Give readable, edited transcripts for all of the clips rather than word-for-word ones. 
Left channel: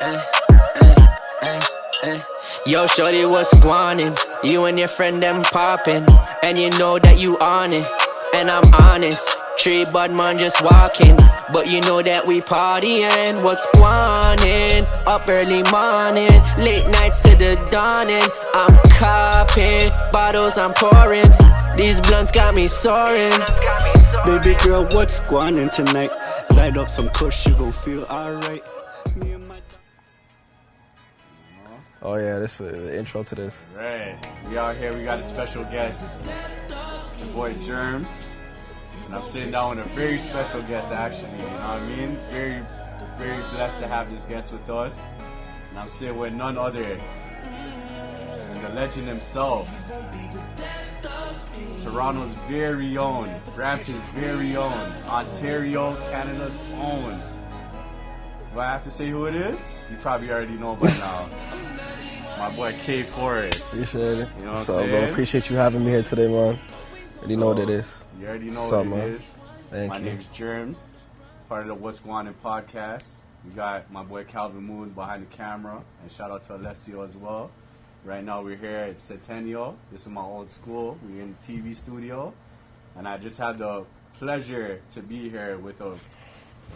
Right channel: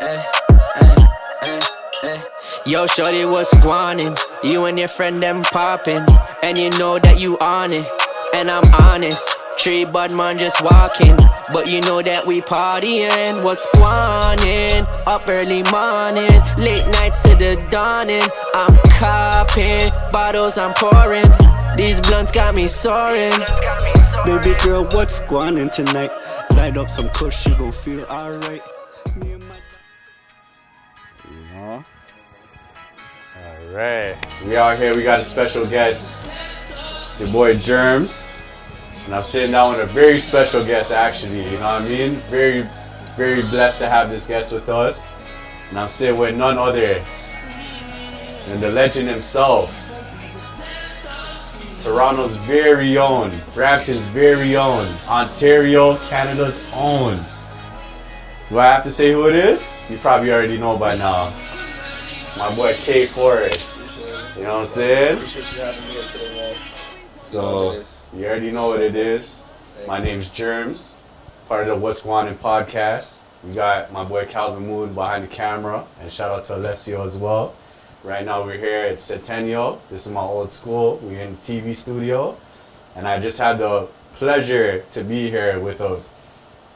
eh, eh, eh, eh. Yo, shorty, what's Gwanin? You and your friend them poppin', and you know that you on it. And I'm honest, tree bud man just walking, but you know that we partying. What's Gwanin? Up early morning, late nights to the dawning. I'm copping, bottles I'm pouring. These blunts got me soaring. Baby girl, what's Gwanin tonight? Light up some kush, you gon' feel alright. Me and my... Oh yeah, this is the intro to this. All right, we out here. We got a special guest. It's your boy Germz, and I'm sitting down with a very special guest. Actually, you know what I mean? Very, very blessed to have this guest with us. And I'm sitting with none other than the legend himself, Toronto's very own, Brampton's very own, Ontario, Canada's own. Do I have to say who it is? You probably already know by now. My boy K FOREST. Appreciate it. You know what I'm So, saying? appreciate you having me here today, man. You know what it is. You already know what it is. Thank My you. name's Germz, part of the What's Gwanin podcast. We got my boy Calvin Mood behind the camera, and shout out to Alessio as well. Right now we're here at Centennial. This is my old school. We're in the TV studio, and I just had the pleasure to be here with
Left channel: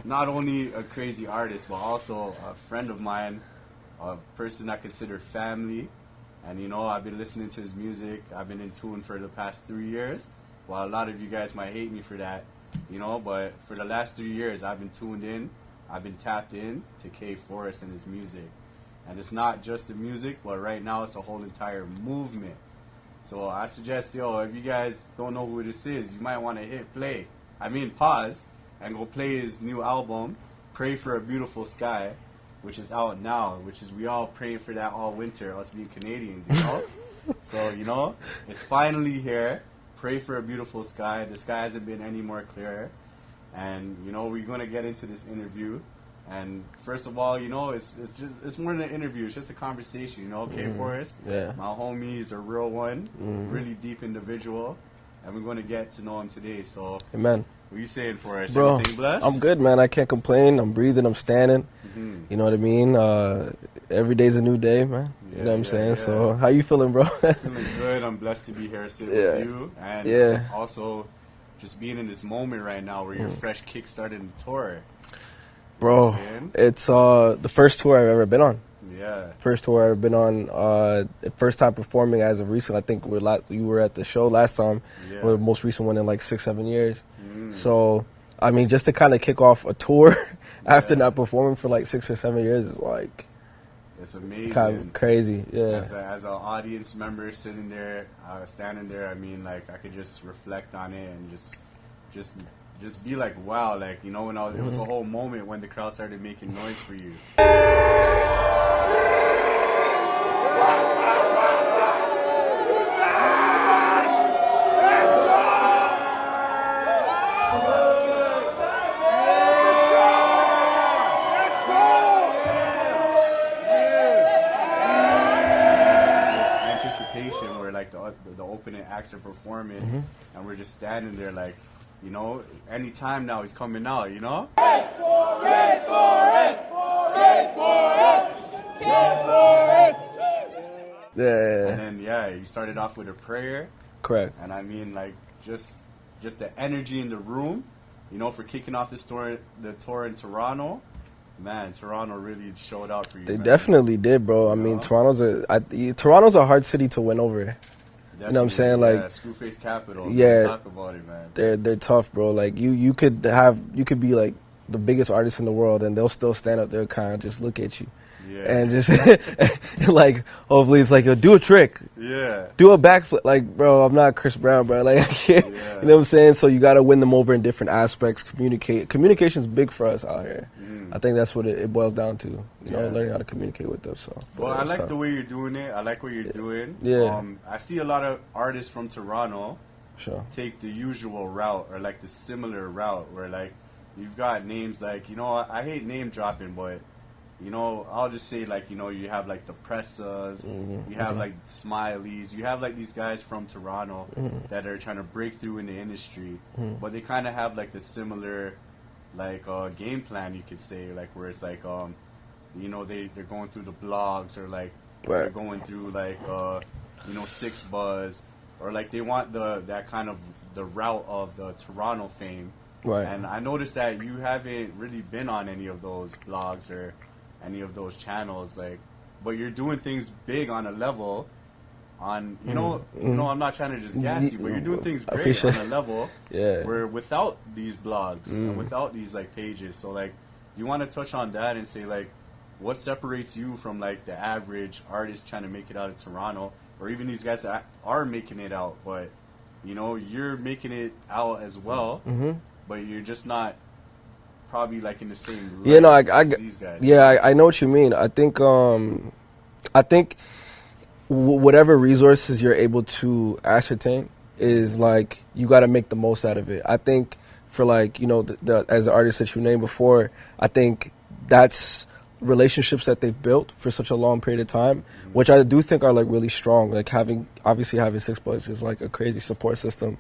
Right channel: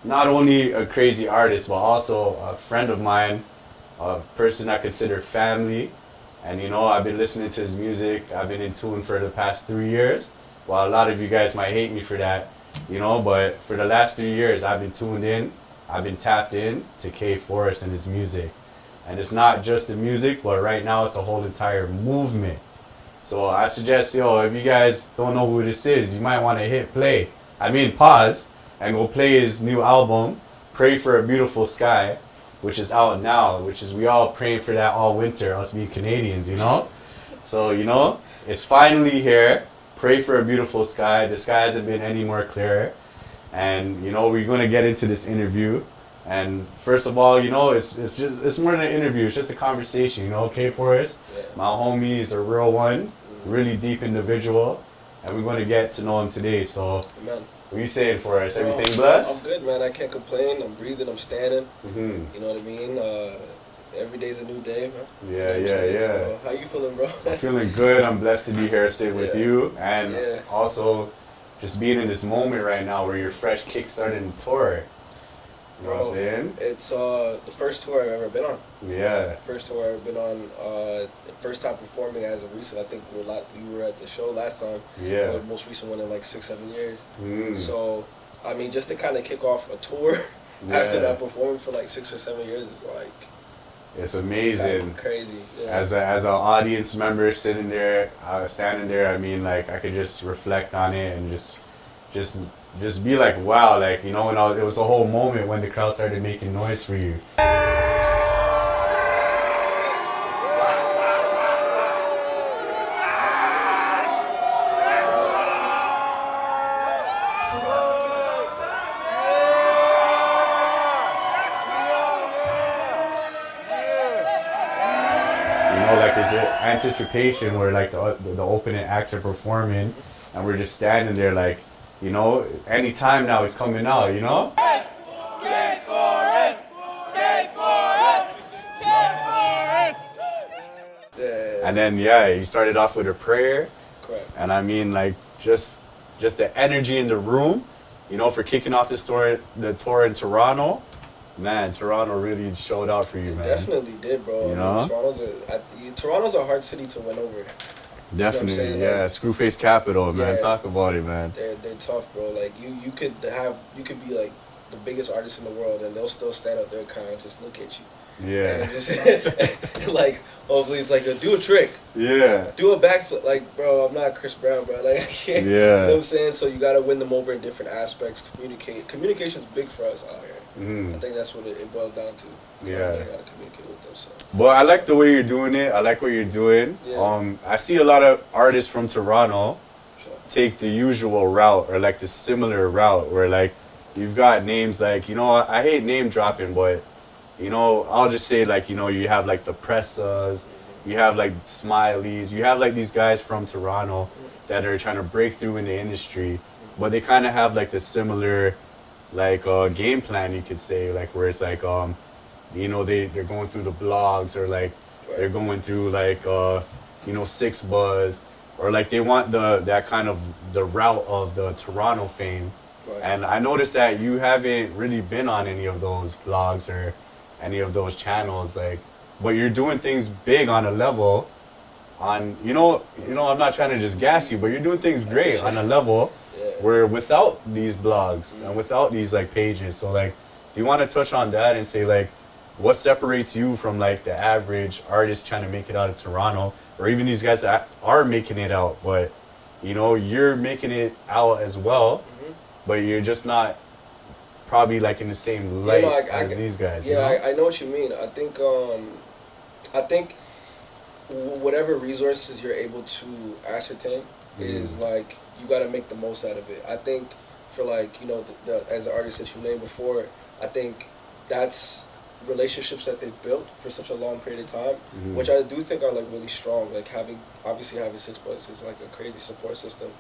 not only a crazy artist, but also a friend of mine, a person I consider family. And you know, I've been listening to his music. I've been in tune for the past 3 years. While a lot of you guys might hate me for that, you know, but for the last 3 years, I've been tuned in. I've been tapped in to K FOREST and his music. And it's not just the music, but right now it's a whole entire movement. So I suggest, if you guys don't know who this is, you might want to hit play. Pause, and go play his new album, Pray for a Beautiful Sky, which is out now, which is we all praying for that all winter, us being Canadians, you know? So, you know, it's finally here. Pray for a beautiful sky. The sky hasn't been any more clearer. And, you know, we're going to get into this interview. And first of all, you know, it's more than an interview. It's just a conversation, you know, K FOREST. Yeah. My homie is a real one, really deep individual. And we're going to get to know him today. So, Amen. what are you saying, FOREST? Bro, Everything blessed? I'm good, man. I can't complain. I'm breathing. I'm standing. Mm-hmm. You know what I mean? Every day's a new day, man. Yeah, you know what I'm yeah, saying? yeah. So, how you feeling, bro? Feeling good. I'm blessed to be here, sit with Yeah. you, and Yeah. also just being in this moment right now where you're fresh kickstarting tour. You know what Bro, I'm saying? it's the first tour I've ever been on. Yeah. First tour I've ever been on. First time performing as of recent. I think you were at the show last time. Yeah. Or the most recent one in like 6-7 years. Mm. So, I mean, just to kind of kick off a tour after Yeah. not performing for like 6 or 7 years is like It's kind amazing. of crazy. Yeah. As an audience member sitting there, standing there, I could just reflect on it and just be like, wow, like, you know, it was a whole moment when the crowd started making noise for you. Anticipation where like the opening acts are performing and we're just standing there like, you know, anytime now it's coming out, you know? Yeah. And then you started off with a prayer, Correct. and I mean like just the energy in the room, you know, for kicking off the tour in Toronto. Man, Toronto really showed out for you, They man. definitely did, bro. You I know? mean, Toronto's a hard city to win over. Definitely, what I'm saying? yeah, Like, Screwface Capital, man. yeah. Talk about it, man. They're tough, bro. Like you could be like the biggest artist in the world, and they'll still stand up there and kind of just look at you. Yeah. And just like, hopefully it's like, yo, do a trick, Yeah. do a backflip. Like, bro, I'm not Chris Brown, bro. Like, I can't. Yeah. You know what I'm saying? So you got to win them over in different aspects. Communication's big for us out here. Mm. I think that's what it boils down to. You know, Yeah. learning how to communicate with them. So. But I like the way you're doing it. I like what you're doing. Yeah. I see a lot of artists from Toronto Sure. take the usual route or like the similar route where like you've got names like, you know, I hate name dropping, but you know, I'll just say like, you know, you have like the Pressas, you have like Smileys, you have like these guys from Toronto that are trying to break through in the industry, but they kind of have like the similar like game plan, you could say, like where it's like you know, they're going through the blogs, or like they're going through like you know, Six Buzz, or like they want that kind of the route of the Toronto fame. Right. And I noticed that you haven't really been on any of those blogs or any of those channels, like, but you're doing things big on a level. On you know, I'm not trying to just gas you, but you're doing things great on a level where without these blogs and without these like pages. So like, do you want to touch on that and say like, what separates you from like the average artist trying to make it out of Toronto, or even these guys that are making it out, but you know, you're making it out as well, but you're just not probably like in the same light as these guys. Yeah, I know what you mean. I think whatever resources you're able to ascertain is like, you got to make the most out of it. I think for like, you know, as the artist that you named before, I think that's relationships that they've built for such a long period of time, which I do think are like really strong. Like having Six Buzz is like a crazy support system,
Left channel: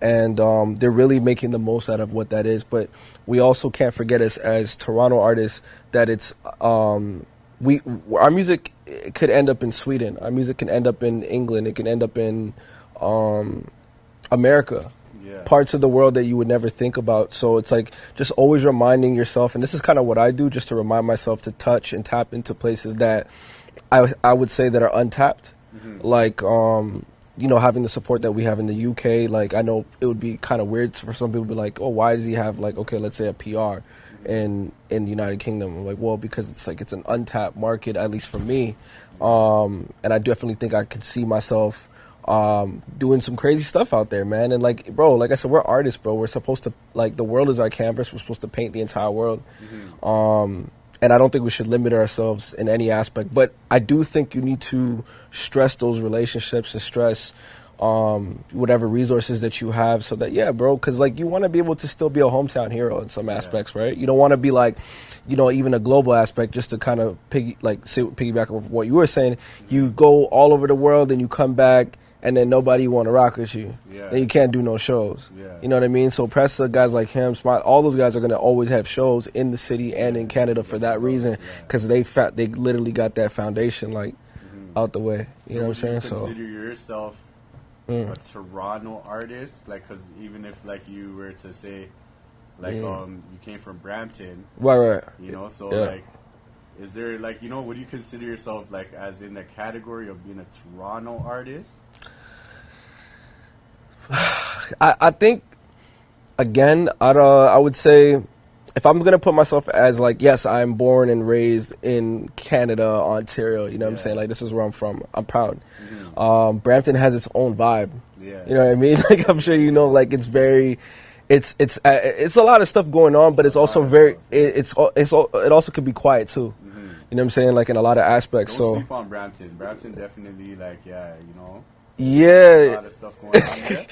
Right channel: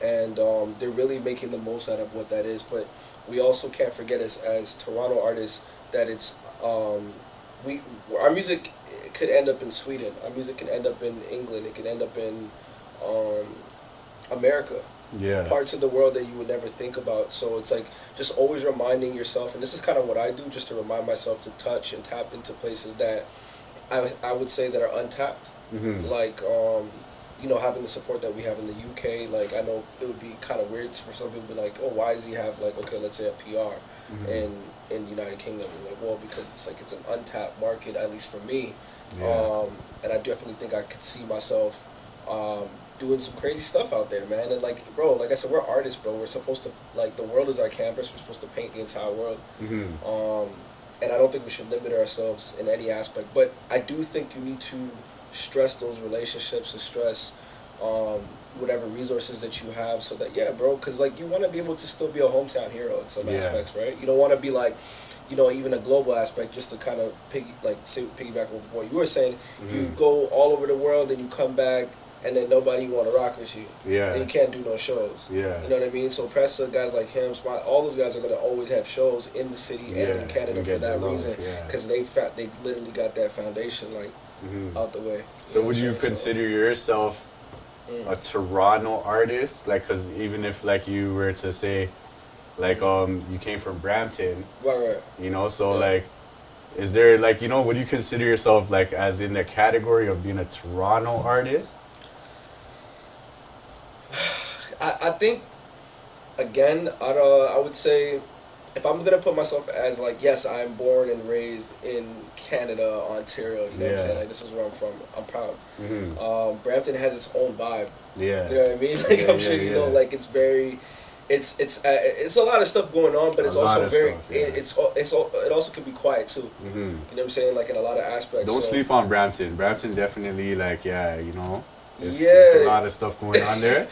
and they're really making the most out of what that is. But we also can't forget as Toronto artists that it's our music could end up in Sweden, our music can end up in England, it can end up in America, parts of the world that you would never think about. So it's like just always reminding yourself, and this is kind of what I do, just to remind myself to touch and tap into places that I would say that are untapped. Like you know, having the support that we have in the UK. Like, I know it would be kind of weird for some people to be like, oh, why does he have like, okay, let's say a PR in the United Kingdom? I'm like, well, because it's an untapped market, at least for me. And I definitely think I could see myself doing some crazy stuff out there, man. And like, bro, like I said, we're artists, bro. We're supposed to, like, the world is our canvas. We're supposed to paint the entire world. And I don't think we should limit ourselves in any aspect. But I do think you need to stress those relationships and stress whatever resources that you have, so that, yeah, bro, because like, you want to be able to still be a hometown hero in some aspects, right? You don't want to be like, you know, even a global aspect, just to kind of piggyback on what you were saying. You go all over the world and you come back and then nobody want to rock with you. And you can't do no shows. You know what I mean? So Pressa, guys like him, Smart, all those guys are going to always have shows in the city and in Canada for that reason, because they literally got that foundation like out the way. So would you consider yourself a Toronto artist? Like, because even if like you were to say like you came from Brampton, right, you know, so like, is there like, you know, would you consider yourself like as in the category of being a Toronto artist? I think, again, I would say, if I'm going to put myself as like, yes, I'm born and raised in Canada, Ontario, you know what I'm saying? Like, this is where I'm from. I'm proud. Brampton has its own vibe. You know what I mean? Like, I'm sure you know, like, it's very, it's a lot of stuff going on, but it's also very, it also can be quiet too. You know what I'm saying? Like, in a lot of aspects. Don't sleep on Brampton. Brampton definitely, like, you know, there's a lot of stuff going on there.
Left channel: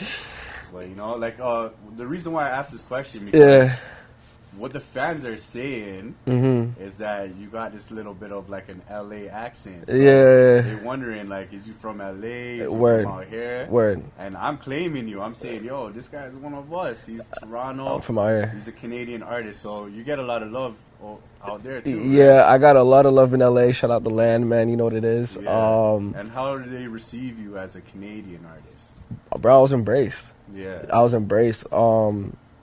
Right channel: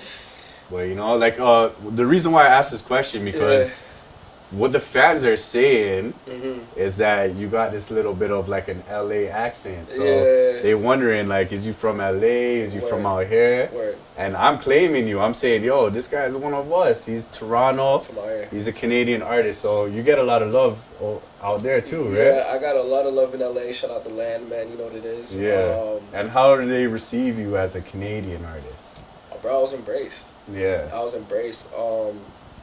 But, you know, like, the reason why I asked this question, because what the fans are saying is that you got this little bit of like an L.A accent. So they're wondering, like, is you from L.A.? Is you from out here? And I'm claiming you. I'm saying, yo, this guy's one of us. He's Toronto. From out here. He's a Canadian artist. So you get a lot of love out there too, right? I got a lot of love in L.A. Shout out the land, man. You know what it is. And how do they receive you as a Canadian artist? Bro, I was embraced. I was embraced.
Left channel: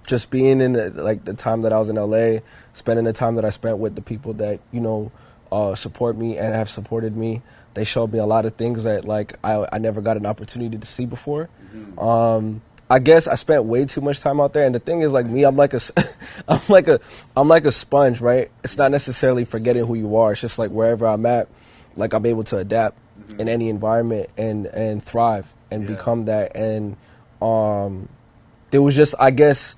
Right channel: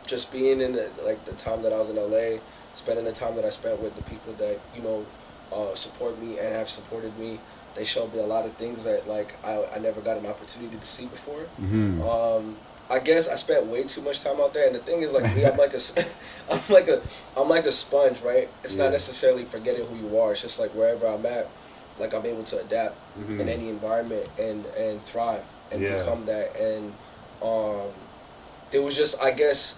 Just being in the time that I was in LA, spending the time that I spent with the people that, you know, support me and have supported me. They showed me a lot of things that like I never got an opportunity to see before. I guess I spent way too much time out there, and the thing is, like me, I'm like a sponge, right? It's not necessarily forgetting who you are. It's just like wherever I'm at, like I'm able to adapt in any environment and thrive and become that. And there was just, I guess.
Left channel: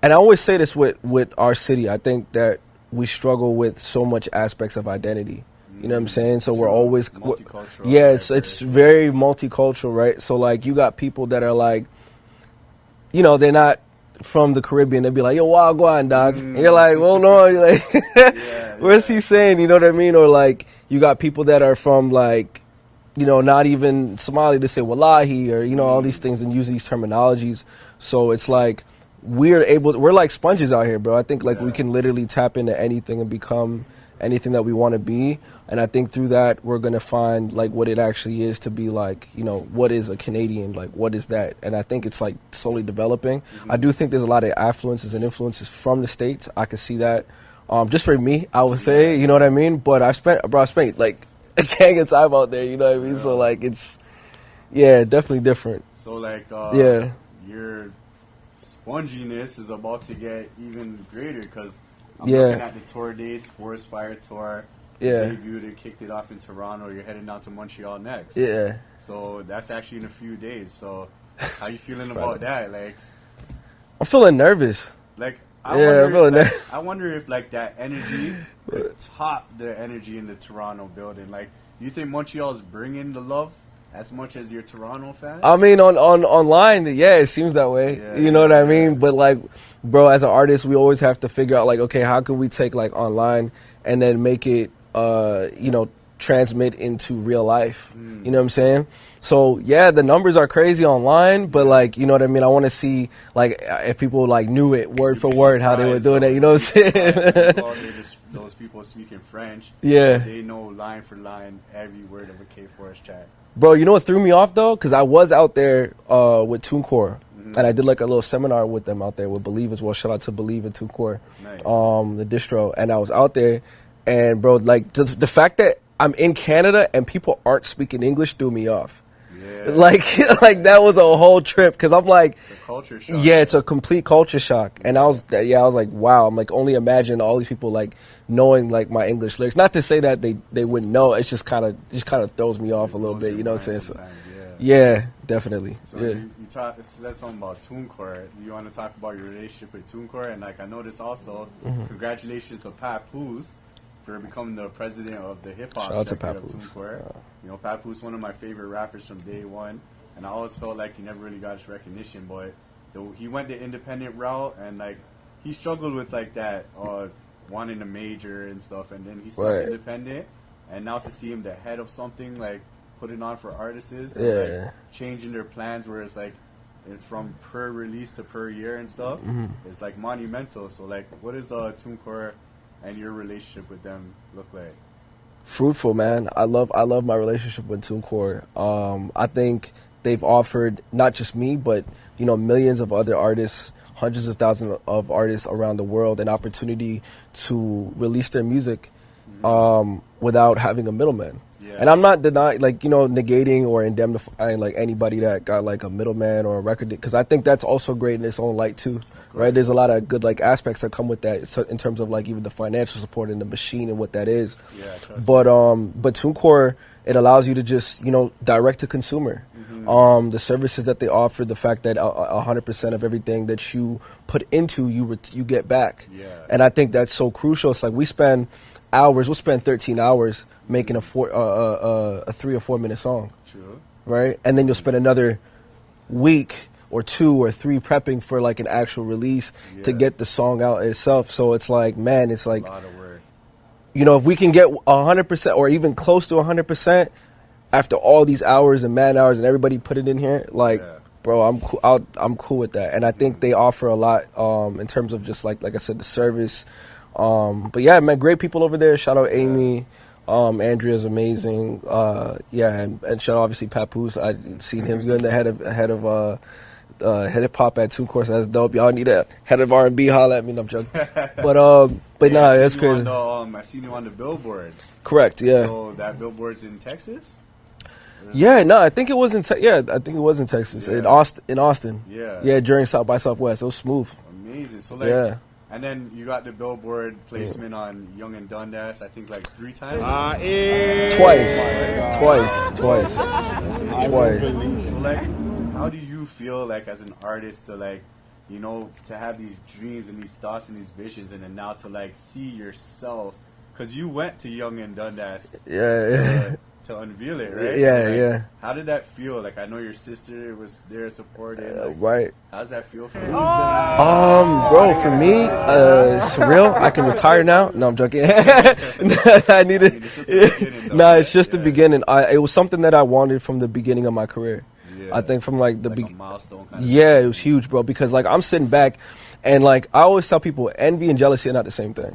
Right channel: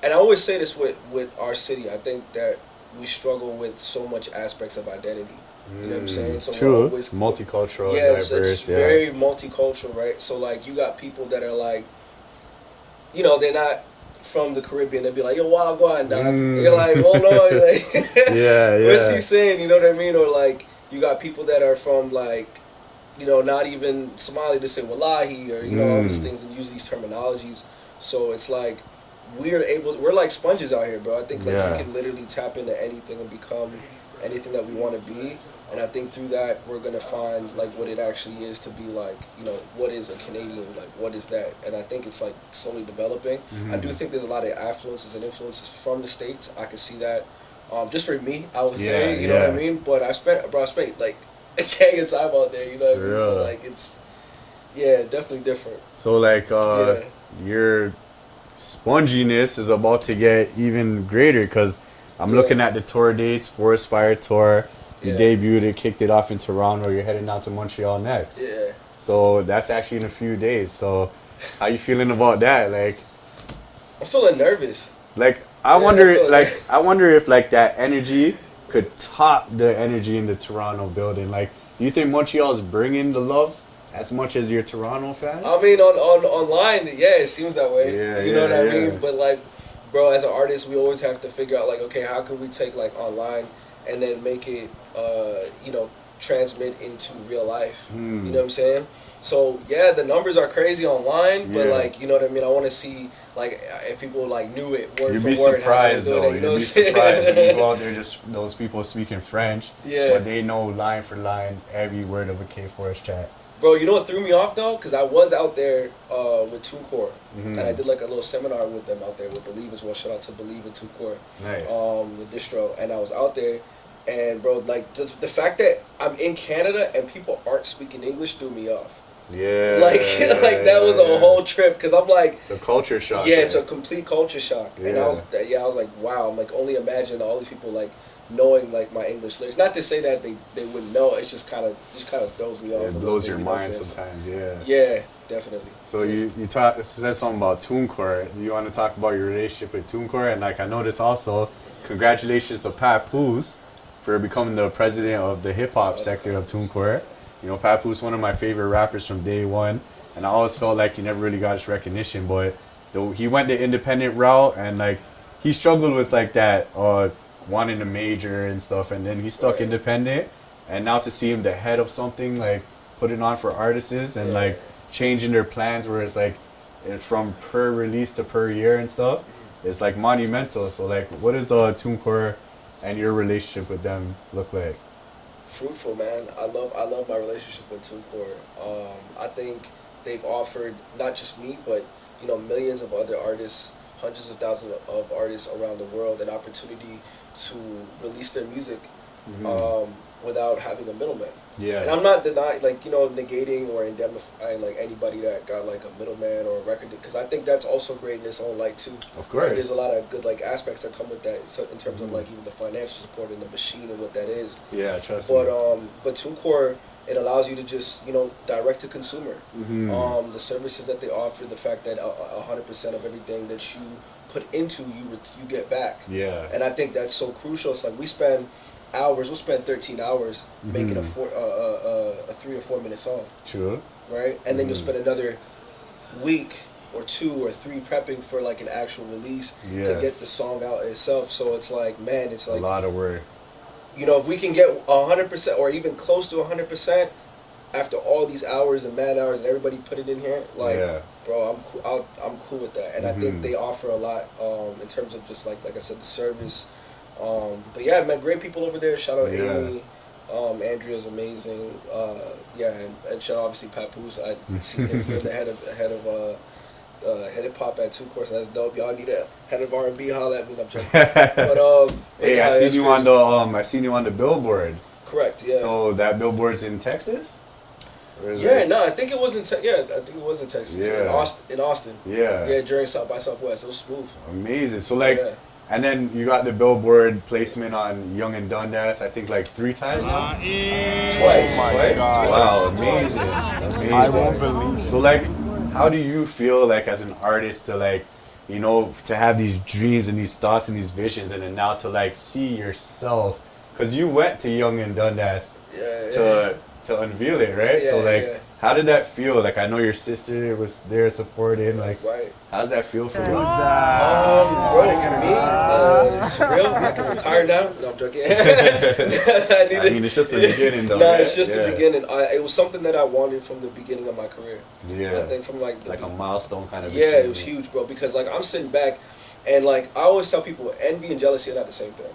And I always say this with our city. I think that we struggle with so much aspects of identity. You know what I'm saying? So we're always multicultural. Yes, it's very multicultural, right? So like you got people that are like, you know, they're not from the Caribbean. They'll be like, yo, Wagwan, dog. And you're like, oh no, you're like, what's he saying? You know what I mean? Or like you got people that are from like, you know, not even Somali. They say wallahi or, you know, all these things and use these terminologies. So it's like, we're like sponges out here, bro. I think like we can literally tap into anything and become anything that we want to be. And I think through that, we're going to find, like, what it actually is to be, like, you know, what is a Canadian? Like, what is that? And I think it's, like, slowly developing. I do think there's a lot of affluences and influences from the States. I can see that. Just for me, I would say, you know what I mean? But I spent, like, a gang of time out there, you know what I mean? So, like, it's, definitely different. So, like, your sponginess is about to get even greater because I'm looking at the tour dates, Forest Fire Tour. You debuted it, kicked it off in Toronto. You're heading down to Montreal next. Yeah. So that's actually in a few days. So how you feeling about that? Like, I'm feeling nervous. Like, I wonder if like that energy could top the energy in the Toronto building. Like, do you think Montreal's bringing the love as much as your Toronto fans? I mean, online, it seems that way. Yeah, you know what I mean? But like, bro, as an artist, we always have to figure out like, okay, how can we take like online and then make it transmit into real life. You know what I'm saying? So the numbers are crazy online, but like, you know what I mean? I want to see like if people like knew it word for word how they were doing it. You know what I'm saying? If you go out there, just those people speaking French. Yeah, they know line for line every word of a K4S track. Bro, you know what threw me off though? Because I was out there with Tunecore, and I did like a little seminar with them out there with Believe as well. Shout out to Believe and Tunecore, nice. The distro, and I was out there. And bro, like the fact that I'm in Canada and people aren't speaking English threw me off. Yeah. Like that was a whole trip because I'm like, it's a culture shock. Yeah, it's a complete culture shock. Yeah. And I was like, wow. I'm like, only imagine all these people like knowing like my English lyrics. Not to say that they wouldn't know. It's just kind of throws me off a little bit. You know what I'm saying? Sometimes, yeah, definitely. So you said something about Tunecore. Do you want to talk about your relationship with Tunecore? And like I noticed also, congratulations to Papoose for becoming the president of the hip-hop sector of Tunecore. You know, Papoose, one of my favorite rappers from day one, and I always felt like he never really got his recognition, but he went the independent route, and like he struggled with like that wanting to major and stuff, and then he stuck independent, and now to see him the head of something, like putting on for artists and like changing their plans where it's like from per release to per year and stuff, it's like monumental. So like, what is Tunecore and your relationship with them look like? Fruitful, man. I love my relationship with Tunecore. I think they've offered not just me, but you know, millions of other artists, hundreds of thousands of artists around the world, an opportunity to release their music without having a middleman. Yeah. And I'm not denying, like, you know, negating or indemnifying like anybody that got like a middleman or a record, because I think that's also great in its own light too. Of course. Right? There's a lot of good like aspects that come with that, so in terms of like even the financial support and the machine and what that is. Yeah, trust but Tunecore, it allows you to just, you know, direct to consumer. The services that they offer, the fact that 100% of everything that you put into you get back. Yeah. And I think that's so crucial. It's like we'll spend 13 hours making a 3 or 4 minute song. True. Right? And then you'll spend another week or 2 or 3 prepping for like an actual release to get the song out itself. So it's like, man, it's like a lot of work. You know, if we can get 100% or even close to 100% after all these hours and man hours and everybody put it in here, like, bro, I'm cool with that. And I think they offer a lot in terms of just like I said, the service. But yeah, man, great people over there. Shout out Amy. Andrea's amazing. And shout out obviously Papoose. I seen him doing the head of hip hop at Tunecore. So that's dope. Y'all need a head of R&B. Holla at me. No, I'm joking. But hey, nah, I seen you on the Billboard. Correct. Yeah. So that Billboard's in Texas. Yeah, no, I think it was in Texas. In Austin. Yeah. Yeah, during South by Southwest. It was smooth. Amazing. So like, and then you got the Billboard placement on Yonge and Dundas. I think like 3 times. Twice. Amazing. So like, how do you feel like as an artist to like, you know, to have these dreams and these thoughts and these visions, and then now to like see yourself, because you went to Yonge and Dundas to unveil it, right? Yeah, so like, how did that feel? Like, I know your sister was there supporting. Like, right. How does that feel for you? Bro, for me, surreal. I can retire now. No, I'm joking. It's just the beginning, though. No, it's just the beginning. It was something that I wanted from the beginning of my career. Yeah. I think from like a milestone kind of. Yeah, it was huge, bro. Because like I'm sitting back, and like I always tell people, envy and jealousy are not the same thing.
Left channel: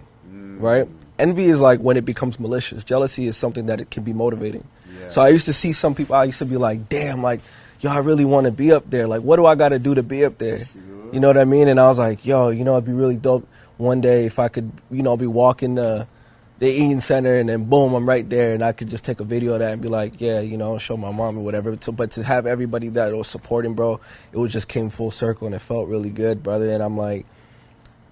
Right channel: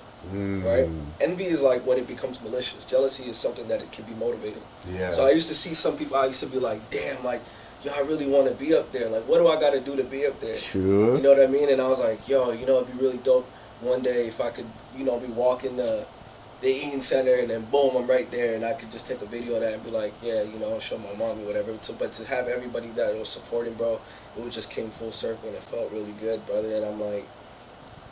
right? Envy is like when it becomes malicious. Jealousy is something that it can be motivating. Yeah. So I used to see some people, I used to be like, damn, like, yo, I really want to be up there. Like, what do I got to do to be up there? Sure. You know what I mean? And I was like, yo, you know, it'd be really dope one day if I could, you know, be walking the Eaton Center and then boom, I'm right there and I could just take a video of that and be like, yeah, you know, show my mom or whatever. So, but to have everybody that was supporting, bro, it was just came full circle and it felt really good, brother. And I'm like,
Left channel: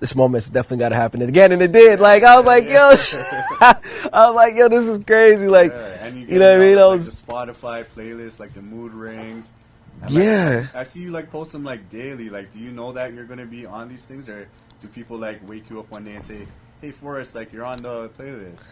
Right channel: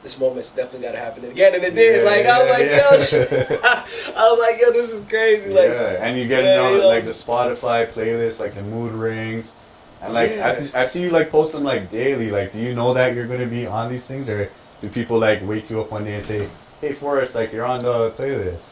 this moment's definitely got to happen again, and it did. Yeah, like I was like, yeah. yo, I was like, yo, this is crazy. Like, yeah. And you get like the Spotify playlist, like the mood rings. And like, Yeah. I see you like post them like daily. Like, do you know that you're gonna be on these things, or do people like wake you up one day and say, "Hey, Forrest, like you're on the playlist"?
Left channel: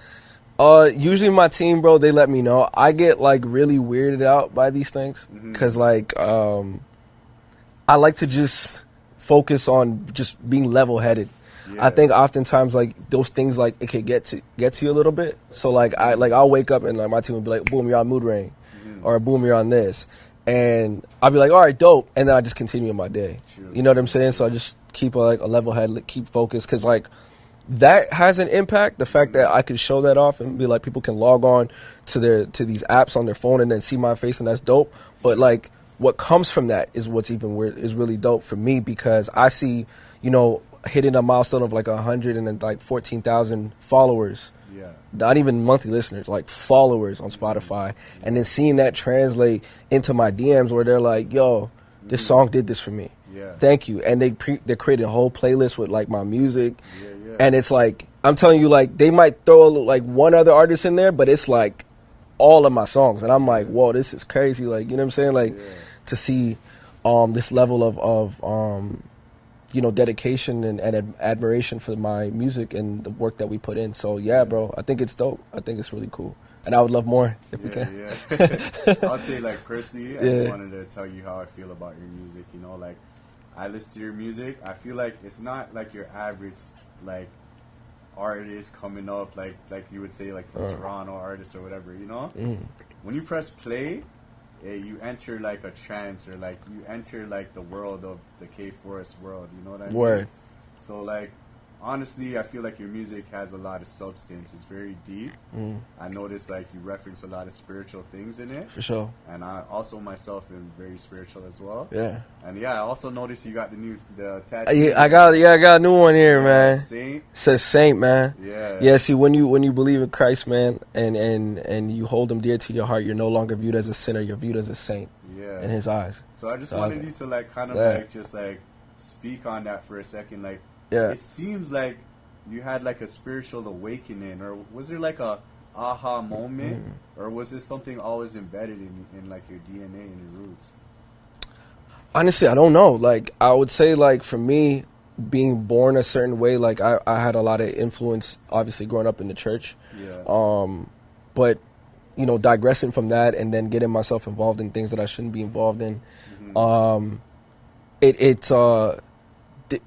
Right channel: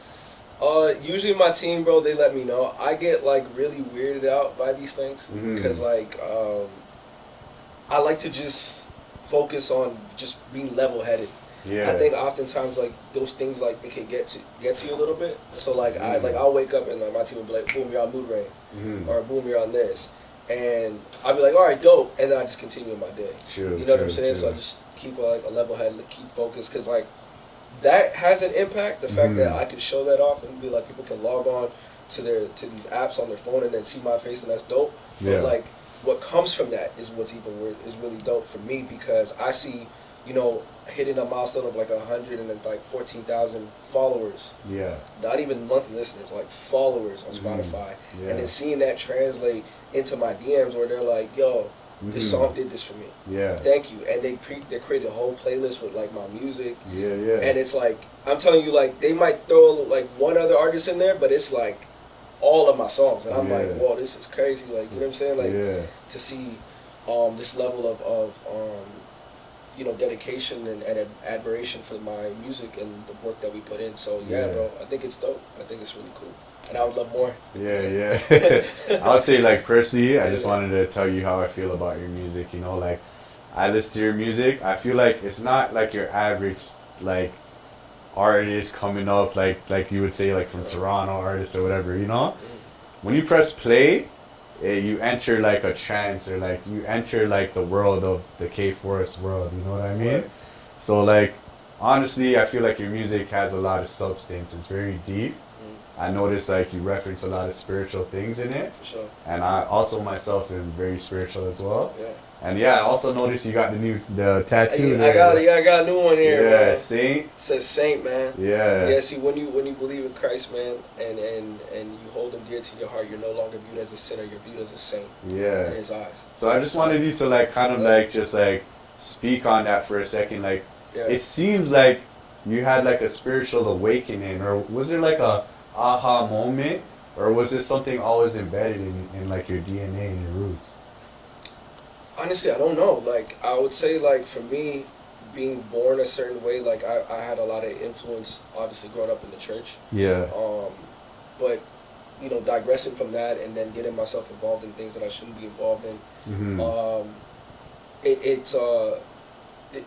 Usually my team, bro, they let me know. I get like really weirded out by these things because like I like to just focus on just being level-headed. Yeah. I think oftentimes like those things like it can get to you a little bit. So like I'll wake up and like my team will be like, boom, you're on mood ring, or boom, you're on this, and I'll be like, all right, dope, and then I just continue my day. True, you know what true, I'm saying? true. So I just keep like a level head, keep focused, because like that has an impact. The fact that I can show that off and be like, people can log on to these apps on their phone and then see my face, and that's dope. But Yeah. like what comes from that is what's even weird, is really dope for me, because I see, you know, hitting a milestone of like 114,000 followers. Yeah. Not even monthly listeners, like followers on Spotify, and then seeing that translate into my DMs where they're like, "Yo, this song did this for me. Yeah. Thank you." And they created a whole playlist with like my music, Yeah. and it's like, I'm telling you, like they might throw like one other artist in there, but it's like all of my songs, and I'm like, Yeah. whoa, this is crazy. Like, you know what I'm saying? Like Yeah. to see this level of you know, dedication and admiration for my music and the work that we put in. So yeah, bro, I think it's dope. I think it's really cool, and I would love more. If we can. Yeah. I would say like personally, I just Yeah. wanted to tell you how I feel about your music. You know, like I listen to your music. I feel like it's not like your average like artist coming up, like you would say, like from Toronto artist or whatever. You know, when you press play, you enter like a trance, or like you enter like the world of the K Forest world. You know what I mean? Word. So like honestly, I feel like your music has a lot of substance. It's very deep. I notice like you reference a lot of spiritual things in it. For sure. And I also myself am very spiritual as well. Yeah. And yeah, I also noticed you got the tattoo. I got a new one here, man. Saint. It says Saint, man. Yeah. Yeah, see, when you believe in Christ, man, and you hold him dear to your heart, you're no longer viewed as a sinner, you're viewed as a saint Yeah. in his eyes. So I just wanted you to like kind of like just like speak on that for a second. Like Yeah. it seems like you had like a spiritual awakening, or was there like a aha moment, or was it something always embedded in like your DNA and your roots? Honestly, I don't know. Like, I would say, like, for me, being born a certain way, like, I had a lot of influence, obviously, growing up in the church. Yeah. But, you know, digressing from that and then getting myself involved in things that I shouldn't be involved in, it's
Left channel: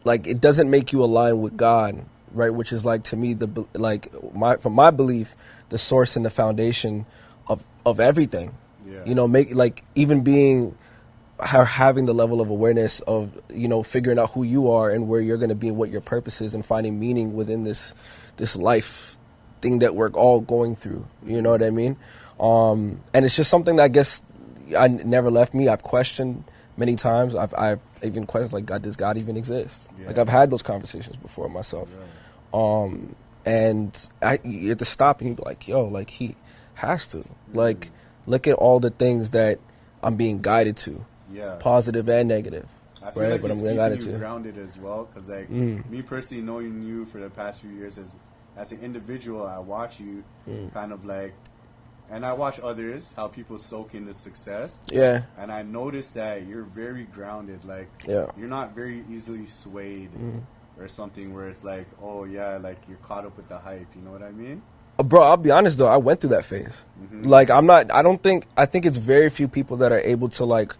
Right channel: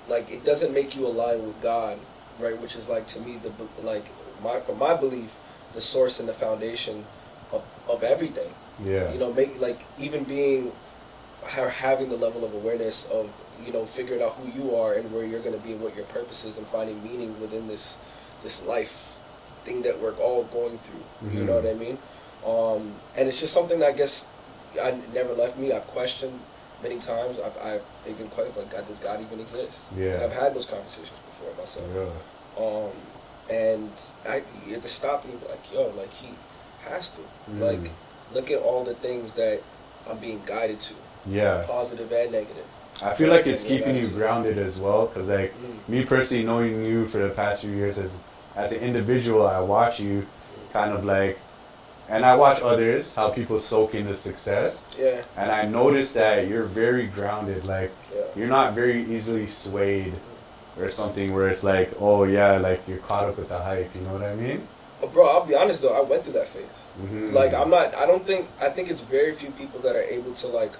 like, it doesn't make you align with God, right? Which is, like, to me, from my belief, the source and the foundation of everything. Yeah. You know, having the level of awareness of, you know, figuring out who you are and where you're going to be and what your purpose is, and finding meaning within this life thing that we're all going through. You know what I mean? And it's just something that I guess I never left me. I've questioned many times. I've even questioned, like, does God even exist? Yeah. Like, I've had those conversations before myself. Yeah. And you have to stop and be like, yo, like, he has to. Like, look at all the things that I'm being guided to. Yeah. Positive and negative. I feel Right, like it's and keeping you attitude. grounded as well, because like me personally, knowing you for the past few years as an individual, I watch you kind of like, and I watch others, how people soak into success, Yeah. and I notice that you're very grounded. Like Yeah. you're not very easily swayed or something where it's like, oh yeah, like you're caught up with the hype. You know what I mean? Bro, I'll be honest though, I went through that phase. Like, I think it's very few people that are able to like,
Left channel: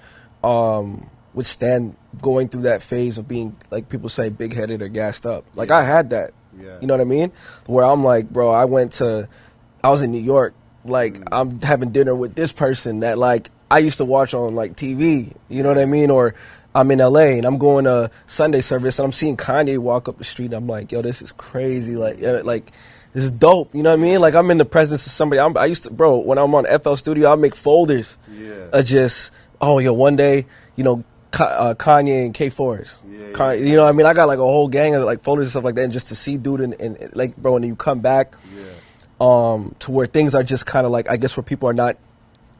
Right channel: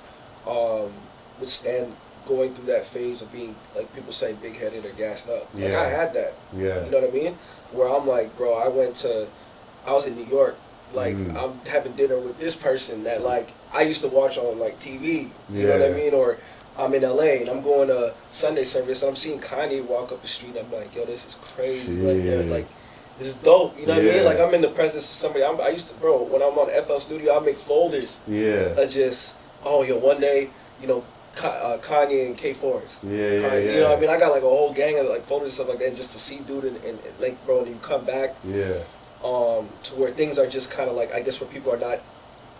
withstand going through that phase of being, like people say, big-headed or gassed up. Like, Yeah. I had that. Yeah. You know what I mean? Where I'm like, bro, I was in New York, like, I'm having dinner with this person that, like, I used to watch on, like, TV, you know what I Yeah. mean? Or I'm in LA and I'm going to Sunday service and I'm seeing Kanye walk up the street and I'm like, yo, this is crazy. Like this is dope. You know what I mean? Like I'm in the presence of somebody. I used to, bro, when I'm on FL Studio, I'll make folders. Of just, oh, yo, one day, you know, Kanye and K4s. You know what I mean? I got like a whole gang of like folders and stuff like that, and just to see dude and like, bro, and you come back to where things are just kind of like, I guess where people are not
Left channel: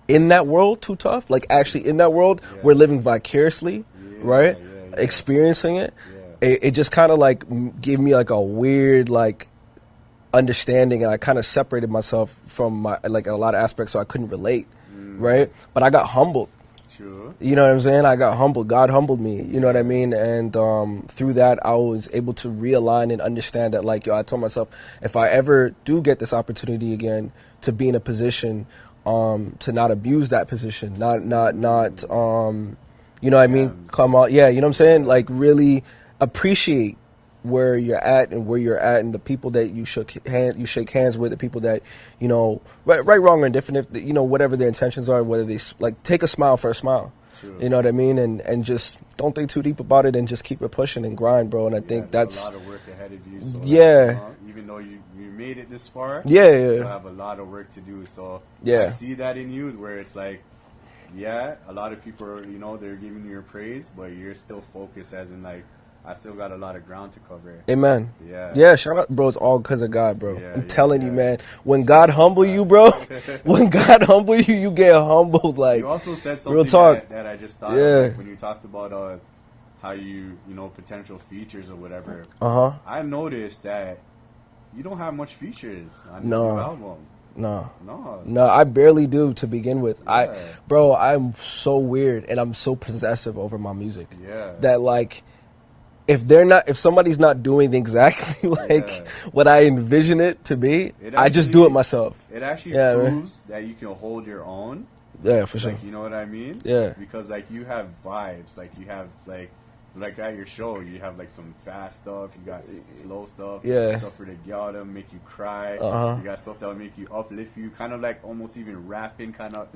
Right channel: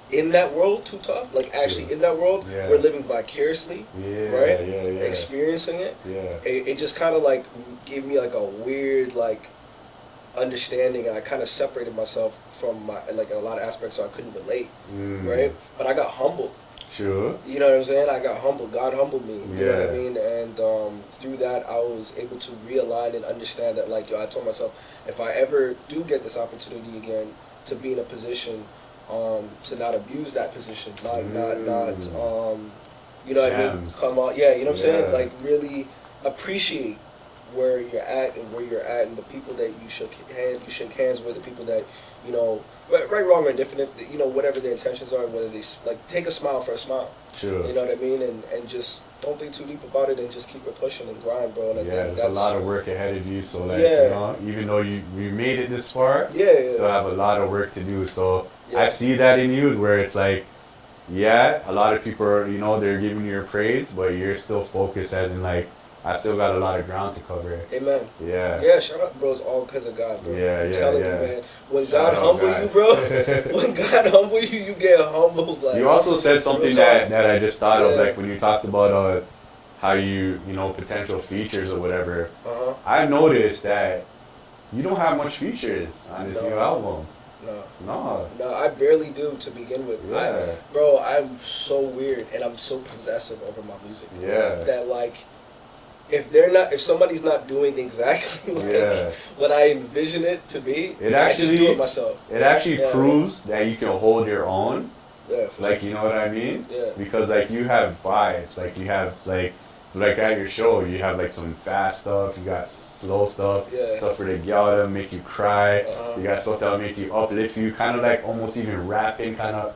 in that world too tough, like actually in that world, we're living vicariously, right? Experiencing it. It just kind of like gave me like a weird like understanding, and I kind of separated myself from my like a lot of aspects, so I couldn't relate, right? But I got humbled. Sure. You know what I'm saying? I got humbled. God humbled me. You know what I mean? And through that, I was able to realign and understand that, like, yo, I told myself, if I ever do get this opportunity again to be in a position, to not abuse that position, not, you know what I mean? Come on, yeah, you know what I'm saying? Like, really appreciate where you're at and the people that you shake hands with, the people that, you know, right, wrong, or indifferent, you know, whatever their intentions are, whether they like take a smile for a smile. Sure. You know what I mean? And just don't think too deep about it and just keep it pushing and grind, bro. And I think that's a lot of work ahead of you. So like, even though you made it this far, you still have a lot of work to do. So I see that in you, where it's like, a lot of people are, you know, they're giving you your praise, but you're still focused, as in like, I still got a lot of ground to cover. Amen. Yeah, shout out, bro. It's all because of God, bro. I'm telling you, man. When God humble you, bro, when God humble you, you get humbled. Like, you also said something that I just thought of, like when you talked about how you know, potential features or whatever. I noticed that you don't have much features on this new album. No, I barely do to begin with. I'm so weird and I'm so possessive over my music. That like, if somebody's not doing exactly like what I envision it to be, I just do it myself. It actually proves that you can hold your own. Yeah, for sure. Like, you know what I mean? Yeah. Because like you have vibes, like you have like at your show, you have like some fast stuff, you got slow stuff, stuff for the gyal to make you cry, you got stuff that'll make you uplift you, kind of like almost even rapping, kind of.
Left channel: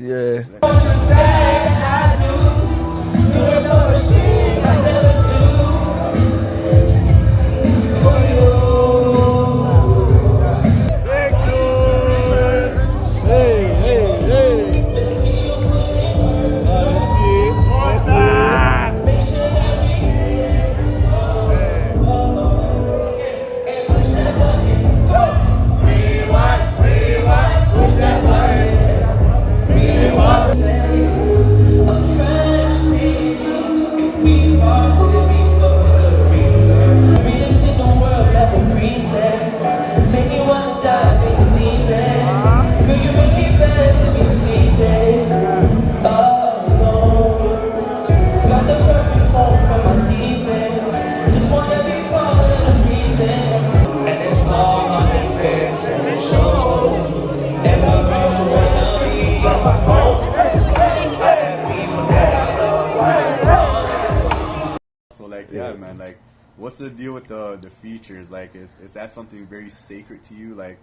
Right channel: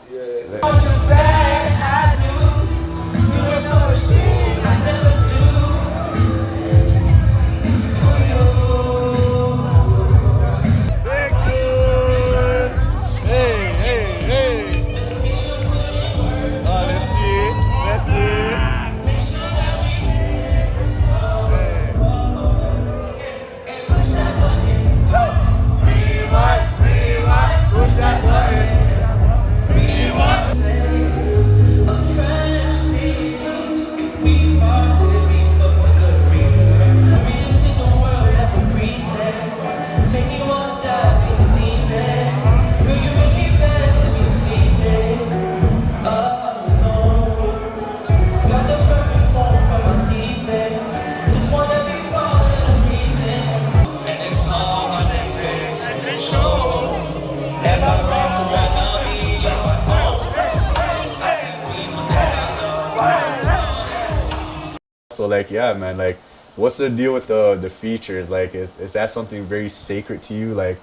So like, man, like, what's the deal with the features? Like, is that something very sacred to you? Like,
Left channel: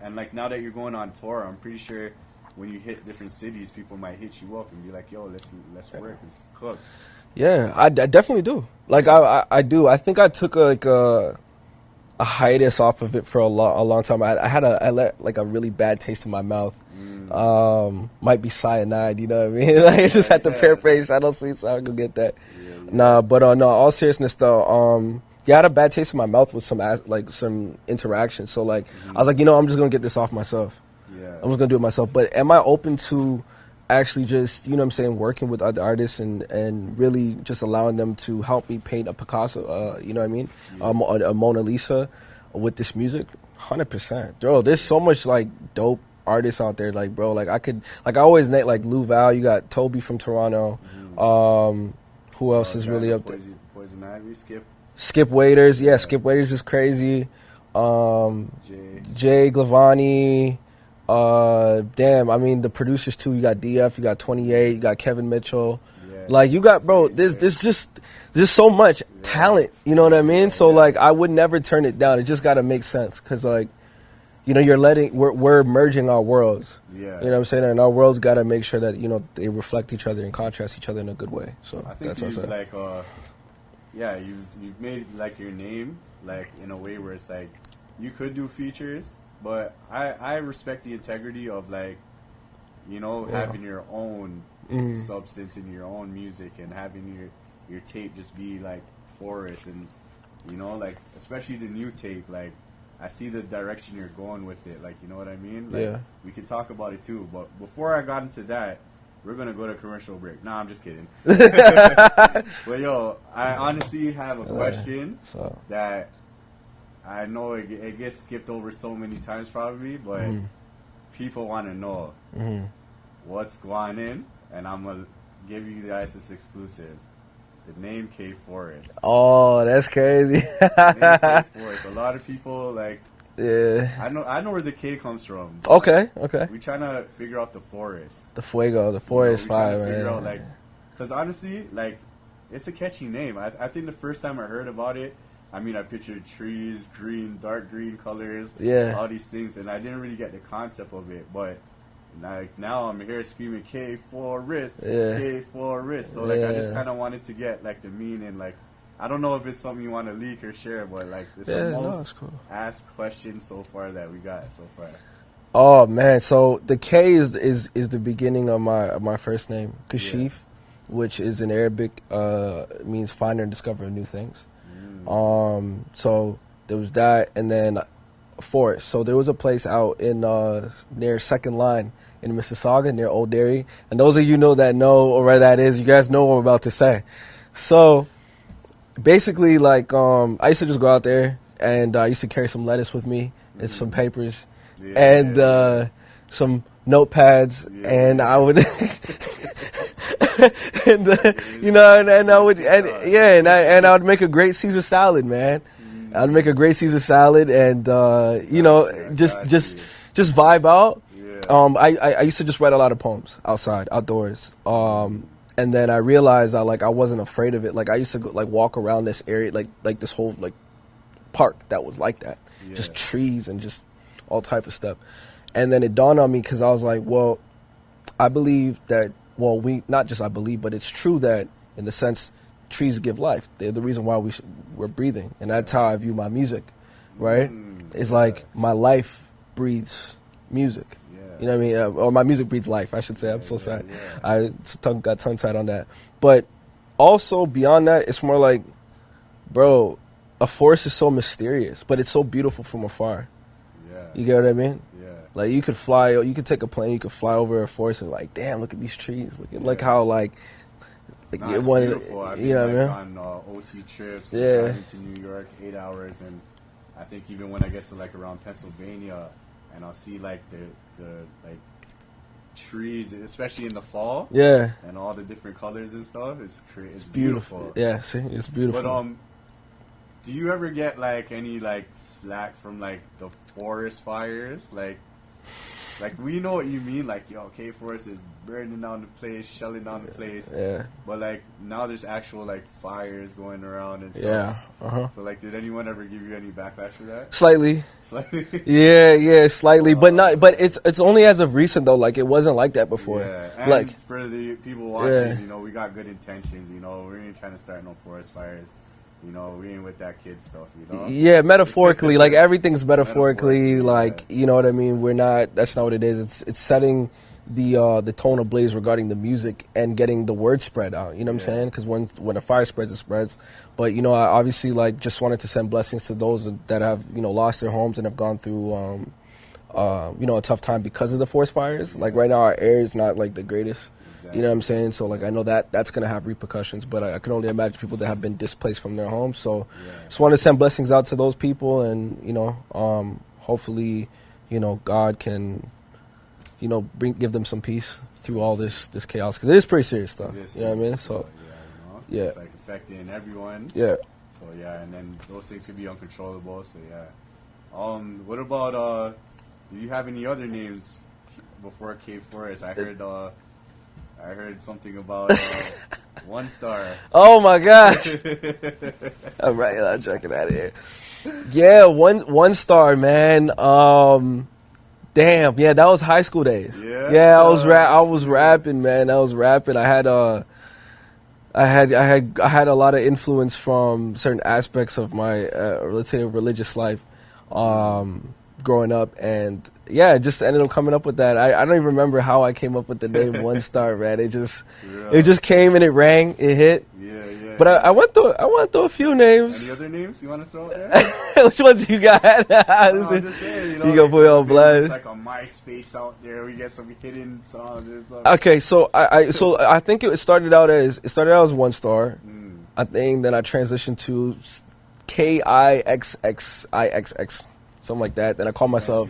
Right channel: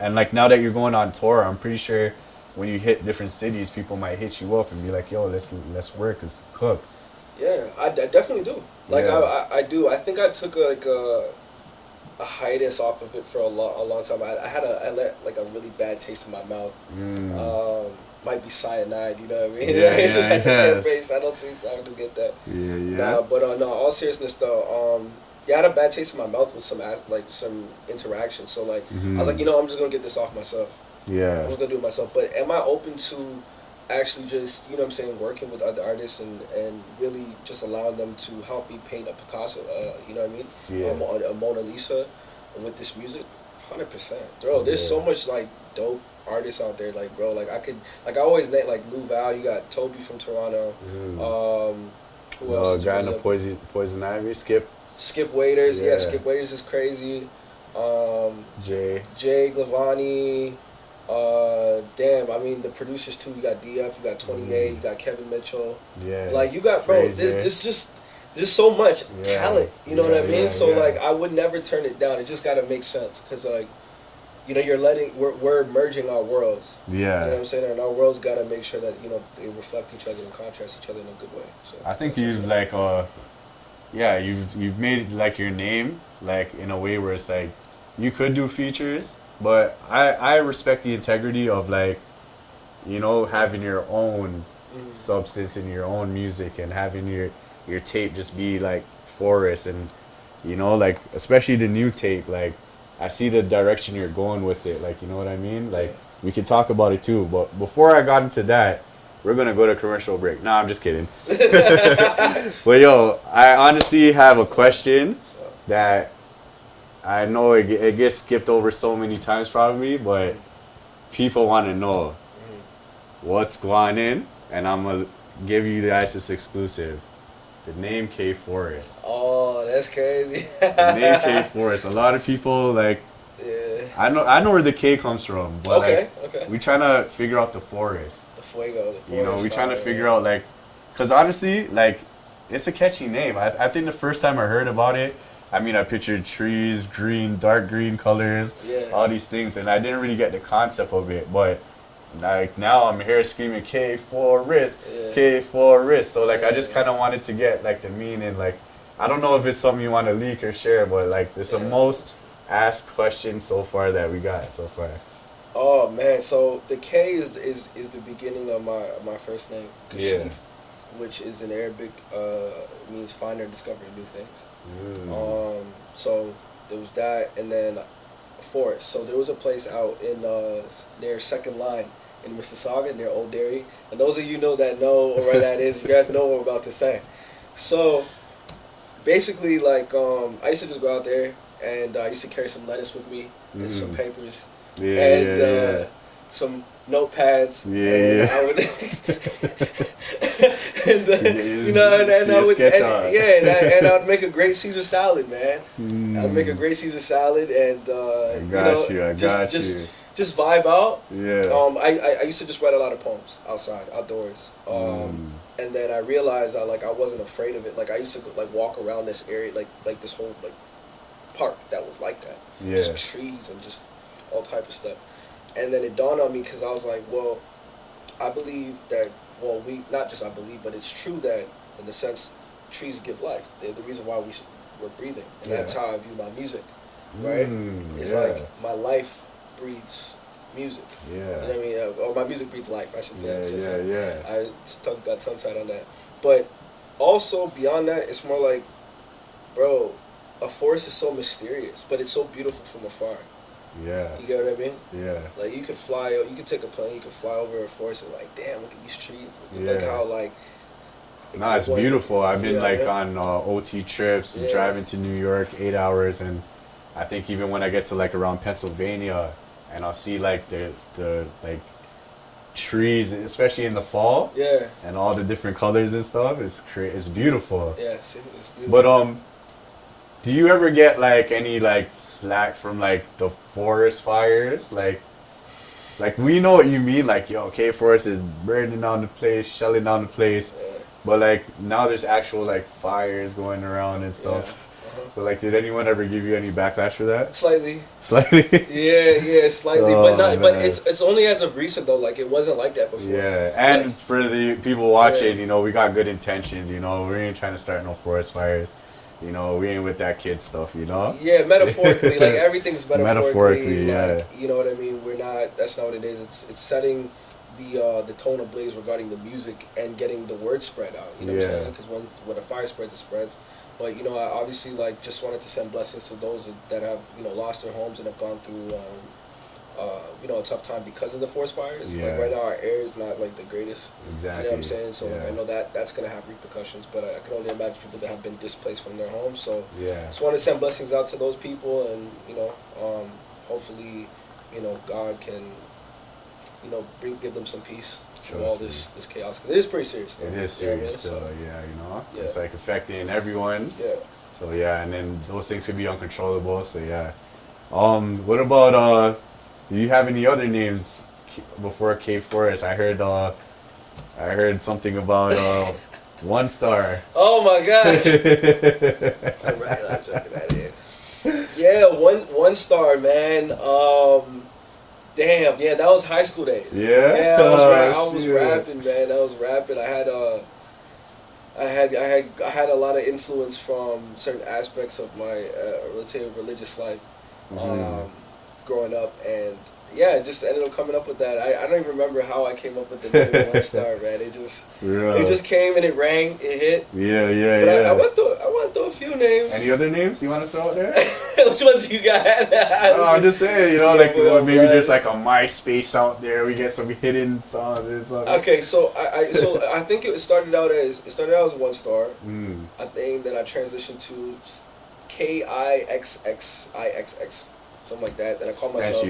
and like, now that you're going on tour, I'm pretty sure when you hit different cities, people might hit you up and be like, yo, let's work, let's cook. Yeah, I definitely do. Like, I do. I think I took a hiatus off of it for a long time. I let like a really bad taste in my mouth. Might be cyanide, you know what I mean? It's just had to paraphrase. I don't sweet, so I can get that. Nah, but no, all seriousness though, I had a bad taste in my mouth with some interaction. So like, I was like, you know, I'm just gonna get this off myself. I'm just gonna do it myself. But am I open to actually just, you know what I'm saying, working with other artists and really just allowing them to help me paint a Picasso, you know what I mean, a Mona Lisa with this music? 100%. Bro, there's so much like dope artists out there, like, bro, like I always name like Lou Val, you got Toby from Toronto, who else is really up there? Poison Ivy, Skip Waiters, Skip Waiters is crazy, Jay Glavani. Damn, I mean the producers too. You got DF, you got 28, you got Kevin Mitchell. Like you got, bro. There's just so much talent. You know what I mean? So like I would never turn it down. It just gotta make sense, cause like you know, we're merging our worlds. Yeah. You know what I'm saying? And our worlds got to make sure that, you know, they reflect each other and contrast each other in a good way. So I think that's you've also- like you've made like your name like in a way where it's like you could do features, but I respect the integrity of like, you know, having your own substance in your own music and having your tape just be like Forest, and you know, like especially the new tape, like I see the direction you're going with it, like, you know what I mean? Like Yeah. we could talk about it too, but before I got into that, we're gonna go to commercial break. Nah, I'm just kidding. But yo, I honestly have a question that I know it gets skipped over so many times probably, but people want to know what's Gwanin, and I'm gonna give you guys this exclusive. The name K Forest. Oh, that's crazy. The name K Forest. A lot of people like. Yeah. I know where the K comes from. But Okay. like, Okay. we trying to figure out the forest. The Fuego. The You know, Forest. we trying to fire, figure man. out like, cause honestly, like, it's a catchy name. I think the first time I heard about it, I mean, I pictured trees, green, dark green colors, Yeah. all these things, and I didn't really get the concept of it. But like now, I'm here screaming K Forest, Yeah. K Forest. So like, I just Yeah. kind of wanted to get like the meaning. Like, I don't know if it's something you want to leak or share, but like, it's Yeah, the no, most it's cool. asked question so far that we got so far. Oh man, so the K is the beginning of my first name, Kashif, which is in Arabic, means find and discover new things. So there was that, and then Forest. So there was a place out in near Second Line in Mississauga near Old Dairy, and those of you know where that is, you guys know what I'm about to say. So basically, like, I used to just go out there, and I used to carry some lettuce with me and some papers and some notepads, and I would, you know, and I would, and I'd make a great Caesar salad, man. I'd make a great Caesar salad, and you know, just vibe out. Yeah. I used to just write a lot of poems outdoors. And then I realized I wasn't afraid of it. Like, I used to go, like, walk around this area, like this whole like park that was like that, just trees and just all type of stuff. And then it dawned on me, because I was like, well, I believe that, well, not just I believe, but it's true that in the sense trees give life. They're the reason why we're breathing, and that's how I view my music, right? It's like my life breathes music. Yeah. You know what I mean? Or my music breathes life, I should say. I'm so sorry. Yeah. I got tongue-tied on that. But also, beyond that, it's more like, bro, a forest is so mysterious, but it's so beautiful from afar. Yeah. You get what I mean? Yeah. Like, you could fly, you could take a plane, you could fly over a forest and like, damn, look at these trees. Look how, like... No, it's beautiful. I've been, like, yeah. on OT trips, Yeah. driving to New York, 8 hours, and I think even when I get to, like, around Pennsylvania, and I'll see, like, the like, trees, especially in the fall. Yeah. And all the different colors and stuff. It's beautiful. Yeah, see, it's beautiful. But, do you ever get, like, any, like, slack from, like, the forest fires? Like, we know what you mean. Like, yo, K Forest is burning down the place, shelling down the place. Yeah. But, like, now there's actual, like, fires going around and stuff. Yeah. So, like, did anyone ever give you any backlash for that? Slightly. Slightly? Yeah, slightly. Oh, but not. But man. it's only as of recent, though. Like, it wasn't like that before. Yeah. And like, for the people watching, Yeah. you know, we got good intentions, you know. We ain't trying to start no forest fires. You know, we ain't with that kid stuff, you know? Yeah, metaphorically, like, everything's metaphorically, Metaphorically, like, you know what I mean? That's not what it is. It's setting the tone ablaze regarding the music and getting the word spread out, you know what I'm saying? Because when a fire spreads, it spreads. But, you know, I obviously, like, just wanted to send blessings to those that have, you know, lost their homes and have gone through, you know, a tough time because of the forest fires. Like, right now, our air is not, like, the greatest. Exactly. You know what I'm saying? So, like, I know that's going to have repercussions, but I can only imagine people that have been displaced from their homes. So, just want to send blessings out to those people, and, you know, hopefully, you know, God can, you know, give them some peace through all this chaos, because it is pretty serious stuff. It is serious, you know what I mean? still, So, you know? It's, like, affecting everyone. Yeah. So, and then those things could be uncontrollable, so, what about, do you have any other names before K Forest? I heard something about One Star. Oh my gosh! All right, I'm checking out of here. Yeah, one star, man. Damn, yeah, that was high school days. Yeah? Yeah, I Oh, was shit. rapping, man. I was rapping. I had a lot of influence from certain aspects of my let's say religious life growing up, and yeah, just ended up coming up with that. I don't even remember how I came up with the name One Star, man. It just came and it rang, it hit. Yeah. But I went through a few names. Any other names you want to throw out there? Which ones you got? No, I'm just saying, you know, You like got Will maybe Blood. there's like a MySpace out there. We get some hidden songs or something. Okay, so I think it started out as One Star. I think then I transitioned to KIXXIXX, something like that. Then I called myself.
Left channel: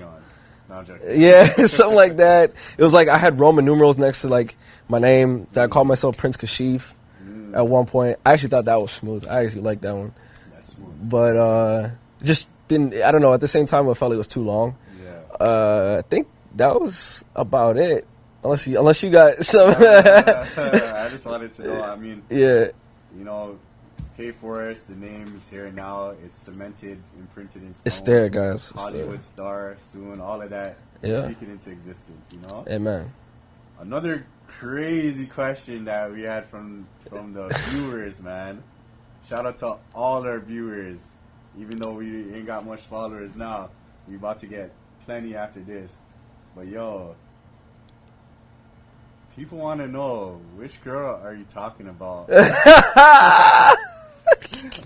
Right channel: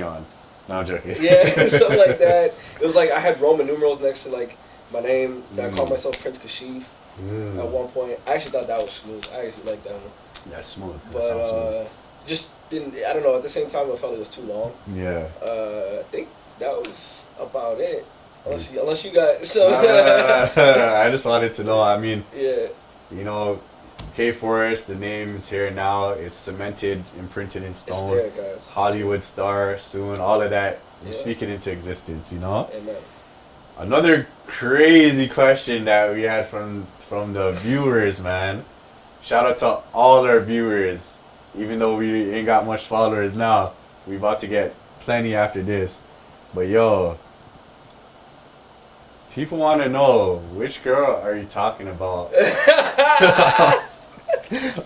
No, I'm joking. Yeah, something like that. It was like I had Roman numerals next to like my name. That I called myself Prince Kashif at one point. I actually thought that was smooth. I actually liked that one. That's smooth. But just didn't. I don't know. At the same time, I felt it was too long. Yeah. I think that was about it. Unless you got some. I just wanted to know. I mean, Yeah. you know, K-Forest, the name is here now. It's cemented, imprinted in stone. It's there, guys. Hollywood star soon. All of that Yeah. speaking into existence. You know. Amen. Another crazy question that we had from the viewers, man. Shout out to all our viewers. Even though we ain't got much followers now, we about to get plenty after this. But yo, people want to know, which girl are you talking about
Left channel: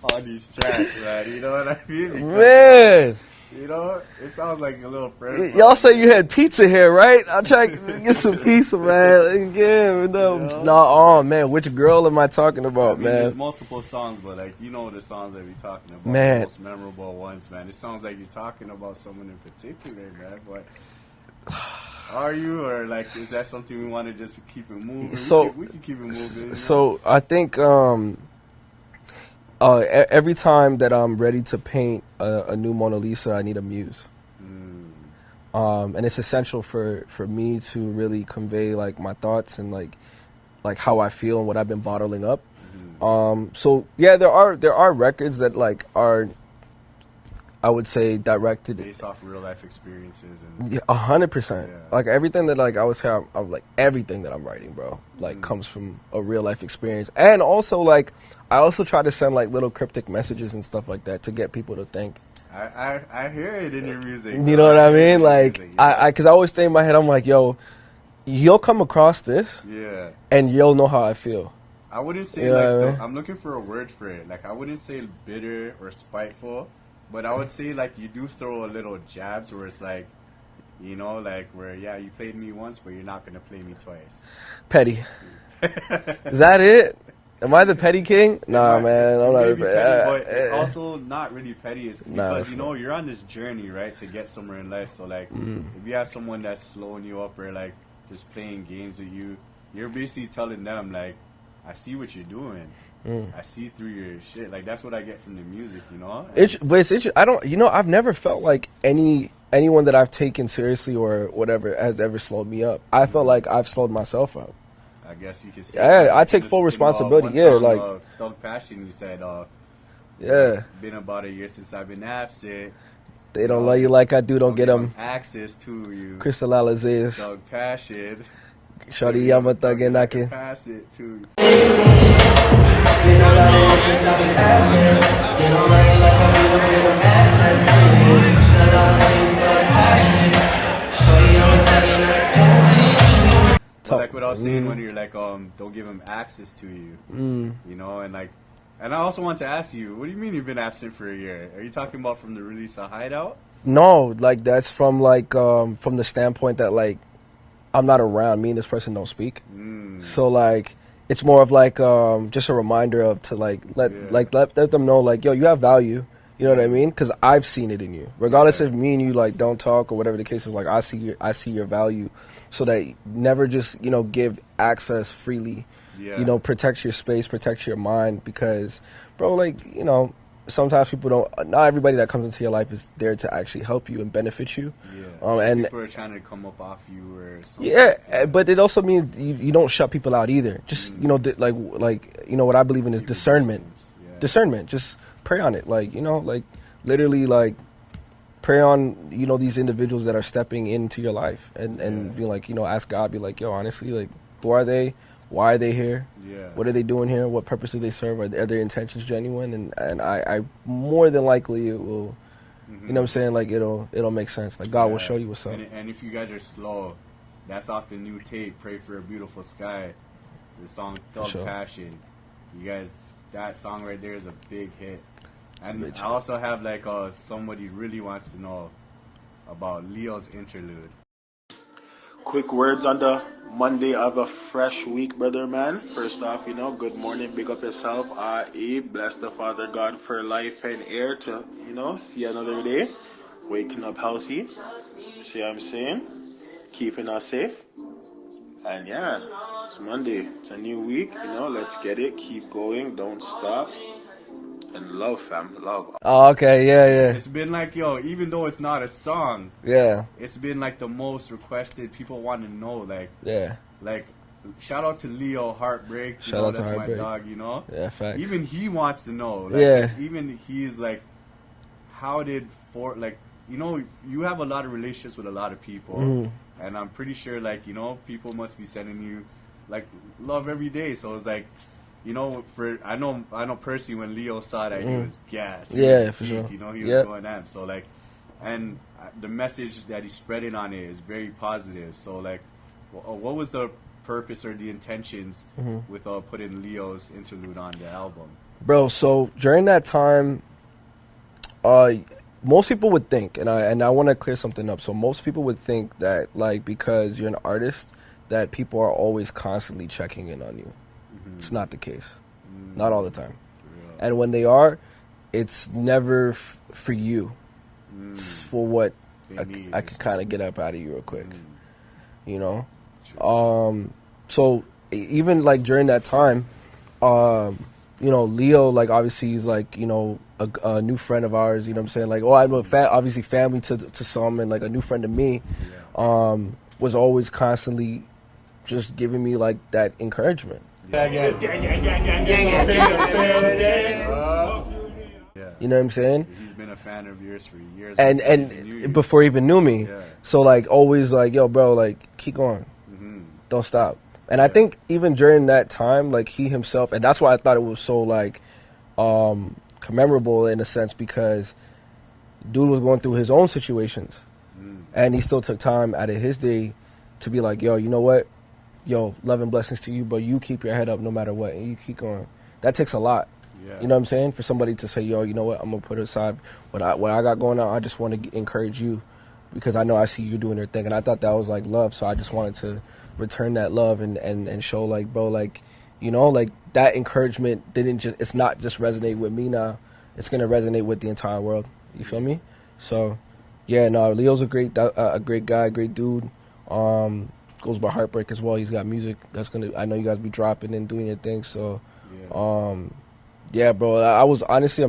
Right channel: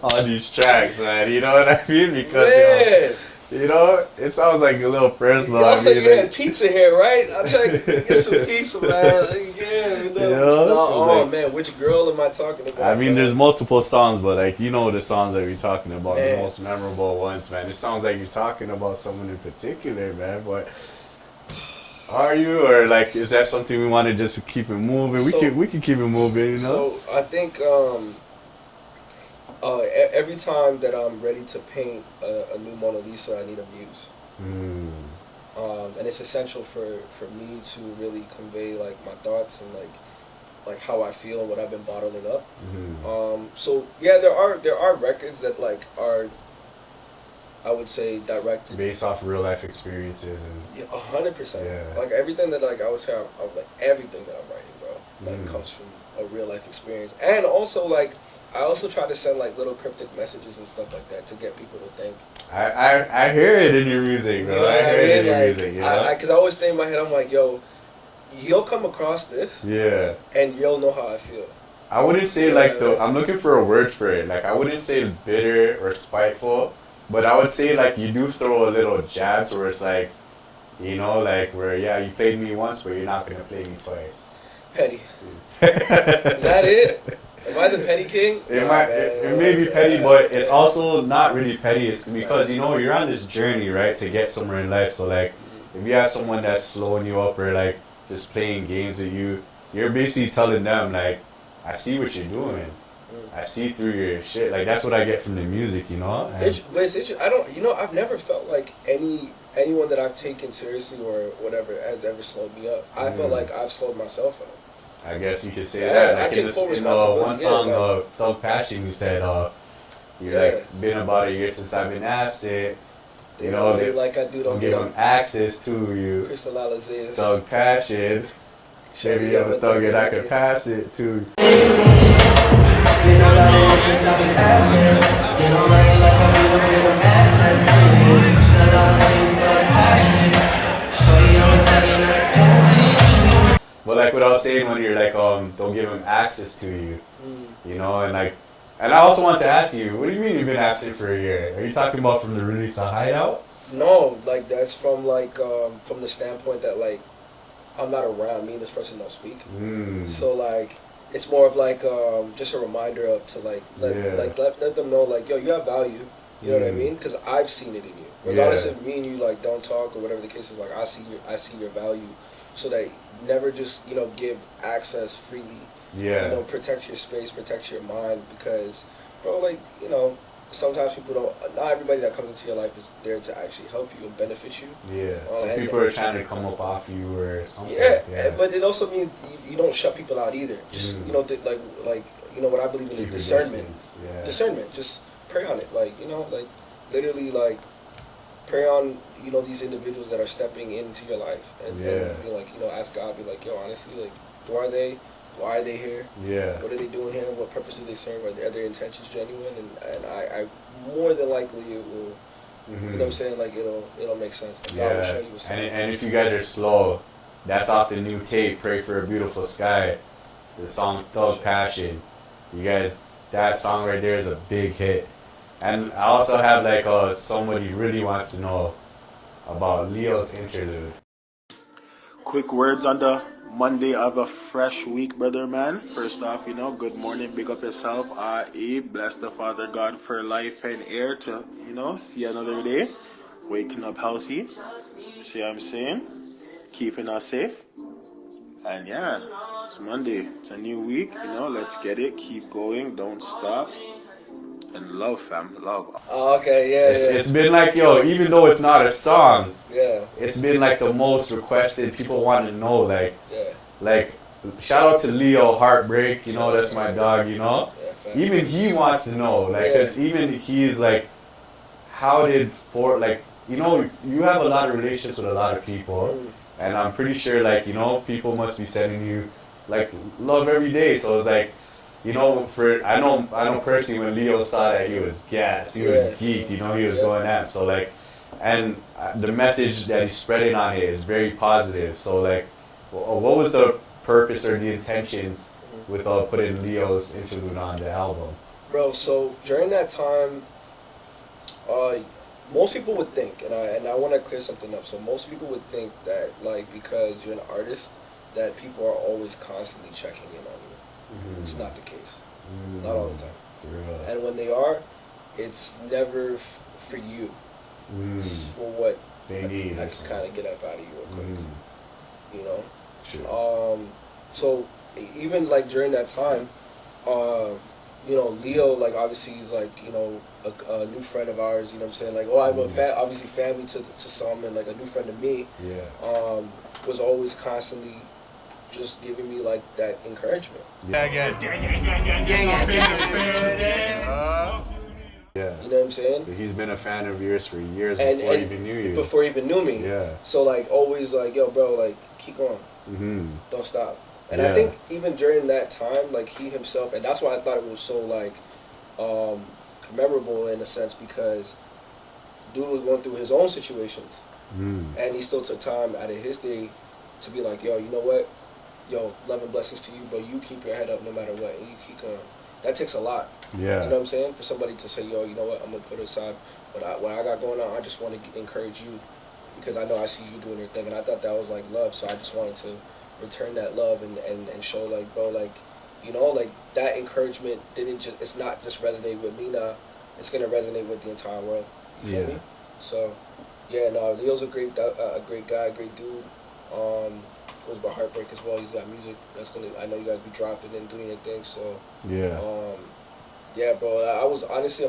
on these tracks, man? You know what I mean? Because Man. you know, it sounds like a little personal. Y'all I say mean, you had pizza here, right? I'm trying to get some pizza, man. Again, know? oh Like- man, which girl am I talking about? I mean, man? there's multiple songs, but like, you know the songs that we're talking about, Man. the most memorable ones, man. It sounds like you're talking about someone in particular, man. But are you, or like, is that something we want to just keep it moving? So- we can keep it moving. You know? So I think every time that I'm ready to paint a new Mona Lisa, I need a muse. And it's essential for me to really convey like my thoughts and like how I feel and what I've been bottling up. So yeah, there are records that like are, I would say, directed based off real life experiences and 100%. Yeah. Like everything that like I would say, I would like everything that I'm writing, bro, like comes from a real life experience. And also like I also try to send like little cryptic messages and stuff like that to get people to think. I hear it in your music. You bro. know what I hear it mean? in your Like music, yeah. I cause I always think in my head, I'm like, yo, you'll come across this Yeah. and you'll know how I feel. I wouldn't say Yeah. like I'm looking for a word for it. Like I wouldn't say bitter or spiteful, but I would say like you do throw a little jabs where it's like, you know, like where you played me once, but you're not gonna play me twice. Petty. Is that it? Am I the petty king? It may be petty, yeah. but it's also not really petty. It's because Nah. you know you're on this journey, right, to get somewhere in life. So like, if you have someone that's slowing you up or like just playing games with you, you're basically telling them like, I see what you're doing. I see through your shit. Like that's what I get from the music, you know. But it's interesting. I don't. You know, I've never felt like anyone that I've taken seriously or whatever has ever slowed me up. I felt like I've slowed myself up. I guess you could say Yeah, that. I take full responsibility. One Yeah, song, like- Thug Passion, you said, Yeah. like, been about a year since I've been absent. They don't know you like I do. Don't get give them access to you. crystallizes. Thug Passion. Shorty, I'm a thug and I I can can. pass it to you. But like what I was saying when you're like, don't give him access to you. You know, and like, and I also want to ask you, what do you mean you've been absent for a year? Are you talking about from the release of Hideout? No, like that's from like from the standpoint that like I'm not around. Me and this person don't speak. So like it's more of like just a reminder of to like let them know like, yo, you have value. You know what I mean? Because I've seen it in you. Regardless if me and you like don't talk or whatever the case is, like I see your value. So that never just, you know, give access freely. Yeah. You know, protect your space, protect your mind, because, bro, like, you know, sometimes people don't. Not everybody that comes into your life is there to actually help you and benefit you. Yeah. Some and and people are trying to come up off you or something. yeah, but it also means you don't shut people out either. Just you know, like you know what I believe in is discernment. Yeah. Discernment. Just pray on it. Like, you know, like literally like pray on, you know, these individuals that are stepping into your life and be like, you know, ask God, be like, yo, honestly, like, who are they? Why are they here? Yeah. What are they doing here? What purpose do they serve? Are their intentions genuine? And I more than likely it will, you know what I'm saying? Like, it'll make sense. Like, God will show you something. And if you guys are slow, that's off the new tape, Pray for a Beautiful Sky. The song Thug Passion. You guys, that song right there is a big hit. And I also have like somebody really wants to know about Leo's Interlude. Quick words on the Monday of a fresh week, brother man. First off, you know, good morning, big up yourself. Bless the Father God for life and air to, you know, see another day. Waking up healthy. See what I'm saying? Keeping us safe. And yeah, it's Monday. It's a new week, you know, let's get it. Keep going, don't stop. And love, fam, love. Oh, okay, yeah. It's been like, yo, even though it's not a song, Yeah. it's been like the most requested. People want to know, like, Yeah. like, shout out to Leo Heartbreak, you Shout know, out to that's my Heartbreak. dog, you know. Yeah, facts. Even he wants to know, like, Yeah. 'cause even he's like, how did like, you know, you have a lot of relationships with a lot of people, and I'm pretty sure, like, you know, people must be sending you, like, love every day. So it's like, you know, I know personally when Leo saw that, he was gassed, he was geeked, you know, he was going at. So like, and the message that he's spreading on it is very positive. So like, what was the purpose or the intentions with putting Leo's Interlude on the album? Bro, so during that time, most people would think, and I want to clear something up. So most people would think that, like, because you're an artist, that people are always constantly checking in on you. It's not the case. Not all the time. And when they are, it's never for you. It's for what I can kind of get up out of you real quick. You know? So even like during that time, you know, Leo, like, obviously he's like, you know, a new friend of ours, you know what I'm saying? Like, I'm obviously family to some, and like a new friend to me, was always constantly just giving me like that encouragement. Yeah. You know what I'm saying? He's been a fan of yours for years before he even knew me. Yeah. So like always like, yo, bro, like keep going, don't stop. And I think even during that time, like he himself, and that's why I thought it was so like commemorable in a sense, because dude was going through his own situations, and he still took time out of his day to be like, yo, you know what? Yo, love and blessings to you, but you keep your head up no matter what, and you keep going. That takes a lot. Yeah. You know what I'm saying? For somebody to say, yo, you know what? I'm gonna put aside what I got going on. I just want to encourage you, because I know I see you doing your thing, and I thought that was like love. So I just wanted to return that love and show, like, bro, like, you know, like that encouragement it's not just resonate with me now. It's gonna resonate with the entire world. You feel me? So, yeah, no, Leo's a great guy, great dude. Goes by Heartbreak as well. He's got music that's gonna, I know you guys be dropping and doing your thing. So yeah, bro. I was honestly,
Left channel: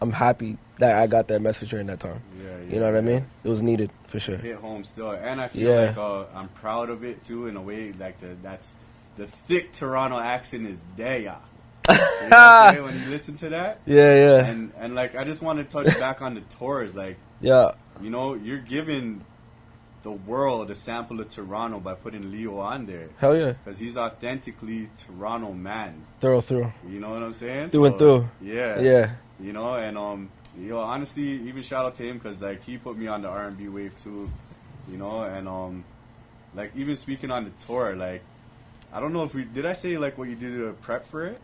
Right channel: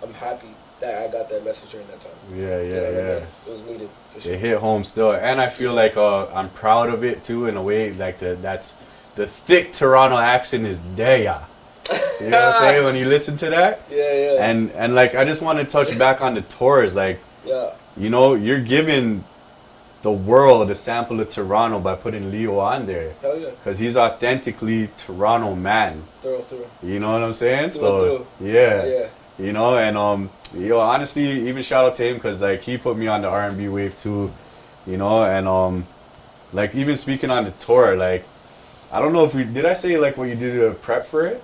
I'm happy that I got that message during that time. Yeah. You know what I mean? It was needed for sure. It hit home still, and I feel like I'm proud of it too, in a way. Like that's the thick Toronto accent is there. You know what I'm saying? When you listen to that. Yeah. And like, I just want to touch back on the tours. Like, you know, you're giving the world a sample of Toronto by putting Leo on there. Hell yeah. Because he's authentically Toronto man. Through. You know what I'm saying? Through and through. Yeah. You know, and yo, honestly, even shout out to him, because like he put me on the R&B wave too. You know, and like even speaking on the tour, like I don't know if did I say like what you did to prep for it?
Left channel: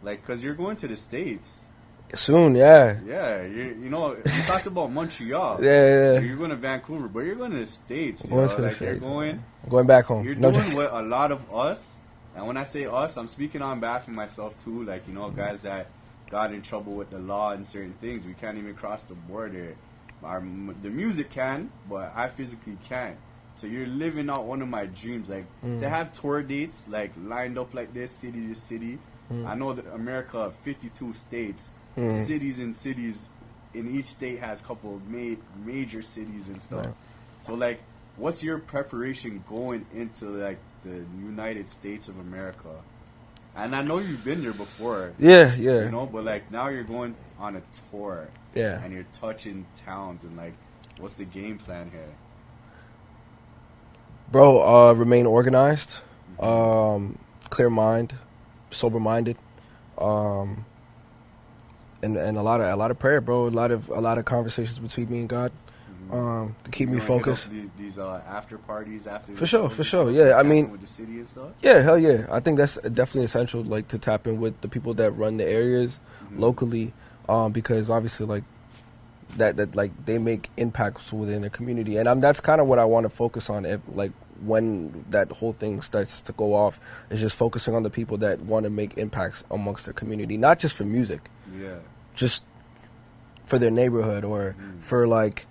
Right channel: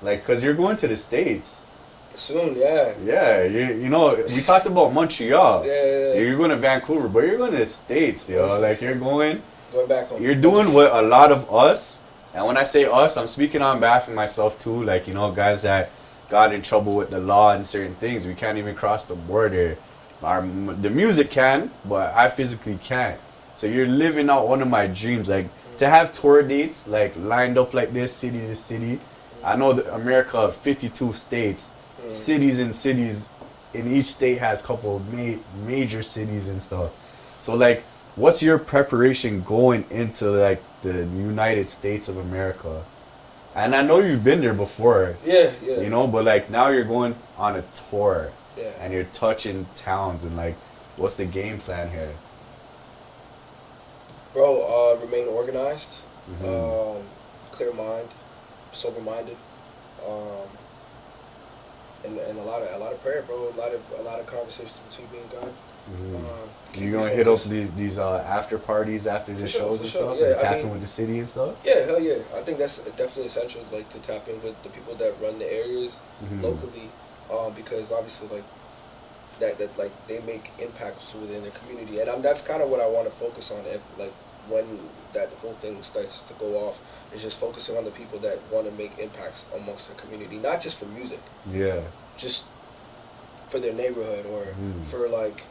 Like, because you're going to the States. Soon, yeah. Yeah, you know, you talked about Montreal. Yeah. You're going to Vancouver, but you're going to the States, you know. Like, you're going back home. You're doing what a lot of us, and when I say us, I'm speaking on behalf of myself too. Like, you know, guys that got in trouble with the law and certain things. We can't even cross the border. The music can, but I physically can't. So you're living out one of my dreams. Like, to have tour dates, like, lined up like this, city to city. I know that America, 52 states. Cities in each state has a couple of major cities and stuff. So like, what's your preparation going into like the United States of America? And I know you've been there before. Yeah. You know, but like now you're going on a tour. Yeah. And you're touching towns, and like, what's the game plan here? Bro, remain organized, Mm-hmm. clear mind, sober minded, and a lot of prayer, bro. A lot of conversations between me and God. To keep You me gonna hit up focused. these after parties after the For sure, shows for and sure. stuff, Yeah, like I tapping mean- with the city and stuff. Yeah, hell yeah. I think that's definitely essential, like to tap in with the people that run the areas locally, because obviously like that like they make impacts within their community, and that's kind of what I want to focus on. Like when that whole thing starts to go off, is just focusing on the people that want to make impacts amongst their community, not just for music, Yeah. just for their neighborhood or for like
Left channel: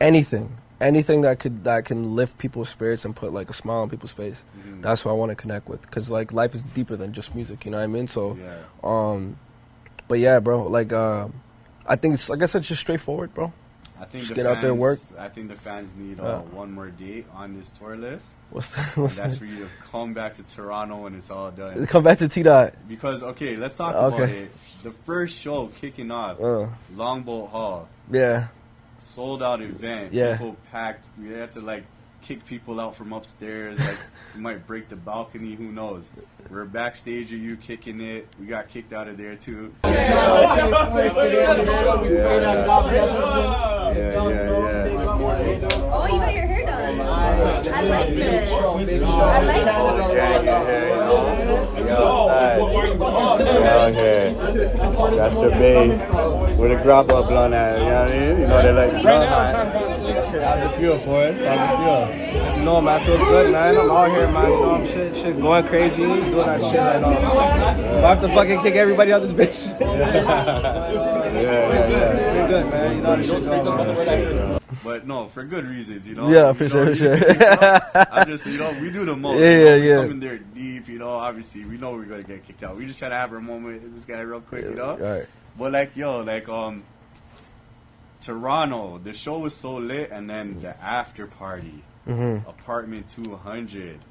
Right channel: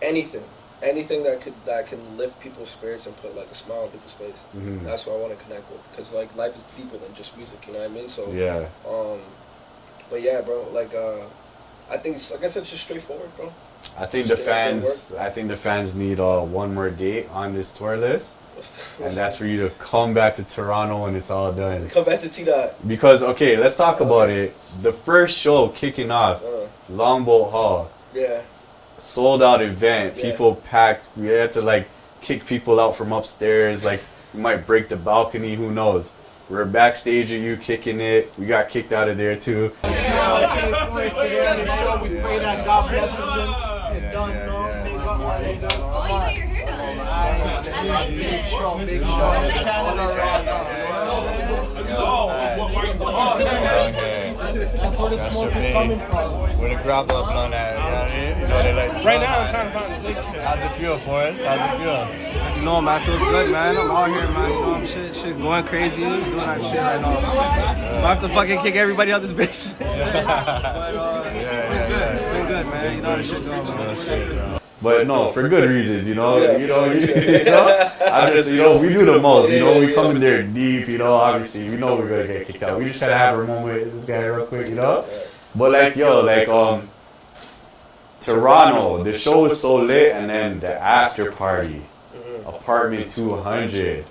anything that can lift people's spirits and put like a smile on people's face. That's what I want to connect with, because like life is deeper than just music, you know what I mean? So Yeah. but yeah, bro, like I think it's, like I said, just straightforward, bro. I think Just the get out there and work. fans. I think the fans need one more date on this tour list, What's and that's for you to come back to Toronto when it's all done. come back to T-Dot. Because okay, let's talk about Okay. it. The first show kicking off, Longboat Hall, Yeah. sold out event. Yeah. People packed. We had to like kick people out from upstairs. Like we might break the balcony. Who knows? We're backstage with you kicking it. We got kicked out of there too. We pray that God blesses him. Oh, you got your hair done. I like this. Big show. I like Okay. That's your babe. With a grapple blonde eye. You know what I mean? You know they like right now I'm trying to find how's it feel, Forrest? How's it feel? You know, man, feels good, man. I'm out here, man. You know, I'm shit going crazy. Doing that shit right now. I have to fucking kick everybody out this bitch. It's been good, man. You know how this shit going, man. But no, for good reasons, you know. Yeah, You for know, sure. you know, I'm just, we do the most. Yeah, you know, we yeah. come in there deep, obviously, we know we're gonna get kicked out. We just try to have a moment with this guy real quick, Right. But like, Toronto, the show is so lit, and then the after party, apartment 200.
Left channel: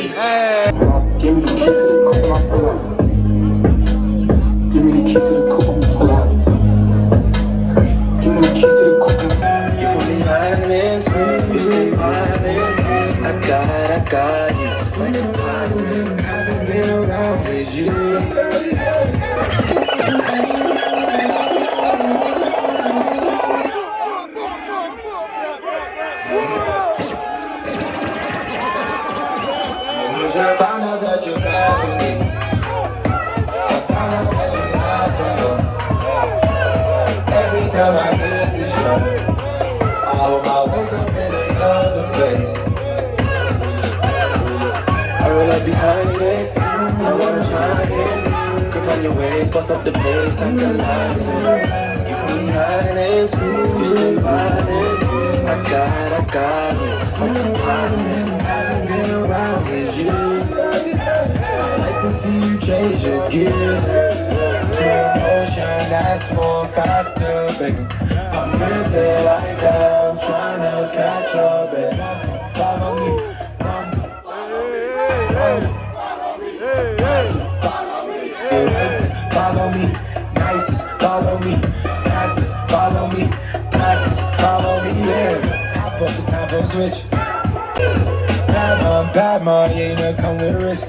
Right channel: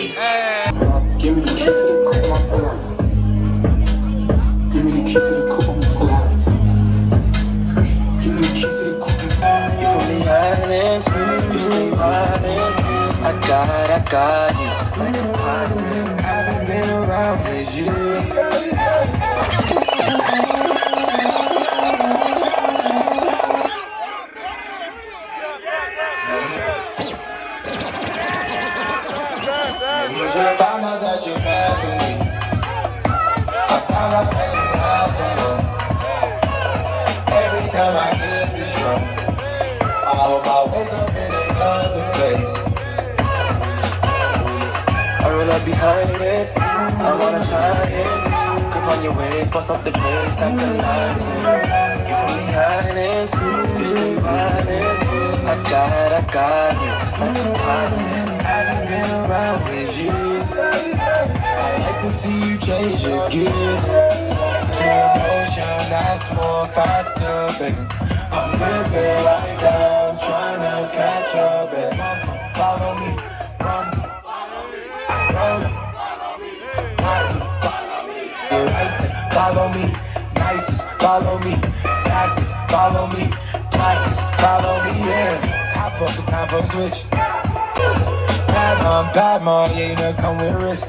Give me the keys to the coupe, Give me the keys to the coupe, Give me the keys to the coupe. You from the islands, you stay vibing. I got you, like a pilot. I haven't been around with you. I found out that you're bad for me. I found out that you had someone. Every time I get this drunk, I hope I wake up in another place. I roll up behind it, I wanna shine it. Grip on your waist, bust up the bass, tantalizing. You from the islands, you stay violent. I got you, like a pilot. Haven't been around with you. I like to see you change your gears to emotion that's more faster, baby. I'm living right now, trying to catch up, baby. Follow me, follow me, nicest, follow me, practice, follow me, yeah. Hop up, it's time for a switch. Bad mom, yeah, you know, come with risk.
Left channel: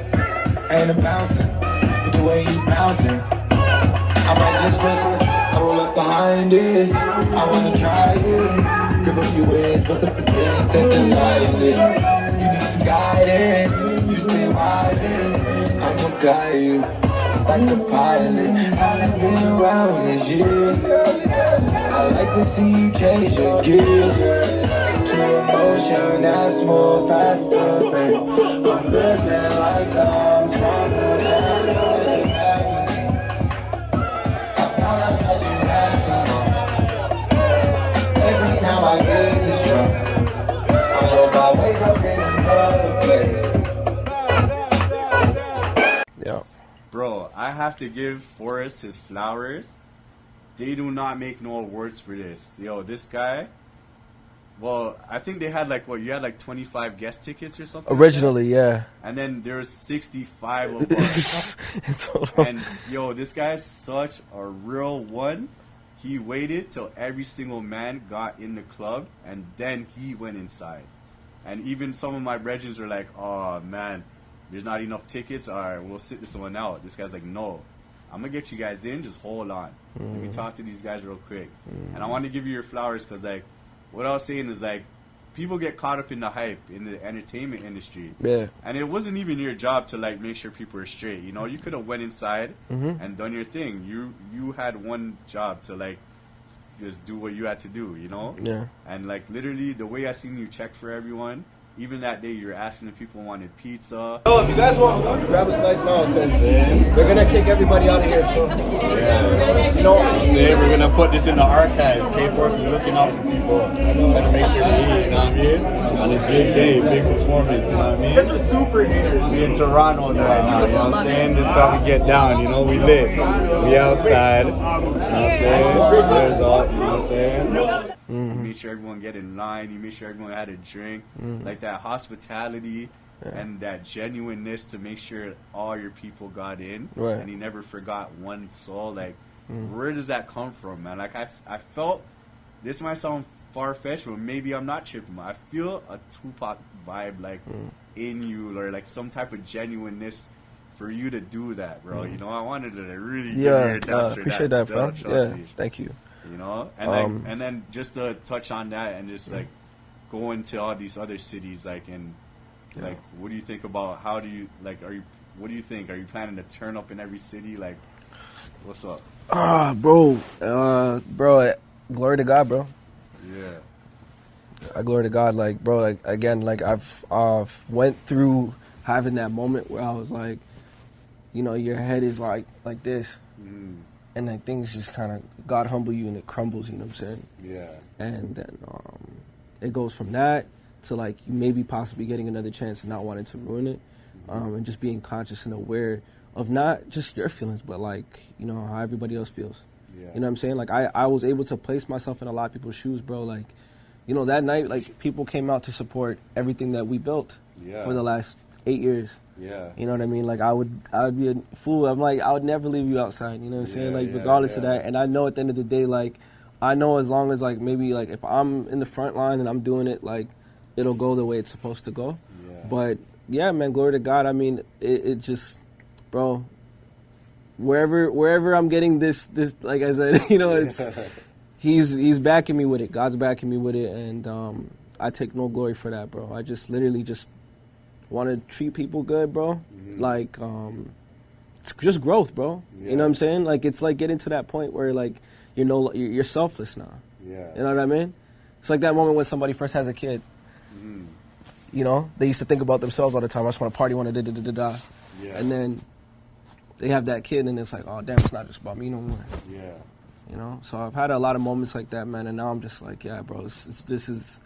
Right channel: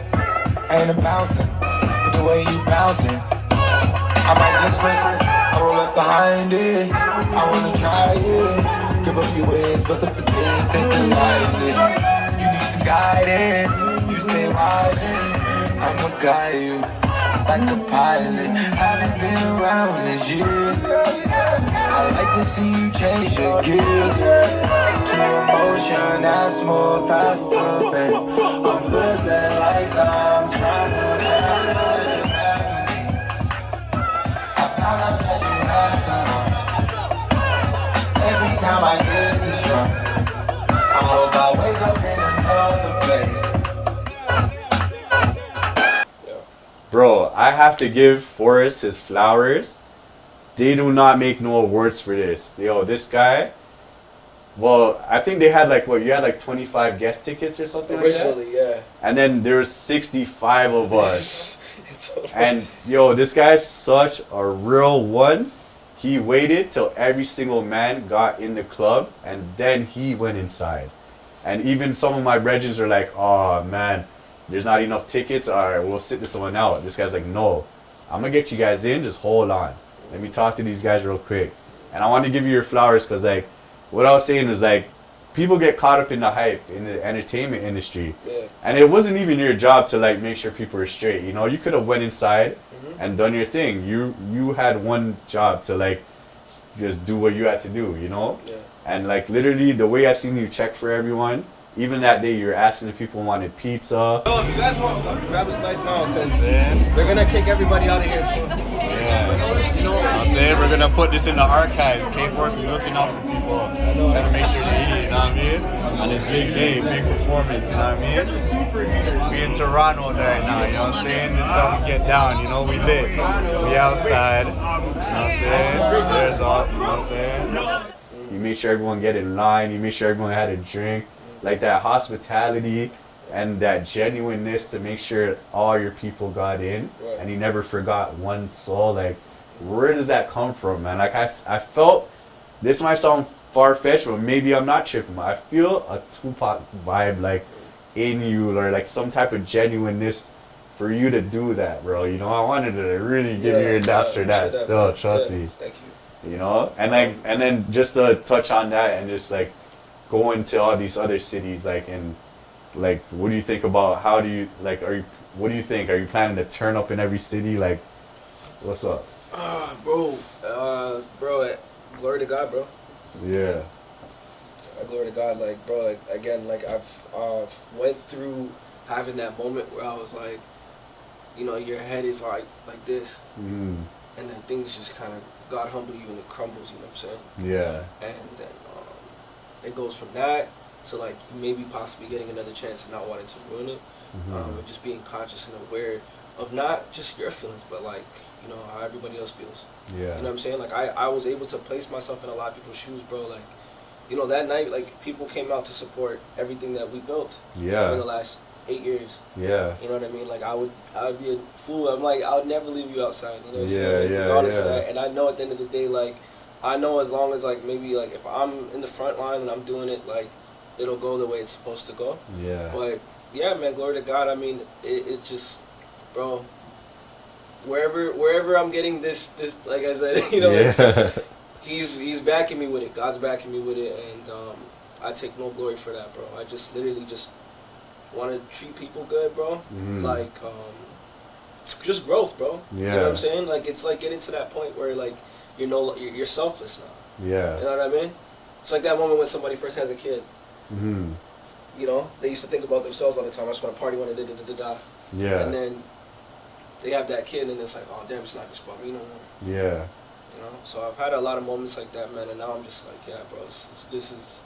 Ain't a bouncer, but the way you bouncing, I might just frisk it. I roll up behind it, I wanna try it. Grip up your waist, bust up the bass, tantalize it. You need some guidance, you stay riding. I'm gonna guide you, like a pilot. Haven't been around this year. I like to see you change your gears to emotion that's more faster, babe. I'm living like I'm trying to catch you back for me. I found out that you had someone. Every time I get this drunk, I hope I wake up in another place. have to give Forrest his flowers. They do not make no awards for this. Yo, this guy. Well, I think they had like you had like 25 guest tickets or something. Originally, like yeah. And then there's 65 of us. And yo, this guy's such a real one. He waited till every single man got in the club, and then he went inside. And even some of my brethren are like, "Oh man, there's not enough tickets. All right, we'll sit this one out." This guy's like, "No, I'm gonna get you guys in. Just hold on. Let me talk to these guys real quick." And I want to give you your flowers because like, what I was saying is like, people get caught up in the hype in the entertainment industry. Yeah. And it wasn't even your job to like make sure people are straight. You know, you could have went inside and done your thing. You had one job to like just do what you had to do, you know? Yeah. And like literally the way I seen you check for everyone, even that day you're asking if people wanted pizza. Oh, if you guys want food, grab a slice now, because they're gonna kick everybody out of here. So, You know what I'm saying? We're gonna put this in the archives. K-Force is looking out for people. I know. Like, make sure they eat, you know what I mean? And it's big performance, you know what I mean? They're super haters. We in Toronto right now, you know what I'm saying? This is how we get down, you know? We lit. We outside, you know what I'm saying? There's all, you know what I'm saying? You made sure everyone get in line. You made sure everyone had a drink. Like that hospitality and that genuineness to make sure all your people got in. Right. And he never forgot one soul. Like, where does that come from, man? Like, I felt, this might sound far-fetched, but maybe I'm not tripping. I feel a Tupac vibe, like, in you, or like some type of genuineness for you to do that, bro. You know, I wanted to really give you your daps for that still, trust me. Thank you. You know, and like, and then just to touch on that and just like go into all these other cities, like, and like, what do you think about, how do you, like, what do you think? Are you planning to turn up in every city? Like, what's up? Bro, glory to God, bro. Yeah. Glory to God, like, bro, like, again, like, I've went through having that moment where I was like, you know, your head is like this, and then things just kind of, God humble you and it crumbles, you know what I'm saying? Yeah. And then it goes from that to like you maybe possibly getting another chance and not wanting to ruin it, and just being conscious and aware of not just your feelings, but like, you know, how everybody else feels. Yeah. You know what I'm saying? Like I was able to place myself in a lot of people's shoes, bro. Like, you know, that night, like, people came out to support everything that we built for the last 8 years. Yeah. You know what I mean? Like, I'd be a fool. I'm like, I would never leave you outside. You know what I'm saying? Like, regardless of that. And I know at the end of the day, like, I know as long as, like, maybe, like, if I'm in the front line and I'm doing it, like, it'll go the way it's supposed to go. Yeah. But, yeah, man, glory to God. I mean, it just, bro, wherever I'm getting this, like I said, you know, it's, he's backing me with it. God's backing me with it. And I take no glory for that, bro. I just literally just want to treat people good, bro. Like, it's just growth, bro. You know what I'm saying? Like, it's like getting to that point where, like, you're selfless now. Yeah. You know what I mean? It's like that moment when somebody first has a kid. You know, they used to think about themselves all the time. I just want to party, want to da-da-da-da-da. Yeah. And then they have that kid, and it's like, oh, damn, it's not just about me no more. Yeah. You know? So I've had a lot of moments like that, man, and now I'm just like, yeah, bro, this is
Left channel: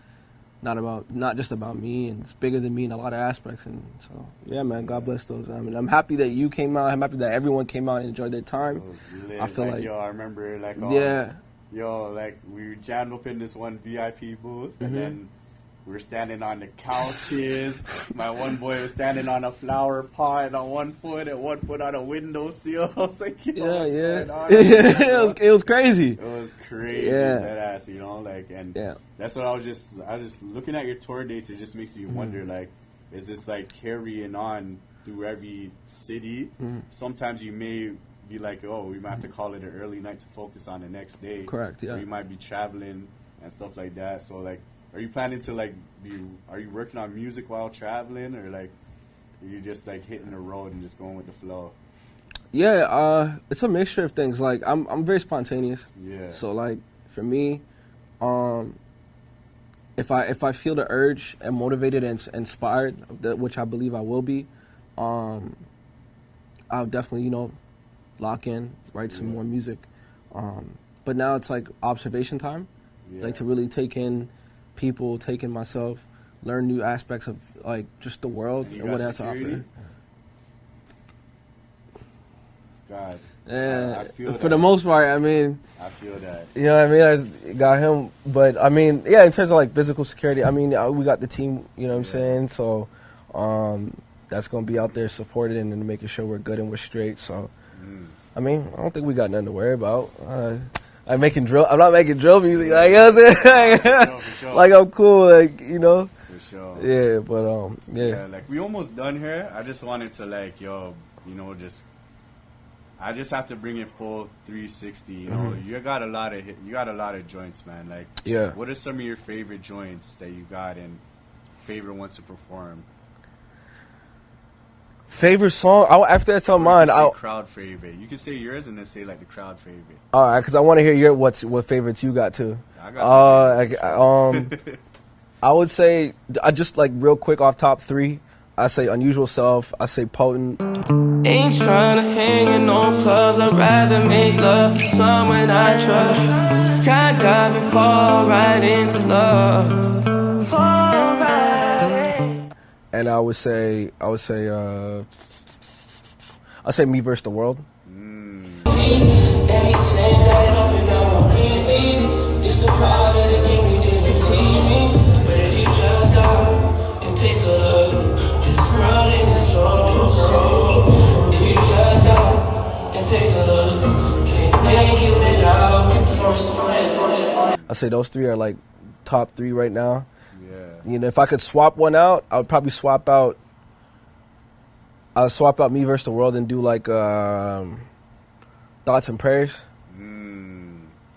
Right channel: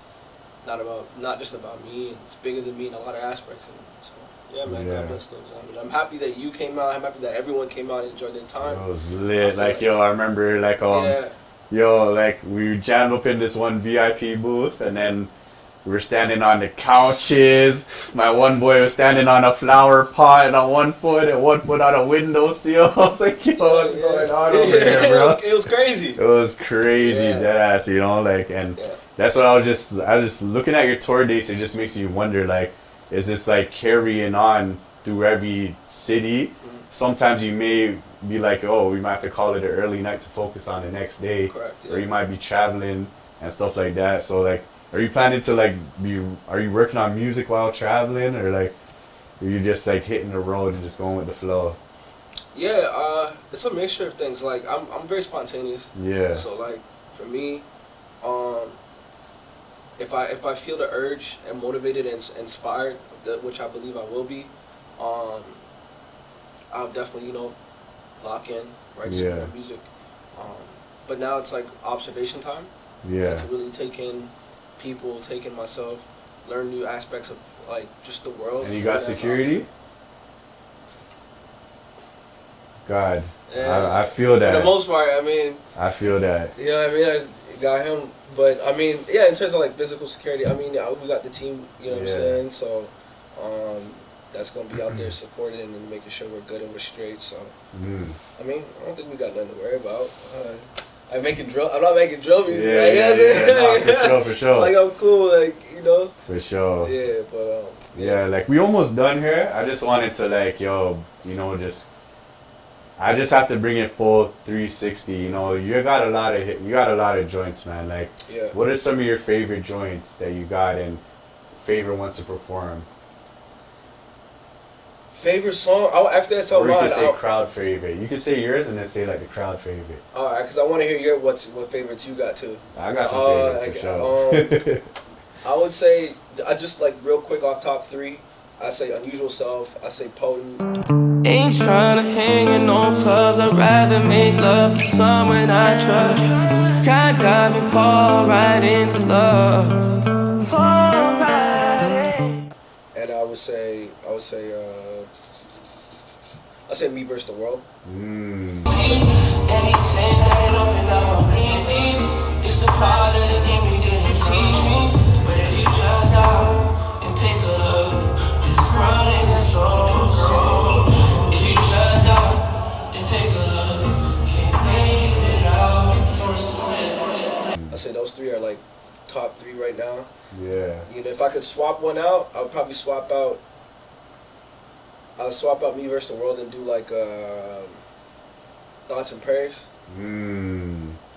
not just about me, and it's bigger than me in a lot of aspects. And so, yeah, man, God bless those. I mean, I'm happy that you came out. I'm happy that everyone came out and enjoyed their time. It was lit. Like, yo, I remember, like, yo, like, we jammed up in this one VIP booth, and then we were standing on the couches. My one boy was standing on a flower pot and on one foot and one foot on a windowsill. I was like, yo, what's going on over there, bro? It was crazy. It was crazy, dead ass, you know, like, and that's what I was just looking at your tour dates. It just makes you wonder, like, is this like carrying on through every city? Sometimes you may be like, oh, we might have to call it an early night to focus on the next day. Correct. Yeah. Or you might be traveling and stuff like that. So, like, are you planning to, like, are you working on music while traveling, or, like, are you just, like, hitting the road and just going with the flow? Yeah, it's a mixture of things. Like, I'm very spontaneous. Yeah. So, like, for me, if I feel the urge and motivated and inspired, which I believe I will be, I'll definitely, you know, lock in, write some more music. But now it's like observation time. Yeah. Like, to really take in people, take in myself, learn new aspects of, like, just the world. And you got security? God. And I feel that. For the most part, I mean. I feel that. You know what I mean? I just got him. But, I mean, yeah, in terms of, like, physical security, I mean, we got the team, you know what I'm saying? So, that's going to be out there supporting and making sure we're good and we're straight. So, I mean, I don't think we got nothing to worry about. I'm not making drill music. Yeah, you know what I'm saying? For sure. Like, I'm cool, like, you know? For sure. Yeah, but, yeah, like, we almost done here. I just wanted to, like, yo, you know, I just have to bring it full 360. You know, you got a lot of joints, man. Like, what are some of your favorite joints that you got and favorite ones to perform? Favorite song? After that's all mine. You can say crowd favorite. You can say yours and then say like the crowd favorite. All right, because I want to hear what favorites you got too. I got some favorites. For sure. I would say I just like real quick off top 3. I say Unusual Self. I say Potent. Ain't tryna hang in no clubs. I'd rather make love to someone I trust. Skydiving, fall right into love. Fall right in. And I would say Me vs. the World. It's the part of the game you didn't teach me. But if you just out and take a look, this world is so cold. If you just out and take a look, can't make it without. I say those 3 are like top 3 right now. Yeah. You know, if I could swap one out, I would probably swap out Me vs. the World and do like Thoughts and Prayers.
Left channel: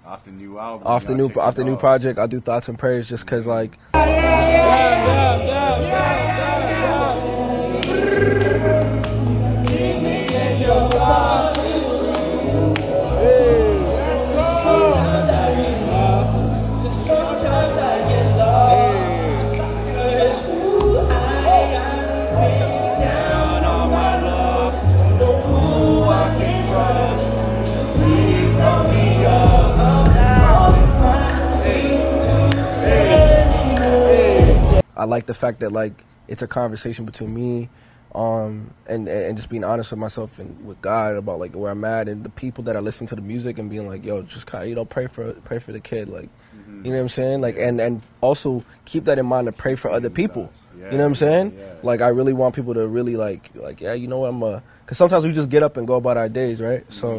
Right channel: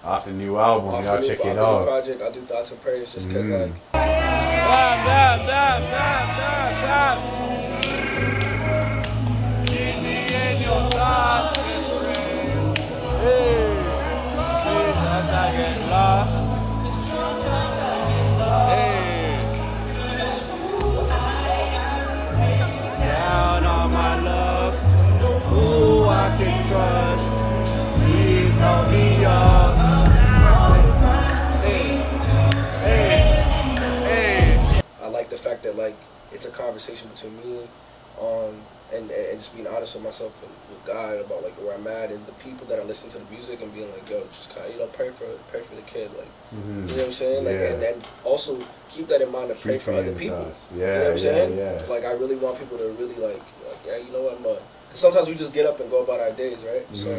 Off the new album. Off the new project, I'll do Thoughts and Prayers just because like. I like the fact that like it's a conversation between me, and just being honest with myself and with God about like where I'm at and the people that are listening to the music and being like, yo, just kind of pray for the kid, like you know what I'm saying, like and also keep that in mind to pray for other people. You know what I'm saying? Like I really want people to really like yeah, you know what because sometimes we just get up and go about our days, right? So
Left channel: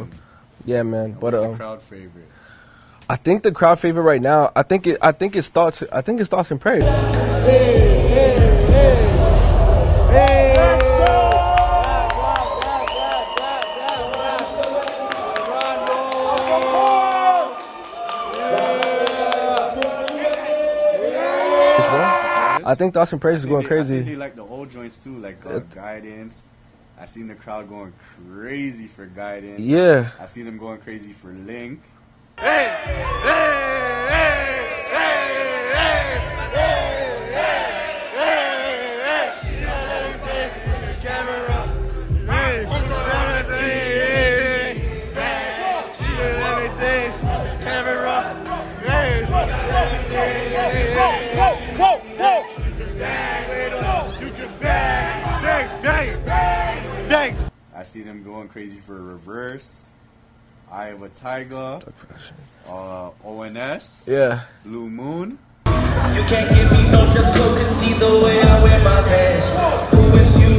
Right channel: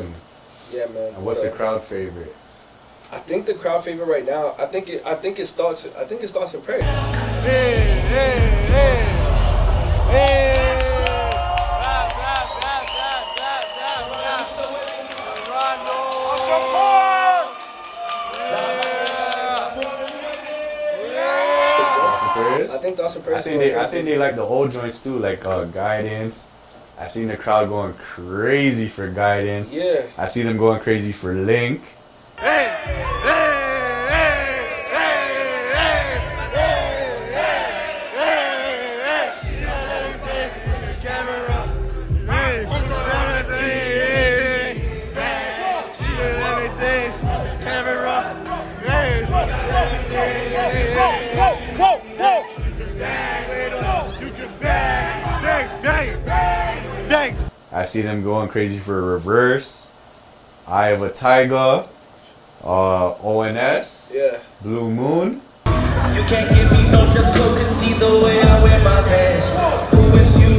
yeah, man. What's the crowd favorite? I think the crowd favorite right now, I think it's Thoughts and Prayers. I think Thoughts and Prayers is going crazy. I think they like the whole joints too, like Guidance. I seen the crowd going crazy for Guidance. Yeah. I see them going crazy for Link. I see them going crazy for Reverse, Eye of a Tiger, ONS, Blue Moon. You can't give me no just cause see the way I wear my pants. Who is you?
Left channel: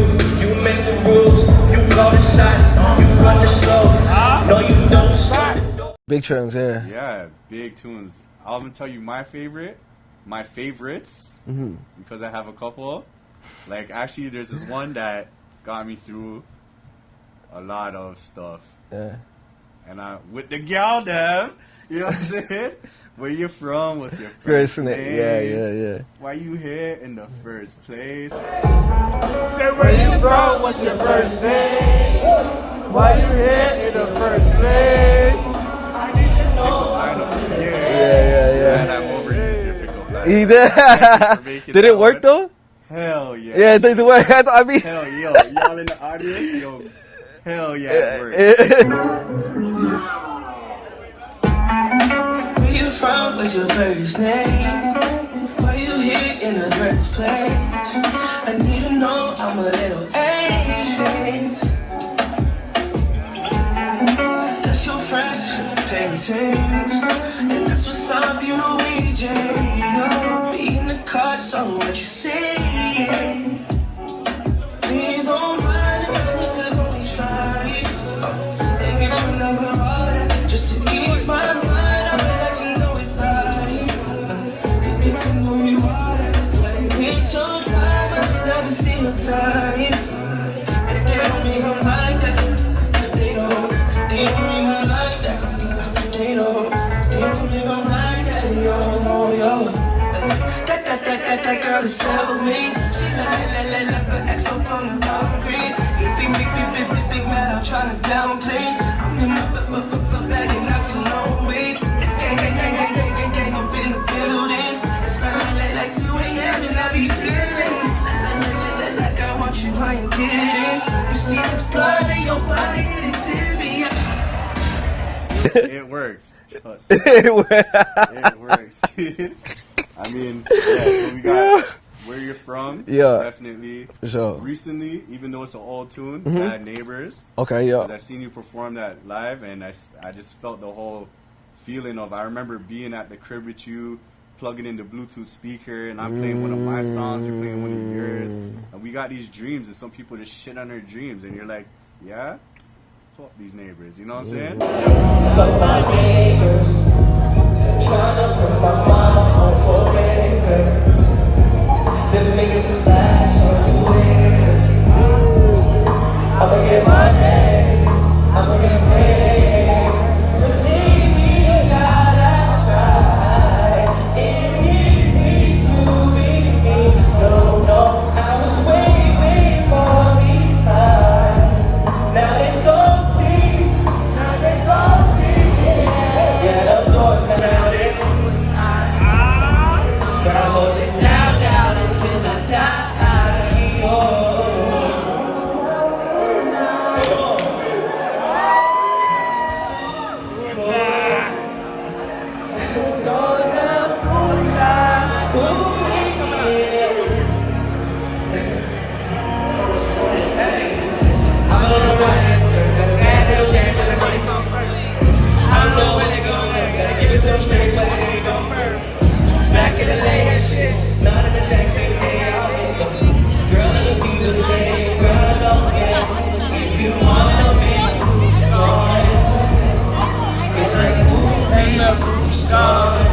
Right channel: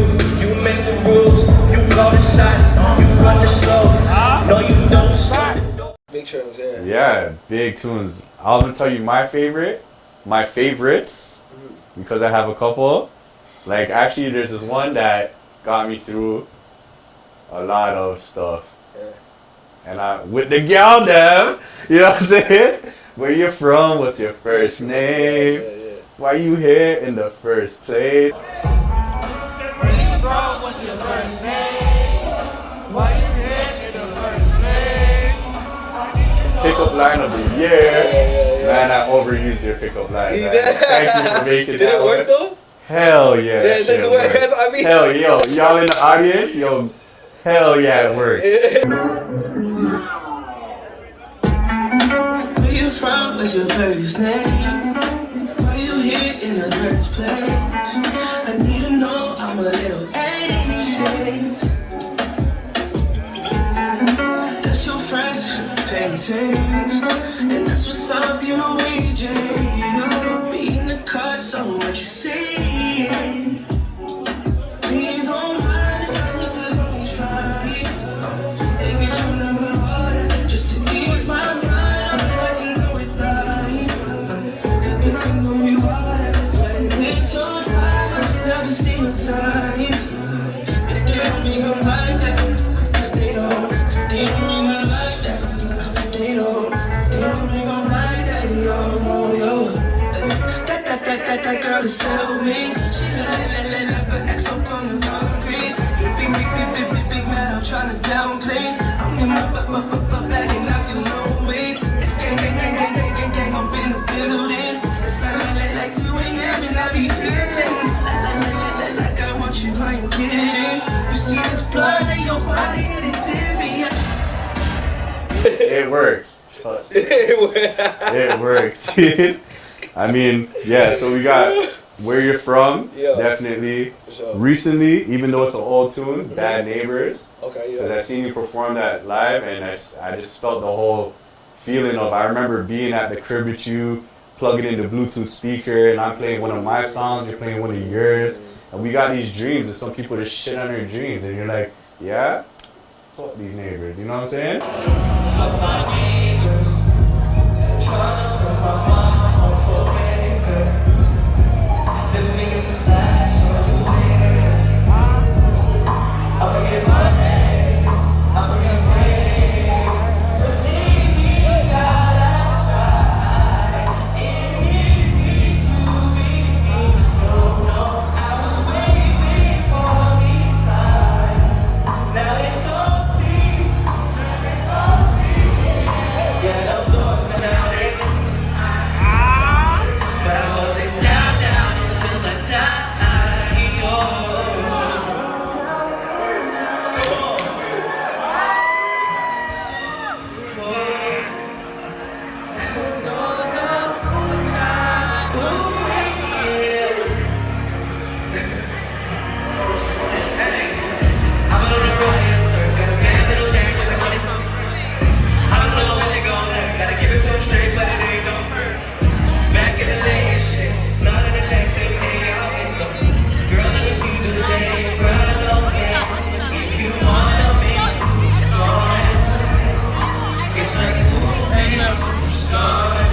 You make the rules, you call the shots, you run the show. No, you don't stop. Big tunes, Yeah, big tunes. I'm gonna tell you my favorites, because I have a couple. Like actually, there's this one that got me through a lot of stuff. And with the gal them, you know what I'm saying? Where you from? What's your first name? Why you here in the first place? Where you from? What's your first name? Why you here in the first place? Pickup line of the year. Man, I overused your pickup line. He did. Did it work though? Hell yeah. Yeah, it did work. I mean, hell, y'all in the audience, hell yeah, it works. Where you from? What's your first name? Why you here in the first place? I need to know I'm a little anxious. taste. And that's what's up, you know, EJ. Be in the cut, so what you say? Please don't mind if I need to go slide. And get your number just to ease my mind. I'd like to know if I get to know you harder. It's your time, I just never see your time. They don't mean I'm like that. They don't mean I'm like that. They don't mean I'm like that. Yo. That girl is self-made. She like but act so fun and concrete. Big man, I'm tryna downplay. I'm in my bag and knocking no ways. It's gang up in the building. It's like 2 a.m. and I be feeling like I want you, I ain't kidding. You see this blood in your body, It works. It works, dude. I mean, yeah, so we got Where You're From, definitely. For sure. Recently, even though it's an old tune, Bad Neighbors. Okay, yeah. Because I seen you perform that live, and I just felt the whole feeling of, I remember being at the crib with you, plugging in the Bluetooth speaker, and I'm playing one of my songs, you're playing one of yours, and we got these dreams, and some people just shit on their dreams, and you're like, yeah? Fuck these neighbors, you know what I'm saying? Fuck my neighbors, tryna put my mind on forever. The biggest splash on the waves. I'ma get my name, I'ma get paid. Believe me, God, I tried. It easy to be me. No, I was way far behind. Now they don't see. Yeah, of course, now they but I hold it down until I die. I've been on the ride, sir. Got a bad little bag where the money come from. I don't know where they going at. Gotta keep it to them straight, but it ain't no hurt. Back in the lane and shit, not in the next every day out. Girl, let me see you do the day. Girl, I know that if you wanna make a start, it's like food and a food start.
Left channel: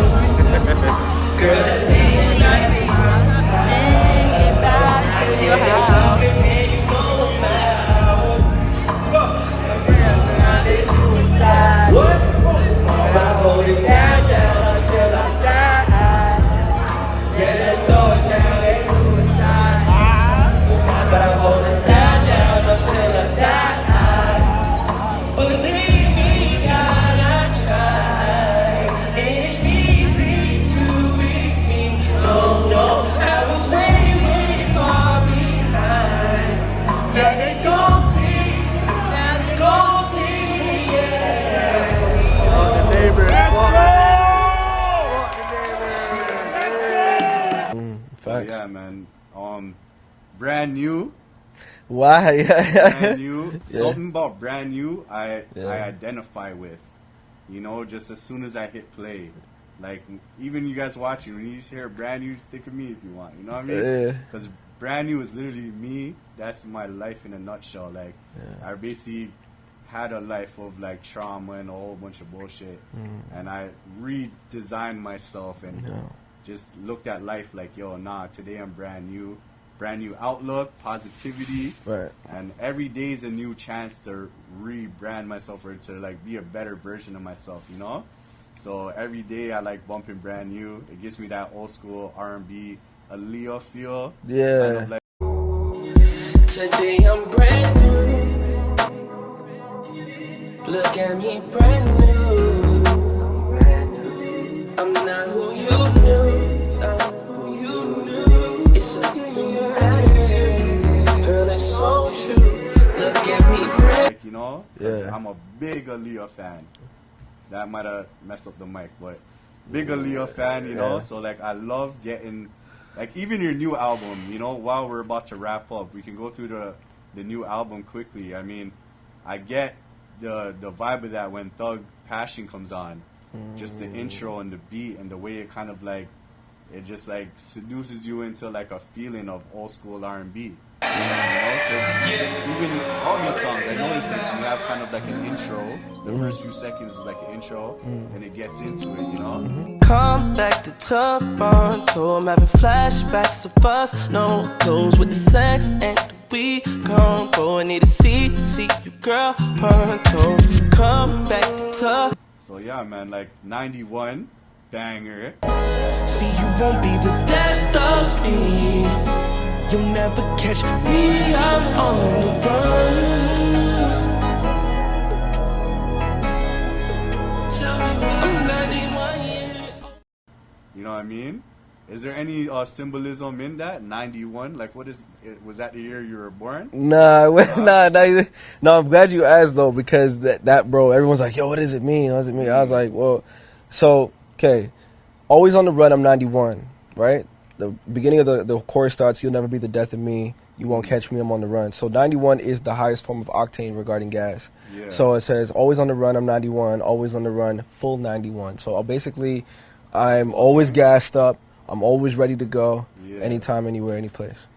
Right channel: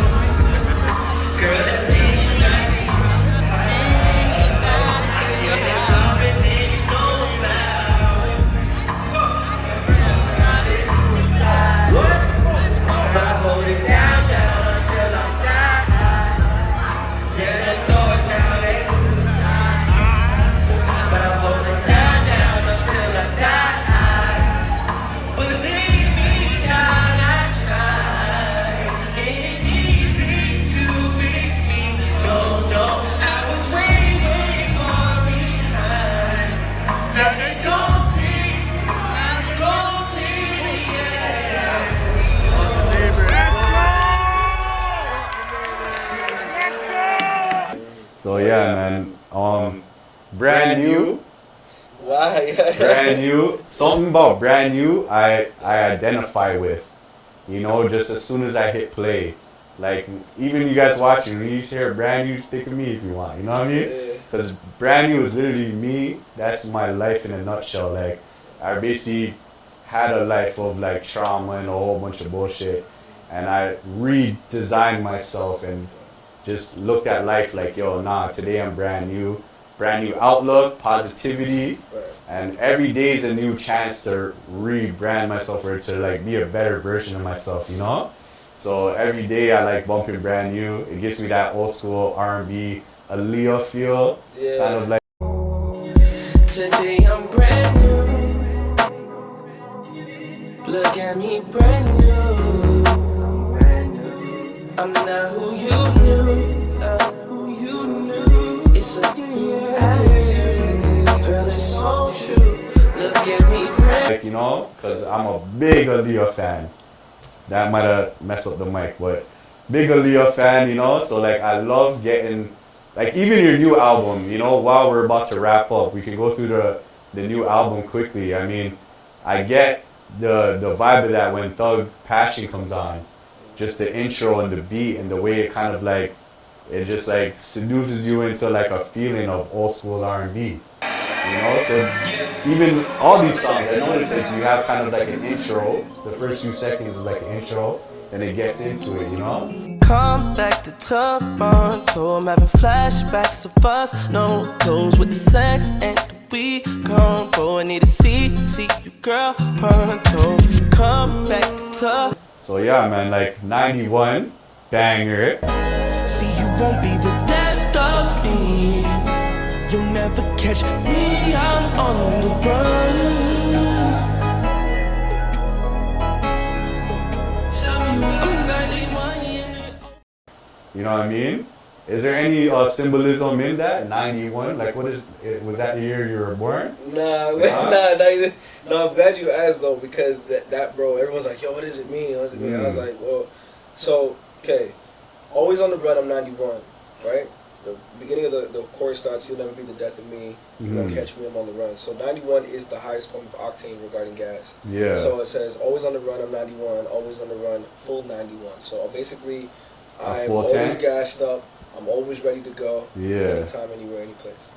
Girl, let's see you night. Think about it till you're out, and then you know about it. Girl, now they suicide. But I hold it down until I die. But I'm holding down until I die. Believe me, God, I try. Ain't easy to be me. No, I was way far behind. Now they gon' see, yeah. Fuck the neighbor. So yeah, man, brand new. Why? Brand new. Something about brand new I identify with. You know, just as soon as I hit play. Like, even you guys watching, when you hear brand new, stick with me if you want. You know what I mean? Because brand new is literally me. That's my life in a nutshell. Like, I basically had a life of like trauma and a whole bunch of bullshit. And I redesigned myself and just looked at life like, yo, nah, today I'm brand new outlook, positivity, and every day is a new chance to rebrand myself or to like be a better version of myself, you know? So every day I like bumping brand new. It gives me that old school R&B, Aaliyah feel. Yeah. Kind of like Today I'm brand new. Look at me brand new. I'm not who you knew. It's a new attitude. Girl, it's so true. Look at me brand new. you know? Because I'm a big Aaliyah fan. That might have messed up the mic, but big Aaliyah fan, you know? So, like, I love getting, like, even your new album, you know, while we're about to wrap up, we can go through the new album quickly. I mean, I get the vibe of that when Thug Passion comes on. Just the intro and the beat and the way it kind of like, it just like seduces you into like a feeling of old school R&B. You know, so even all these songs, I notice that you have kind of like an intro. The first few seconds is like an intro, and it gets into it, you know? Come back to Toronto, I'm having flashbacks of us. No clothes with the sex and the weed combo. I need to see you, girl, pronto. Come back to Toronto. So yeah, man, like 91, banger. See, you won't be the death of me. You'll never catch me, I'm on the run. Tell me I'm 91 years old. You know what I mean? Is there any symbolism in that? 91? Like, what is it? Was that the year you were born? Nah, no, I'm glad you asked though, because that bro, everyone's like, yo, what does it mean? What does it mean? I was like, well, so, okay. Always on the run, I'm 91, right? The beginning of the chorus starts, you'll never be the death of me, you won't catch me, I'm on the run. So 91 is the highest form of octane regarding gas. Yeah. So it says, always on the run, I'm 91, always on the run, full 91. So basically, I'm always gassed up, I'm always ready to go, anytime, anywhere, any place.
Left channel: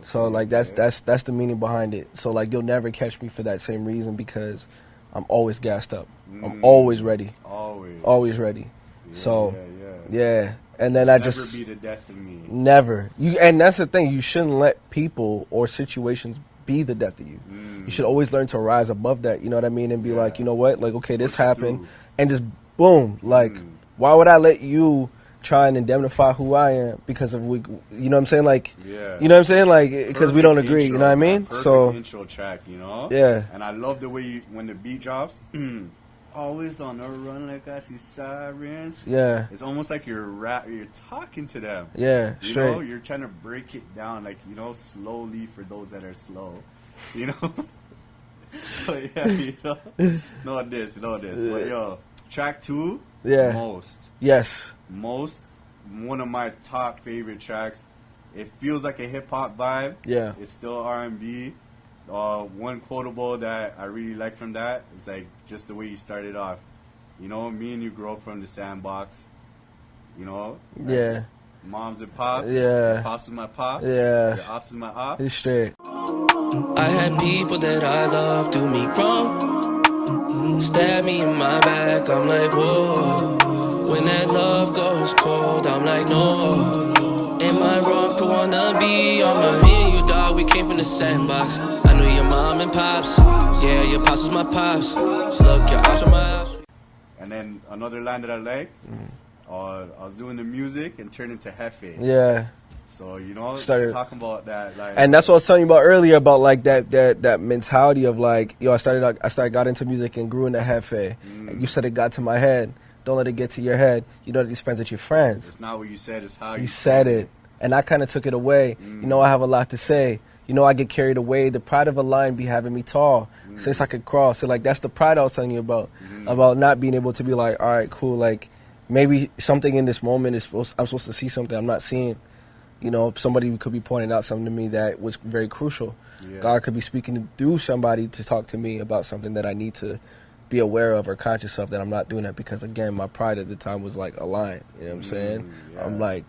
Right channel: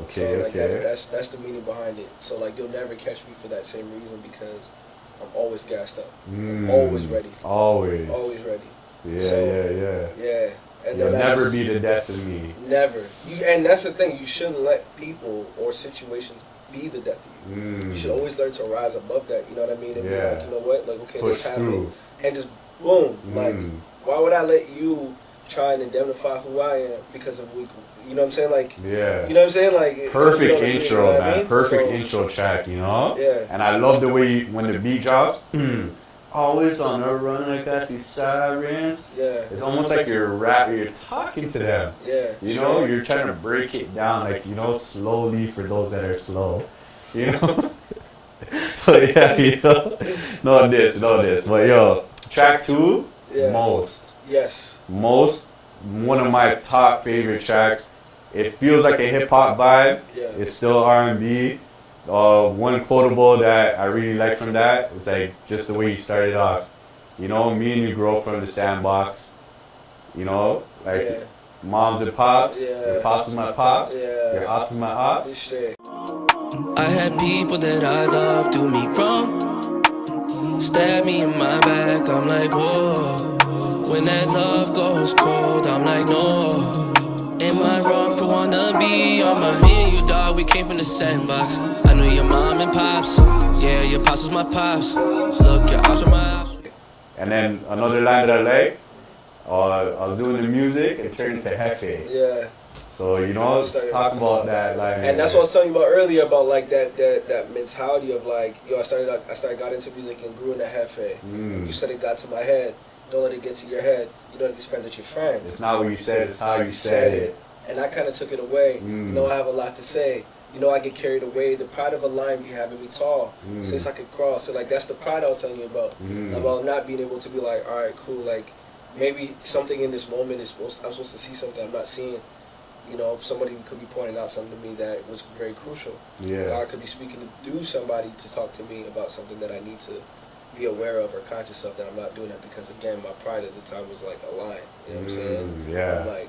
Okay, so like that's the meaning behind it. So like you'll never catch me for that same reason, because I'm always gassed up. I'm always ready. Always ready. Yeah, so, yeah. And then You'll never be the death of me. Never. And that's the thing. You shouldn't let people or situations be the death of you. You should always learn to rise above that. You know what I mean? And be like, you know what? Like, okay, this happened, and just boom. Like, why would I let you try and indemnify who I am because of we? You know what I'm saying? Like, you know what I'm saying? Like, because we don't agree. Intro, you know what I mean? Perfect intro track. You know? Yeah. And I love the way when the beat drops. Always on a run, like I see sirens. Yeah. It's almost like you're talking to them. Yeah. You know, you're trying to break it down, like, you know, slowly for those that are slow. You know? But yeah, you know. Know this. But yo, track 2, Most. Yes. Most, one of my top favorite tracks. It feels like a hip hop vibe. Yeah. It's still R&B. One quotable that I really like from that is like just the way you started off. You know, me and you grew up from the sandbox. You know, like moms and pops. Yeah. Pops is my pops. Yeah. Pops is my ops. This shit. I had people that I love do me wrong. Stab me in my back, I'm like, whoa. When that love goes cold, I'm like, no. Am I wrong for wanna be on my hand? You dog, we came from the sandbox. I knew your mom and pops. Yeah, your pops was my pops. Look, your ops were my ops. And then another line that I like, I was doing the music, it turned into Hefe. Yeah. So, you know, just talking about that. Like, and that's what I was telling you about earlier, about like that mentality of like, yo, I got into music and grew into Hefe. You said it got to my head. Don't let it get to your head. You don't let these friends at your friends. It's not what you said, it's how you said it. And I kind of took it away. You know, I have a lot to say. You know, I get carried away. The pride of a lion be having me tall. Since I could cross. So, like, that's the pride I was telling you about. About not being able to be like, all right, cool. Like, maybe something in this moment I'm supposed to see something I'm not seeing. You know, somebody could be pointing out something to me that was very crucial. Yeah. God could be speaking through somebody to talk to me about something that I need to be aware of or conscious of, that I'm not doing that because, again, my pride at the time was like a lion. You know what I'm saying? Yeah. I'm like,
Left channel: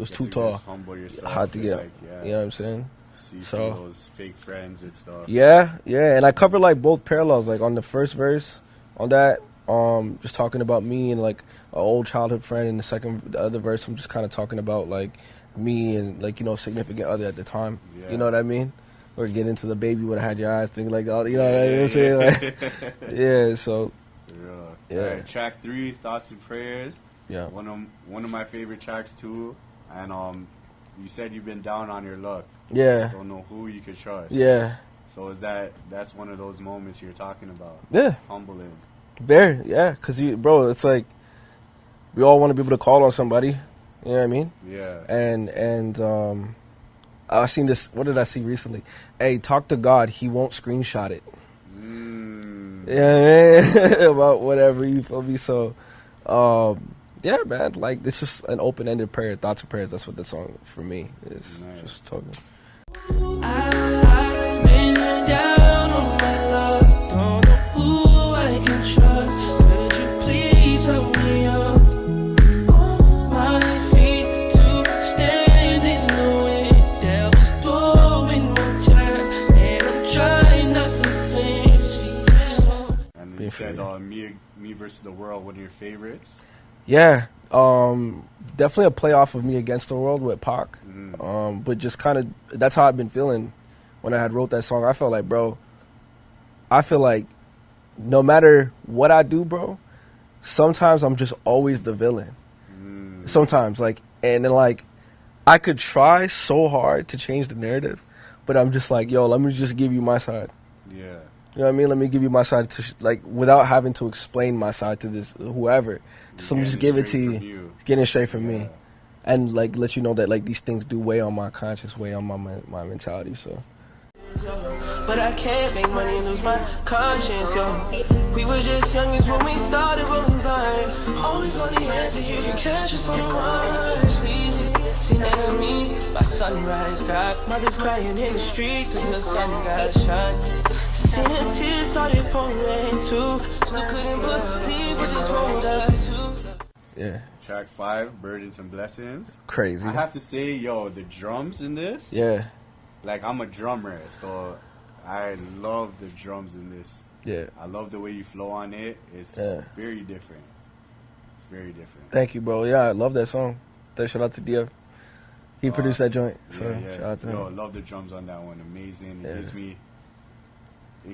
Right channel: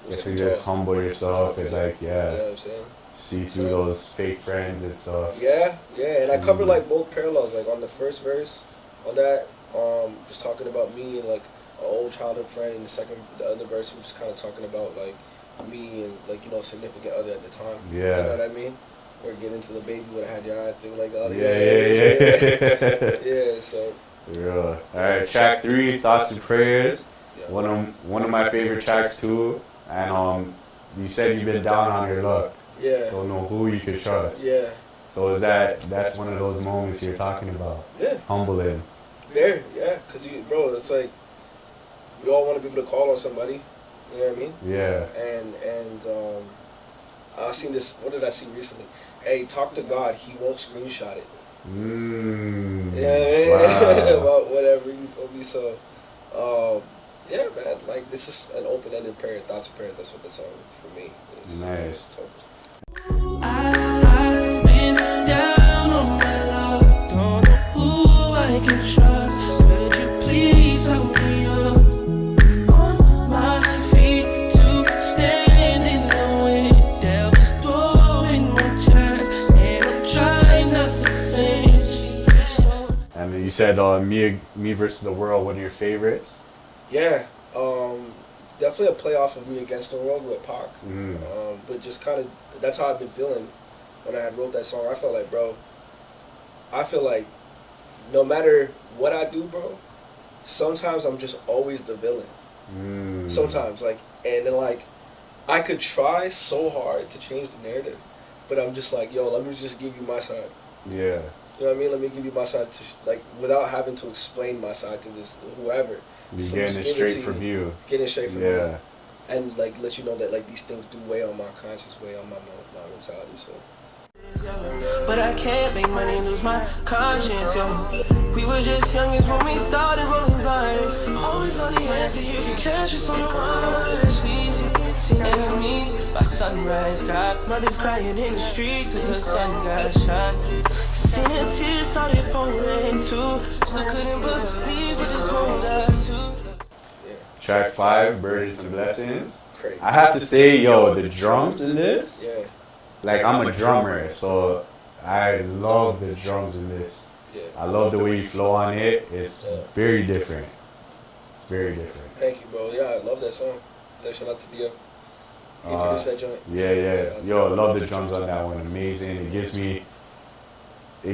it was too tall. Just humble yourself and like, you know what I'm saying? See through those fake friends and stuff. Yeah, and I covered like both parallels. Like on the first verse, on that, just talking about me and like an old childhood friend. And the other verse, I'm just kind of talking about like me and like, you know, significant other at the time. Yeah. You know what I mean? Or get into the baby when I had your eyes, things like that. You know what I mean? Yeah, so. Yeah. All right, track 3, Thoughts and Prayers. Yeah. One of my favorite tracks too. And you said you've been down on your luck. Yeah. Don't know who you could trust. Yeah. So that's one of those moments you're talking about. Yeah. Humbling. Very, yeah. Cause bro, it's like we all want to be able to call on somebody. You know what I mean? Yeah. And I seen this. What did I see recently? Hey, talk to God. He won't screenshot it. Yeah. Wow. About whatever, you feel me? So, yeah, man. Like, it's just an open-ended prayer. Thoughts and prayers. That's what the song for me is. Nice. So. I've been down on my luck. Don't know who Me versus the World one of your favorites? Yeah, definitely a playoff of Me Against the World with Pac. But just kind of, that's how I've been feeling when I had wrote that song. I felt like, bro, I feel like no matter what I do, bro, sometimes I'm just always the villain. Sometimes, like, and then, like, I could try so hard to change the narrative, but I'm just like, yo, let me just give you my side. Yeah. You know what I mean? Let me give you my side to, like, without having to explain my side to this, whoever. So just give it to you. Getting it straight from me. And, like, let you know that, like, these things do weigh on my conscience, weigh on my mentality, so. But I can't make money and lose my conscience, yo. We were just youngins when we started rolling vines. Always on the answer, you can catch us on the rise. Please, seen enemies by sunrise. Got mothers crying in the street cause her son got shot. Seen her tears started pouring too. Still couldn't believe what this world does too. Yeah. Track 5, Burdens and Blessings. Crazy. I have to say, yo, the drums in this. Yeah. Like, I'm a drummer, so I love the drums in this. Yeah. I love the way you flow on it. It's very different. It's very different. Thank you, bro. Yeah, I love that song. Shout out to Dio. He produced that joint. Yeah. Yo, I love the drums on that one. Amazing. It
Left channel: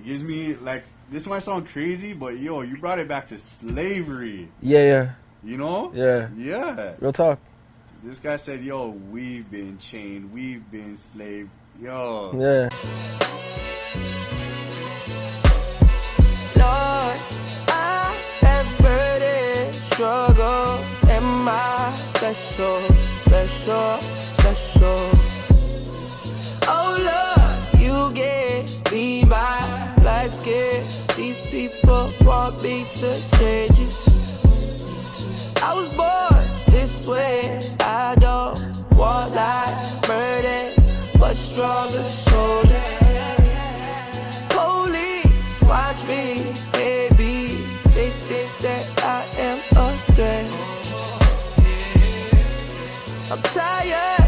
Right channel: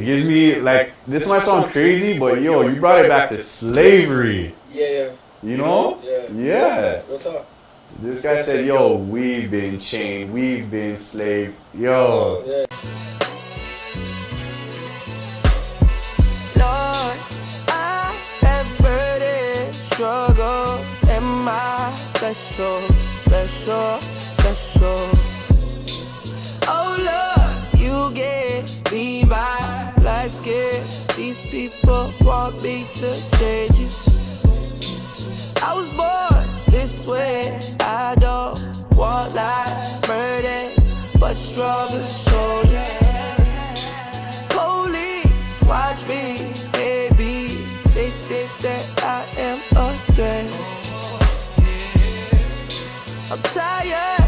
gives me, like, this might sound crazy, but yo, you brought it back to slavery. Yeah. You know? Yeah. Real talk. This guy said, yo, we've been chained, we've been enslaved. Yo. Yeah. Lord, I have burdens, struggles, and my special. Oh Lord, you get me by life scared. These people want me to change it. I was born this way. I don't want like burdens, but stronger shoulders. Police watch me, baby. They think that I am a threat. I'm tired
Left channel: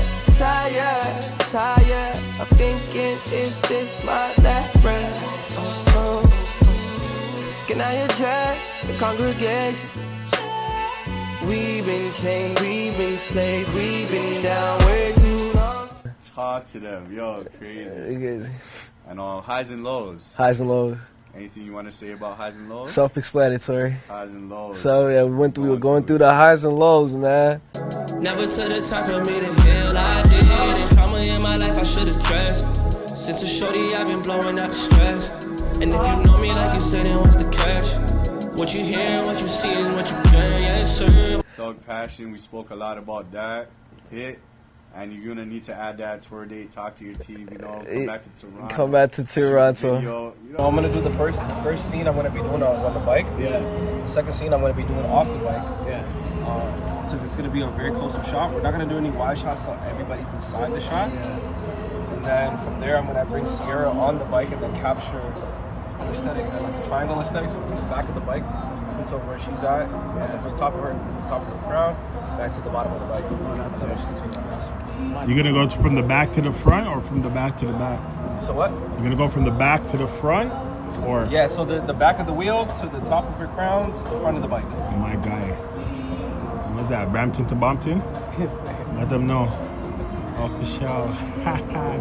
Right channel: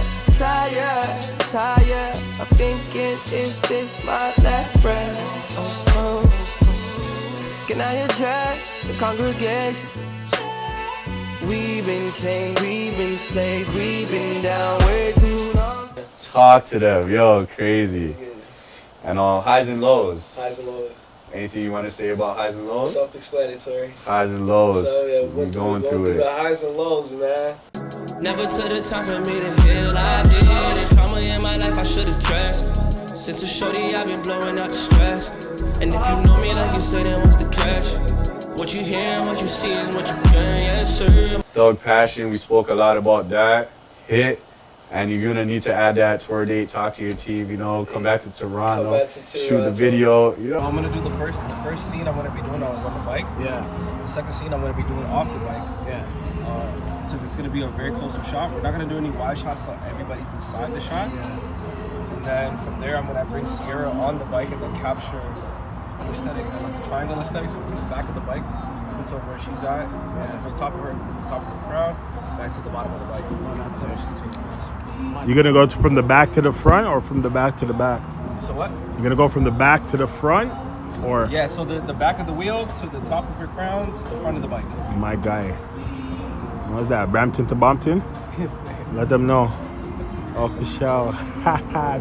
of thinking, is this my last breath? Can I address the congregation? We've been chained, we've been enslaved, we've been down way too long. Talk to them, yo, crazy. And highs and lows. Highs and lows. Anything you want to say about highs and lows? Self-explanatory. Highs and lows. So yeah, we're going through the highs and lows, man. Never to the time for me to heal, I did. And trauma in my life I should address. Since a shorty I've been blowing out the stress. And if you know me like you say, then what's the catch? What you hear, what you see, and what you can, yes sir. Thug Passion, we spoke a lot about that. Hit. And you're gonna need to add that tour date, talk to your team, you know, come back to Toronto. Shoot the video. You know. I'm gonna do the first scene I'm gonna be doing on the bike. Yeah. The second scene I'm gonna be doing off the bike. Yeah. So it's gonna be a very close-up shot. We're not gonna do any wide shots so everybody's inside the shot. Yeah. And then from there I'm gonna bring Sierra on the bike and then capture an aesthetic, like a triangle aesthetic. So it's the back of the bike until where she's at, and from the top of the crown, back to the bottom of the bike. So just continue. You're gonna go from the back to the front or from the back to the back? So what? You're gonna go from the back to the front or? Yeah, so the back of the wheel to the top of your crown to the front of the bike. My guy. What's that, Brampton to Bompton? Let them know. Oh, for sure.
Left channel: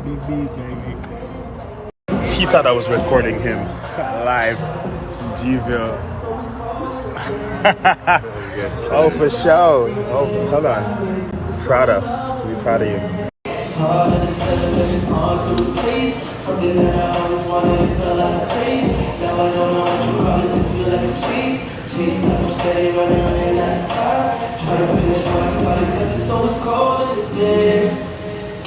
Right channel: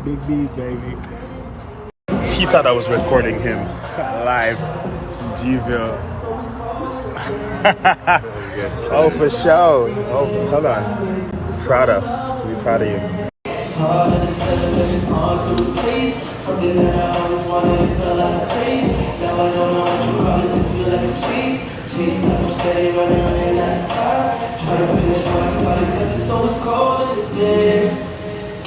Big B's, baby. He thought I was recording him live in G-Ville. Oh, for sure. Oh, hold on. Proud of you. It's hard to celebrate, hard to replace something that I always wanted to feel like a face. Now I don't know what you call this, it feel like a chase like I'm steady running out of time. Try to finish my body cause it's always cold in the six.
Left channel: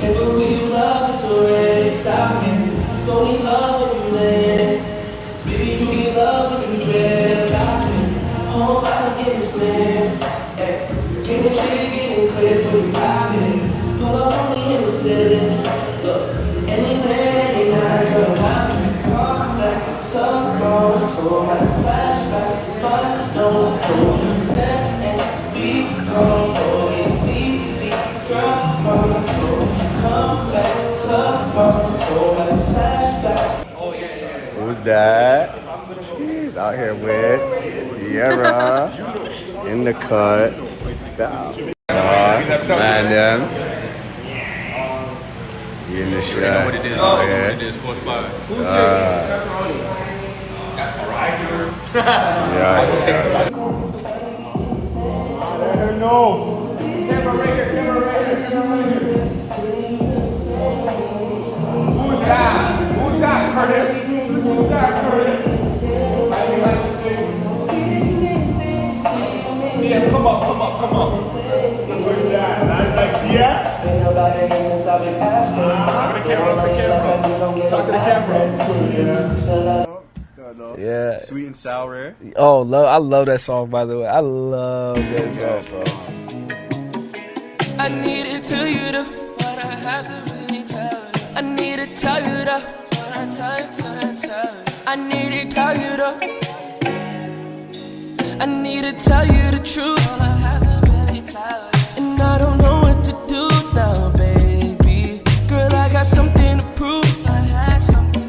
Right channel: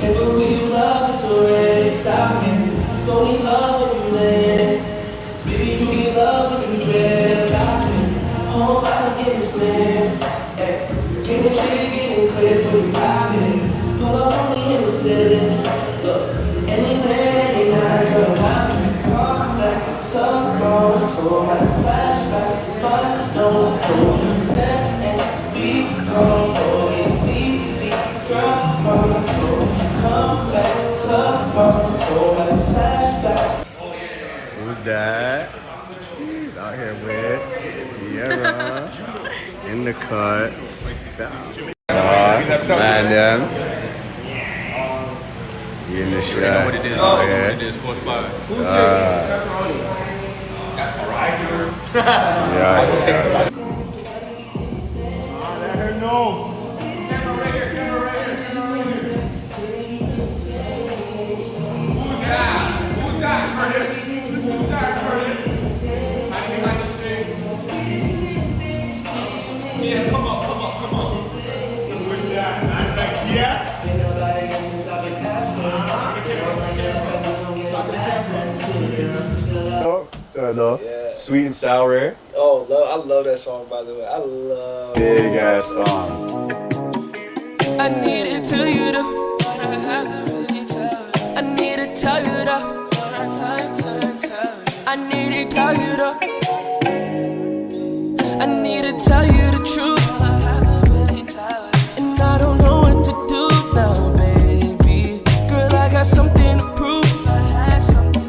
Can't believe you love this already, stop it. It's only love when you land. Baby, you get love when you dread. Got it, home I don't get you slim. Can the kid getting clear for you pop it? Pull up on me in the cities. Look, anywhere, any night, girl, come back to tomorrow. So my flashbacks, buzz, no clothes, sex, and we come for it. See, girl, come back to tomorrow. So my flashbacks. Who's that? He's out here with Camera in the cut. Man, them. You in the shot. You know what it is. Oh, yeah. What it is, 4-5. Yeah. Let her know. Who's that, Curtis? Who's that, Curtis? Yeah, come on. Who's that? And I'm like, yeah. Yeah. Sweet and sour. Oh, I love that song, by the way. I love Big it. ass song. I need to tell you though. I need to tell you though. I need to tell you though. I need to tell you the truth. And I don't know what to do now, baby. Girl, I got something to prove.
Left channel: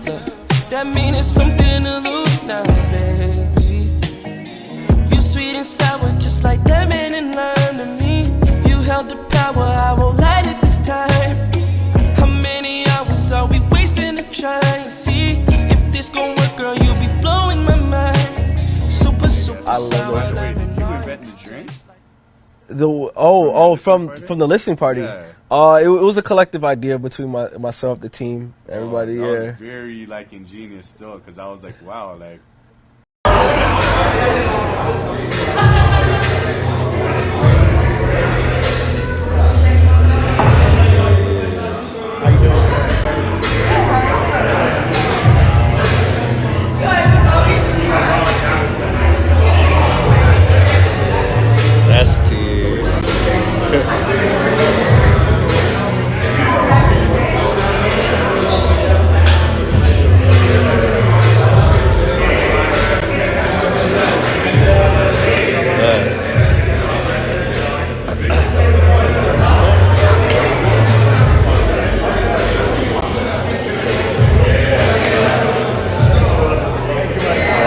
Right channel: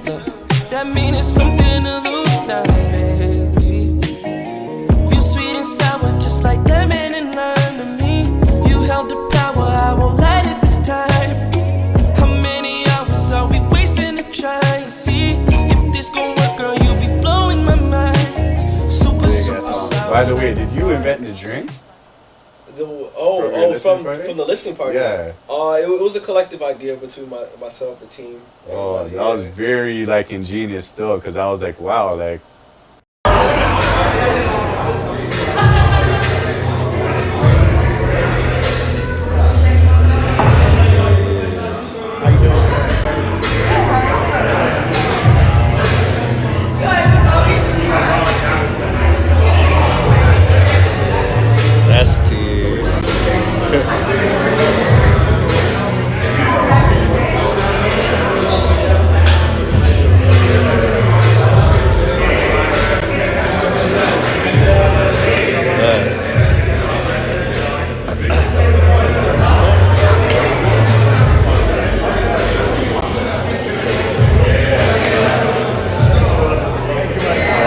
Look, that means it's something to lose now, baby. You sweet and sour, just like lemon and lime to me. You held the power, I won't let it this time. How many hours are we wasting to try and see if this gon' work, girl? You be blowing my mind. Super sour. By the way, did you invent the drink? From the listening party. Yeah. It was a collective idea between myself, the team, everybody. That was very like ingenious still, because I was like, wow, like. That's T.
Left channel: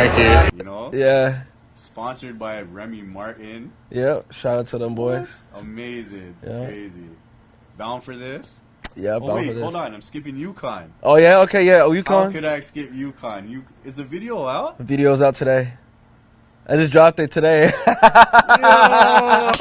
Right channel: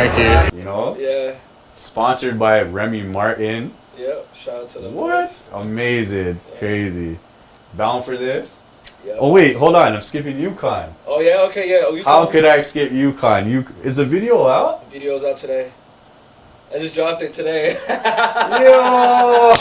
Thank you. You know? Yeah. Sponsored by Remy Martin. Yep. Shout out to them boys. Amazing. Yeah. Crazy. Bound for this? Yeah. Oh wait, hold on. I'm skipping Yukon. Oh yeah. Okay. Yeah. Oh, Yukon. How could I skip Yukon? Is the video out? The video's out today. I just dropped it today. Yo!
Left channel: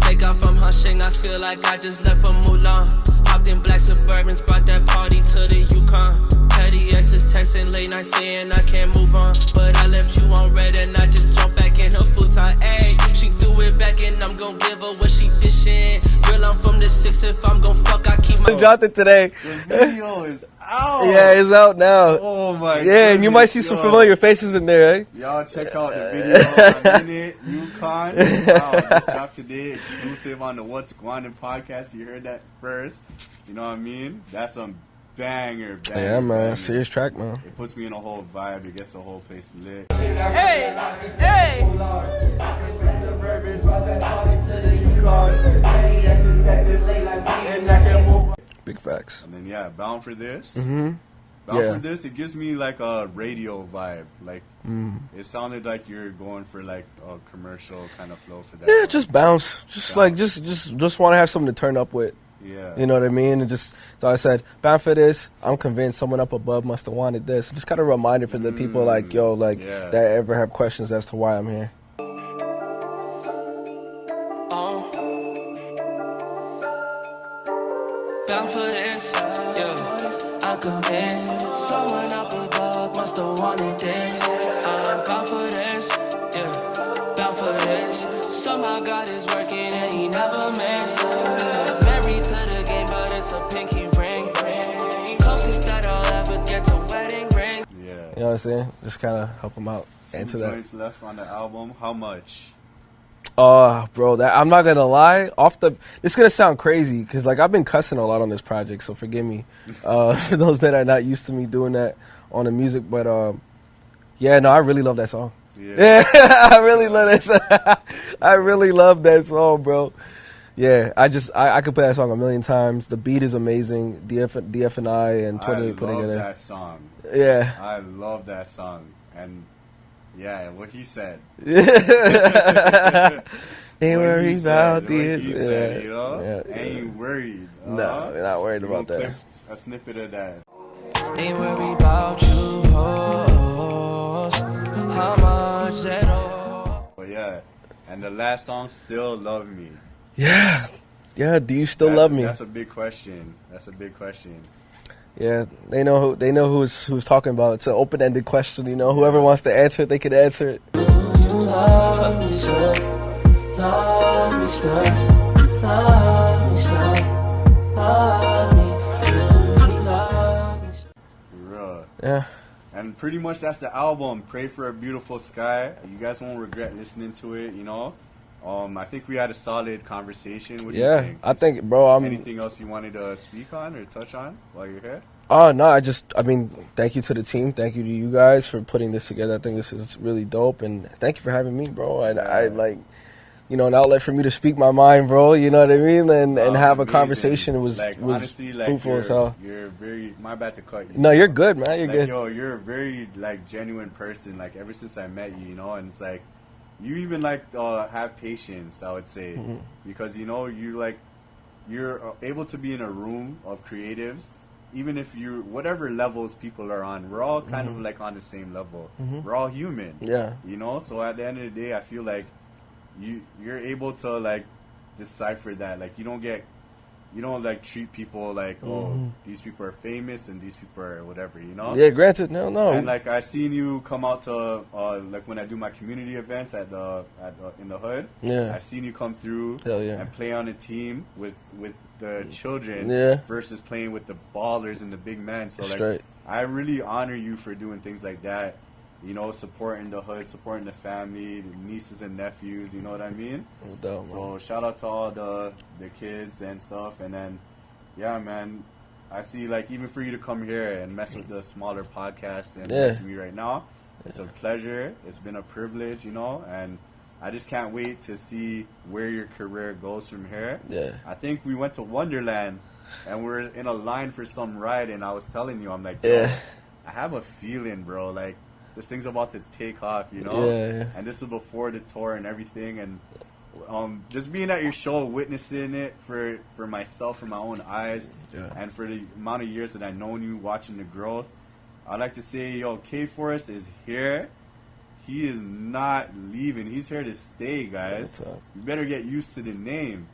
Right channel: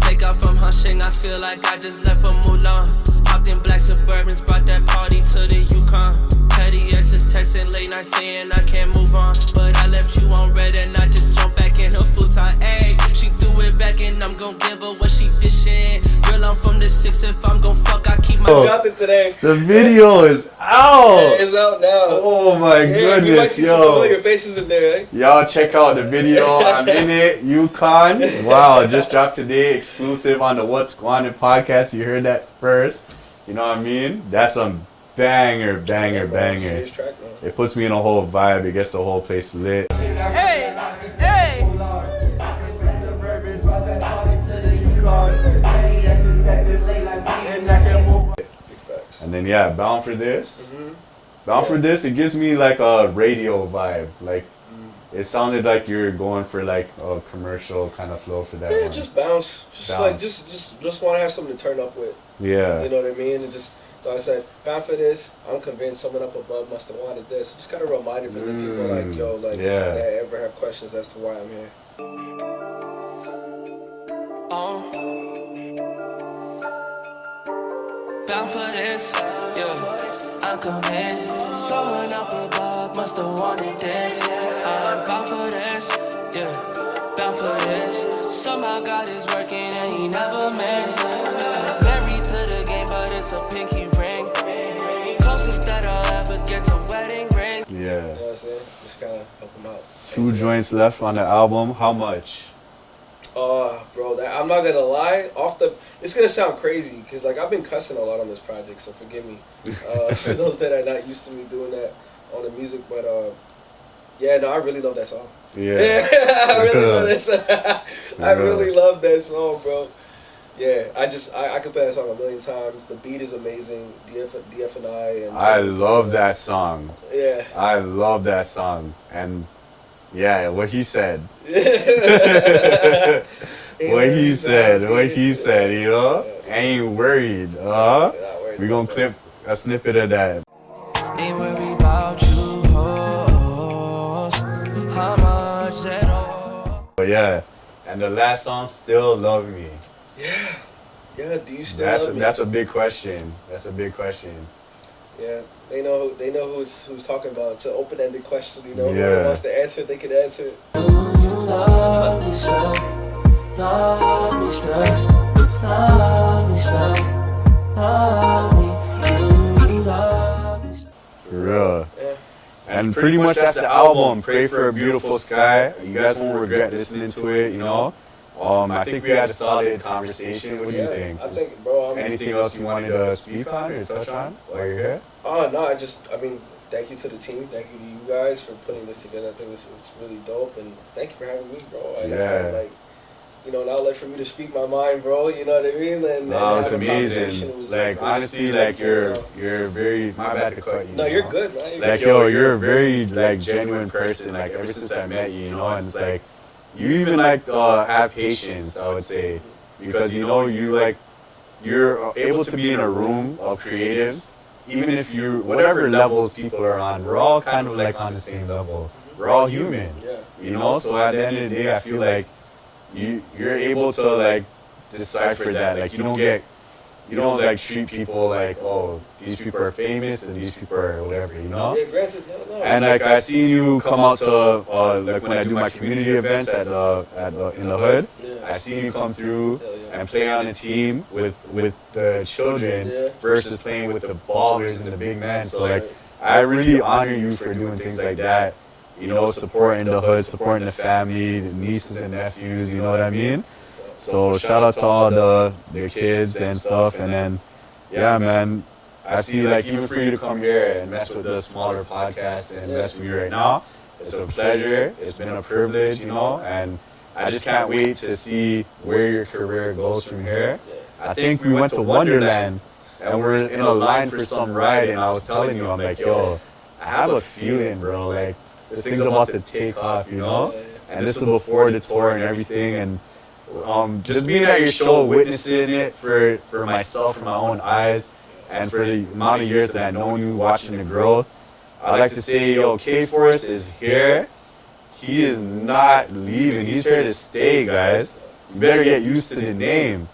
Take off from Hushing, I feel like I just left from Mulan. Hopped in black Suburbans, brought that party to the Yukon. Petty exes texting late night saying I can't move on. But I left you on red and I just jumped back in her futon. Ayy, she threw it back and I'm gon' give her what she dishing. Girl, I'm from the 6, if I'm gon' fuck, I keep my. I dropped it today. The video is out! Yeah, it's out now. Oh my goodness. Yeah, you might see some familiar faces in there, eh? Y'all check out the video. I'm in it. Yukon. Wow, it just dropped today. Exclusive on the What's Gwanin podcast. You heard that first. You know what I mean? That's some banger. Serious track, man. It puts me in a whole vibe. It gets the whole place lit. Hey! Big facts. And then yeah, Bound for This. Mm-hmm. Bound for This, it gives me like a radio vibe. Like it sounded like you're going for like a commercial kind of flow for that. Yeah, one. just bounce. Just like just want to have something to turn up with. Yeah. You know what I mean? And just so I said, bound for this. I'm convinced someone up above must have wanted this. Just kind of a reminder for the people like yo, like that ever have questions as to why I'm here. Bound for this, yeah. I'm convinced someone up above must have wanted this. I'm bound for this, yeah. Bound for this. Somehow God is working and He never misses. Married to the game, but it's a pinky ring. Closest that I'll ever get to wedding ring. Yeah. You know what I'm saying? Just kind of help them out. 2 joints left on the album. How much? Bro, I'm not gonna lie. It's gonna sound crazy because like I've been cussing a lot on this project, so forgive me for those that are not used to me doing that on the music. But yeah, no, I really love that song. Yeah, I really love that song. I really love that song, bro. Yeah, I could play that song a million times. The beat is amazing. DF and I love that song. Yeah, I love that song, and Yeah, what he said. Ain't what he said, Yeah. you know? Yeah. Ain't worried. No, we're not worried We're gonna about clip a snippet of that. Ain't worried about you, hoes. How much that all? But yeah, and the last song, Still Love Me. Yeah. Yeah, do you still love me? That's a big question. That's a big question. Yeah, they know who's talking about. It's an open-ended question, you know. Yeah. Whoever wants to answer it, they can answer it. Love me still, love me still, love me still, love me, you love me still. For real. Yeah. And pretty much that's the album. Pray for a Beautiful Sky. You guys won't regret listening to it, you know. I think we had a solid conversation. What do you think? I think, bro. Anything else you wanted to speak on or touch on while you're here? Oh no, I mean, thank you to the team, thank you to you guys for putting this together. I think this is really dope, and thank you for having me, bro. I like, you know, an outlet for me to speak my mind, bro. You know what I mean, and have amazing. a conversation. It was like honestly, like you're very. My bad to cut you. No, you're good, man. Like you're a very like genuine person. Like ever since I met you, you know, and it's like you even like have patience. I would say because you know you're able to be in a room of creatives. Even if you, whatever levels people are on, we're all kind of like on the same level. We're all human. Yeah. You know, so at the end of the day, I feel like you're able to like decipher that. Like you don't like treat people like, oh, these people are famous and these people are whatever, you know? Yeah, granted, no. And like I seen you come out to like when I do my community events in the hood. Yeah. I seen you come through yeah. and play on a team with the children versus playing with the ballers and the big men. So like I really honor you for doing things like that. You know, supporting the hood, supporting the family, the nieces and nephews. You know what I mean? So shout out to all the kids and stuff, and then yeah, man, I see like even for you to come here and mess with the smaller podcast and mess with me right now, it's a pleasure. It's been a privilege, you know, and I just can't wait to see where your career goes from here. I think we went to Wonderland and we're in a line for some ride, and I was telling you, I'm like, yo, I have a feeling, bro, like this thing's about to take off, you know, and this was before the tour and everything, and just being at your show, witnessing it for myself, for my own eyes, and for the amount of years that I've known you, watching the growth, I'd like to say, yo, K-Forest is here. He is not leaving. He's here to stay, guys. You better get used to the name,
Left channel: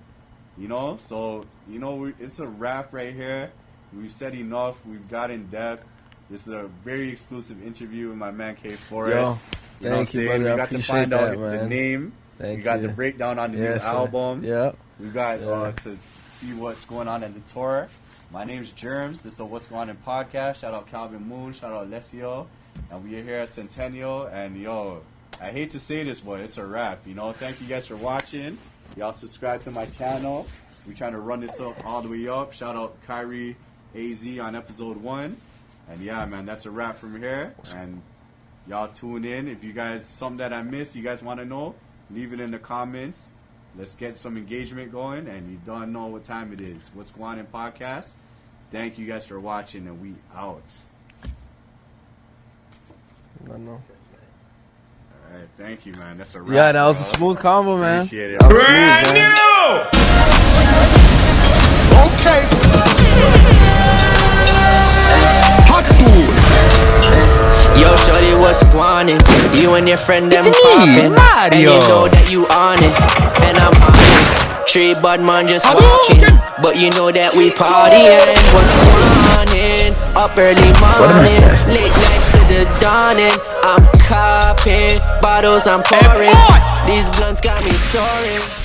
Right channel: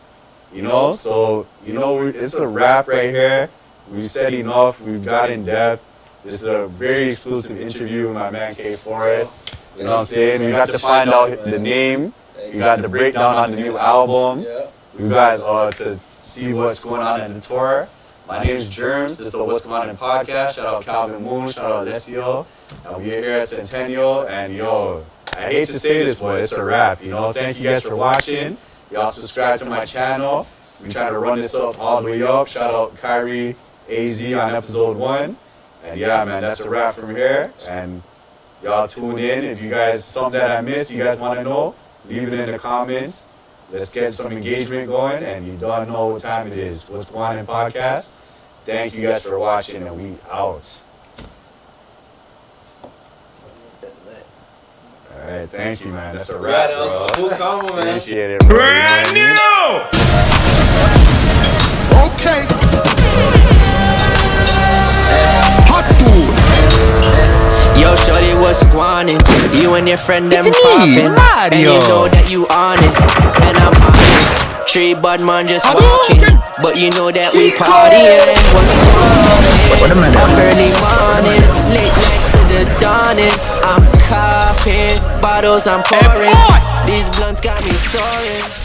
you know? So, you know, it's a wrap right here. We've said enough. We've got in depth. This is a very exclusive interview with my man K-Forest. You know what I'm saying? We got to find out the name. We got the breakdown on the new album. Yeah. We got to see what's going on in the tour. My name is Germz. This is the What's Going On podcast. Shout out Calvin Moon. Shout out Alessio. We're here at Centennial, and yo, I hate to say this, but it's a wrap. You know, thank you guys for watching. Y'all subscribe to my channel. We trying to run this up all the way up. Shout out Kyrie AZ on episode 1. And yeah, man, that's a wrap from here. And y'all tune in. If you guys something that I missed, you guys want to know, leave it in the comments. Let's get some engagement going, and you don't know what time it is. What's Going On podcast? Thank you guys for watching, and we out. All right, thank you, man. That's a wrap. Yeah, that was a cool combo, man. Appreciate it. Brand new! Okay. Hot food. Yo, shorty, what's Gwanin? You and your friend them poppin', and you know that you on it. And I'm honest, tree bud man just walking, but you know that we partying. What's Gwanin? Up early morning, late nights to the dawning. I'm copping, bottles I'm pouring. These blunts got me soaring.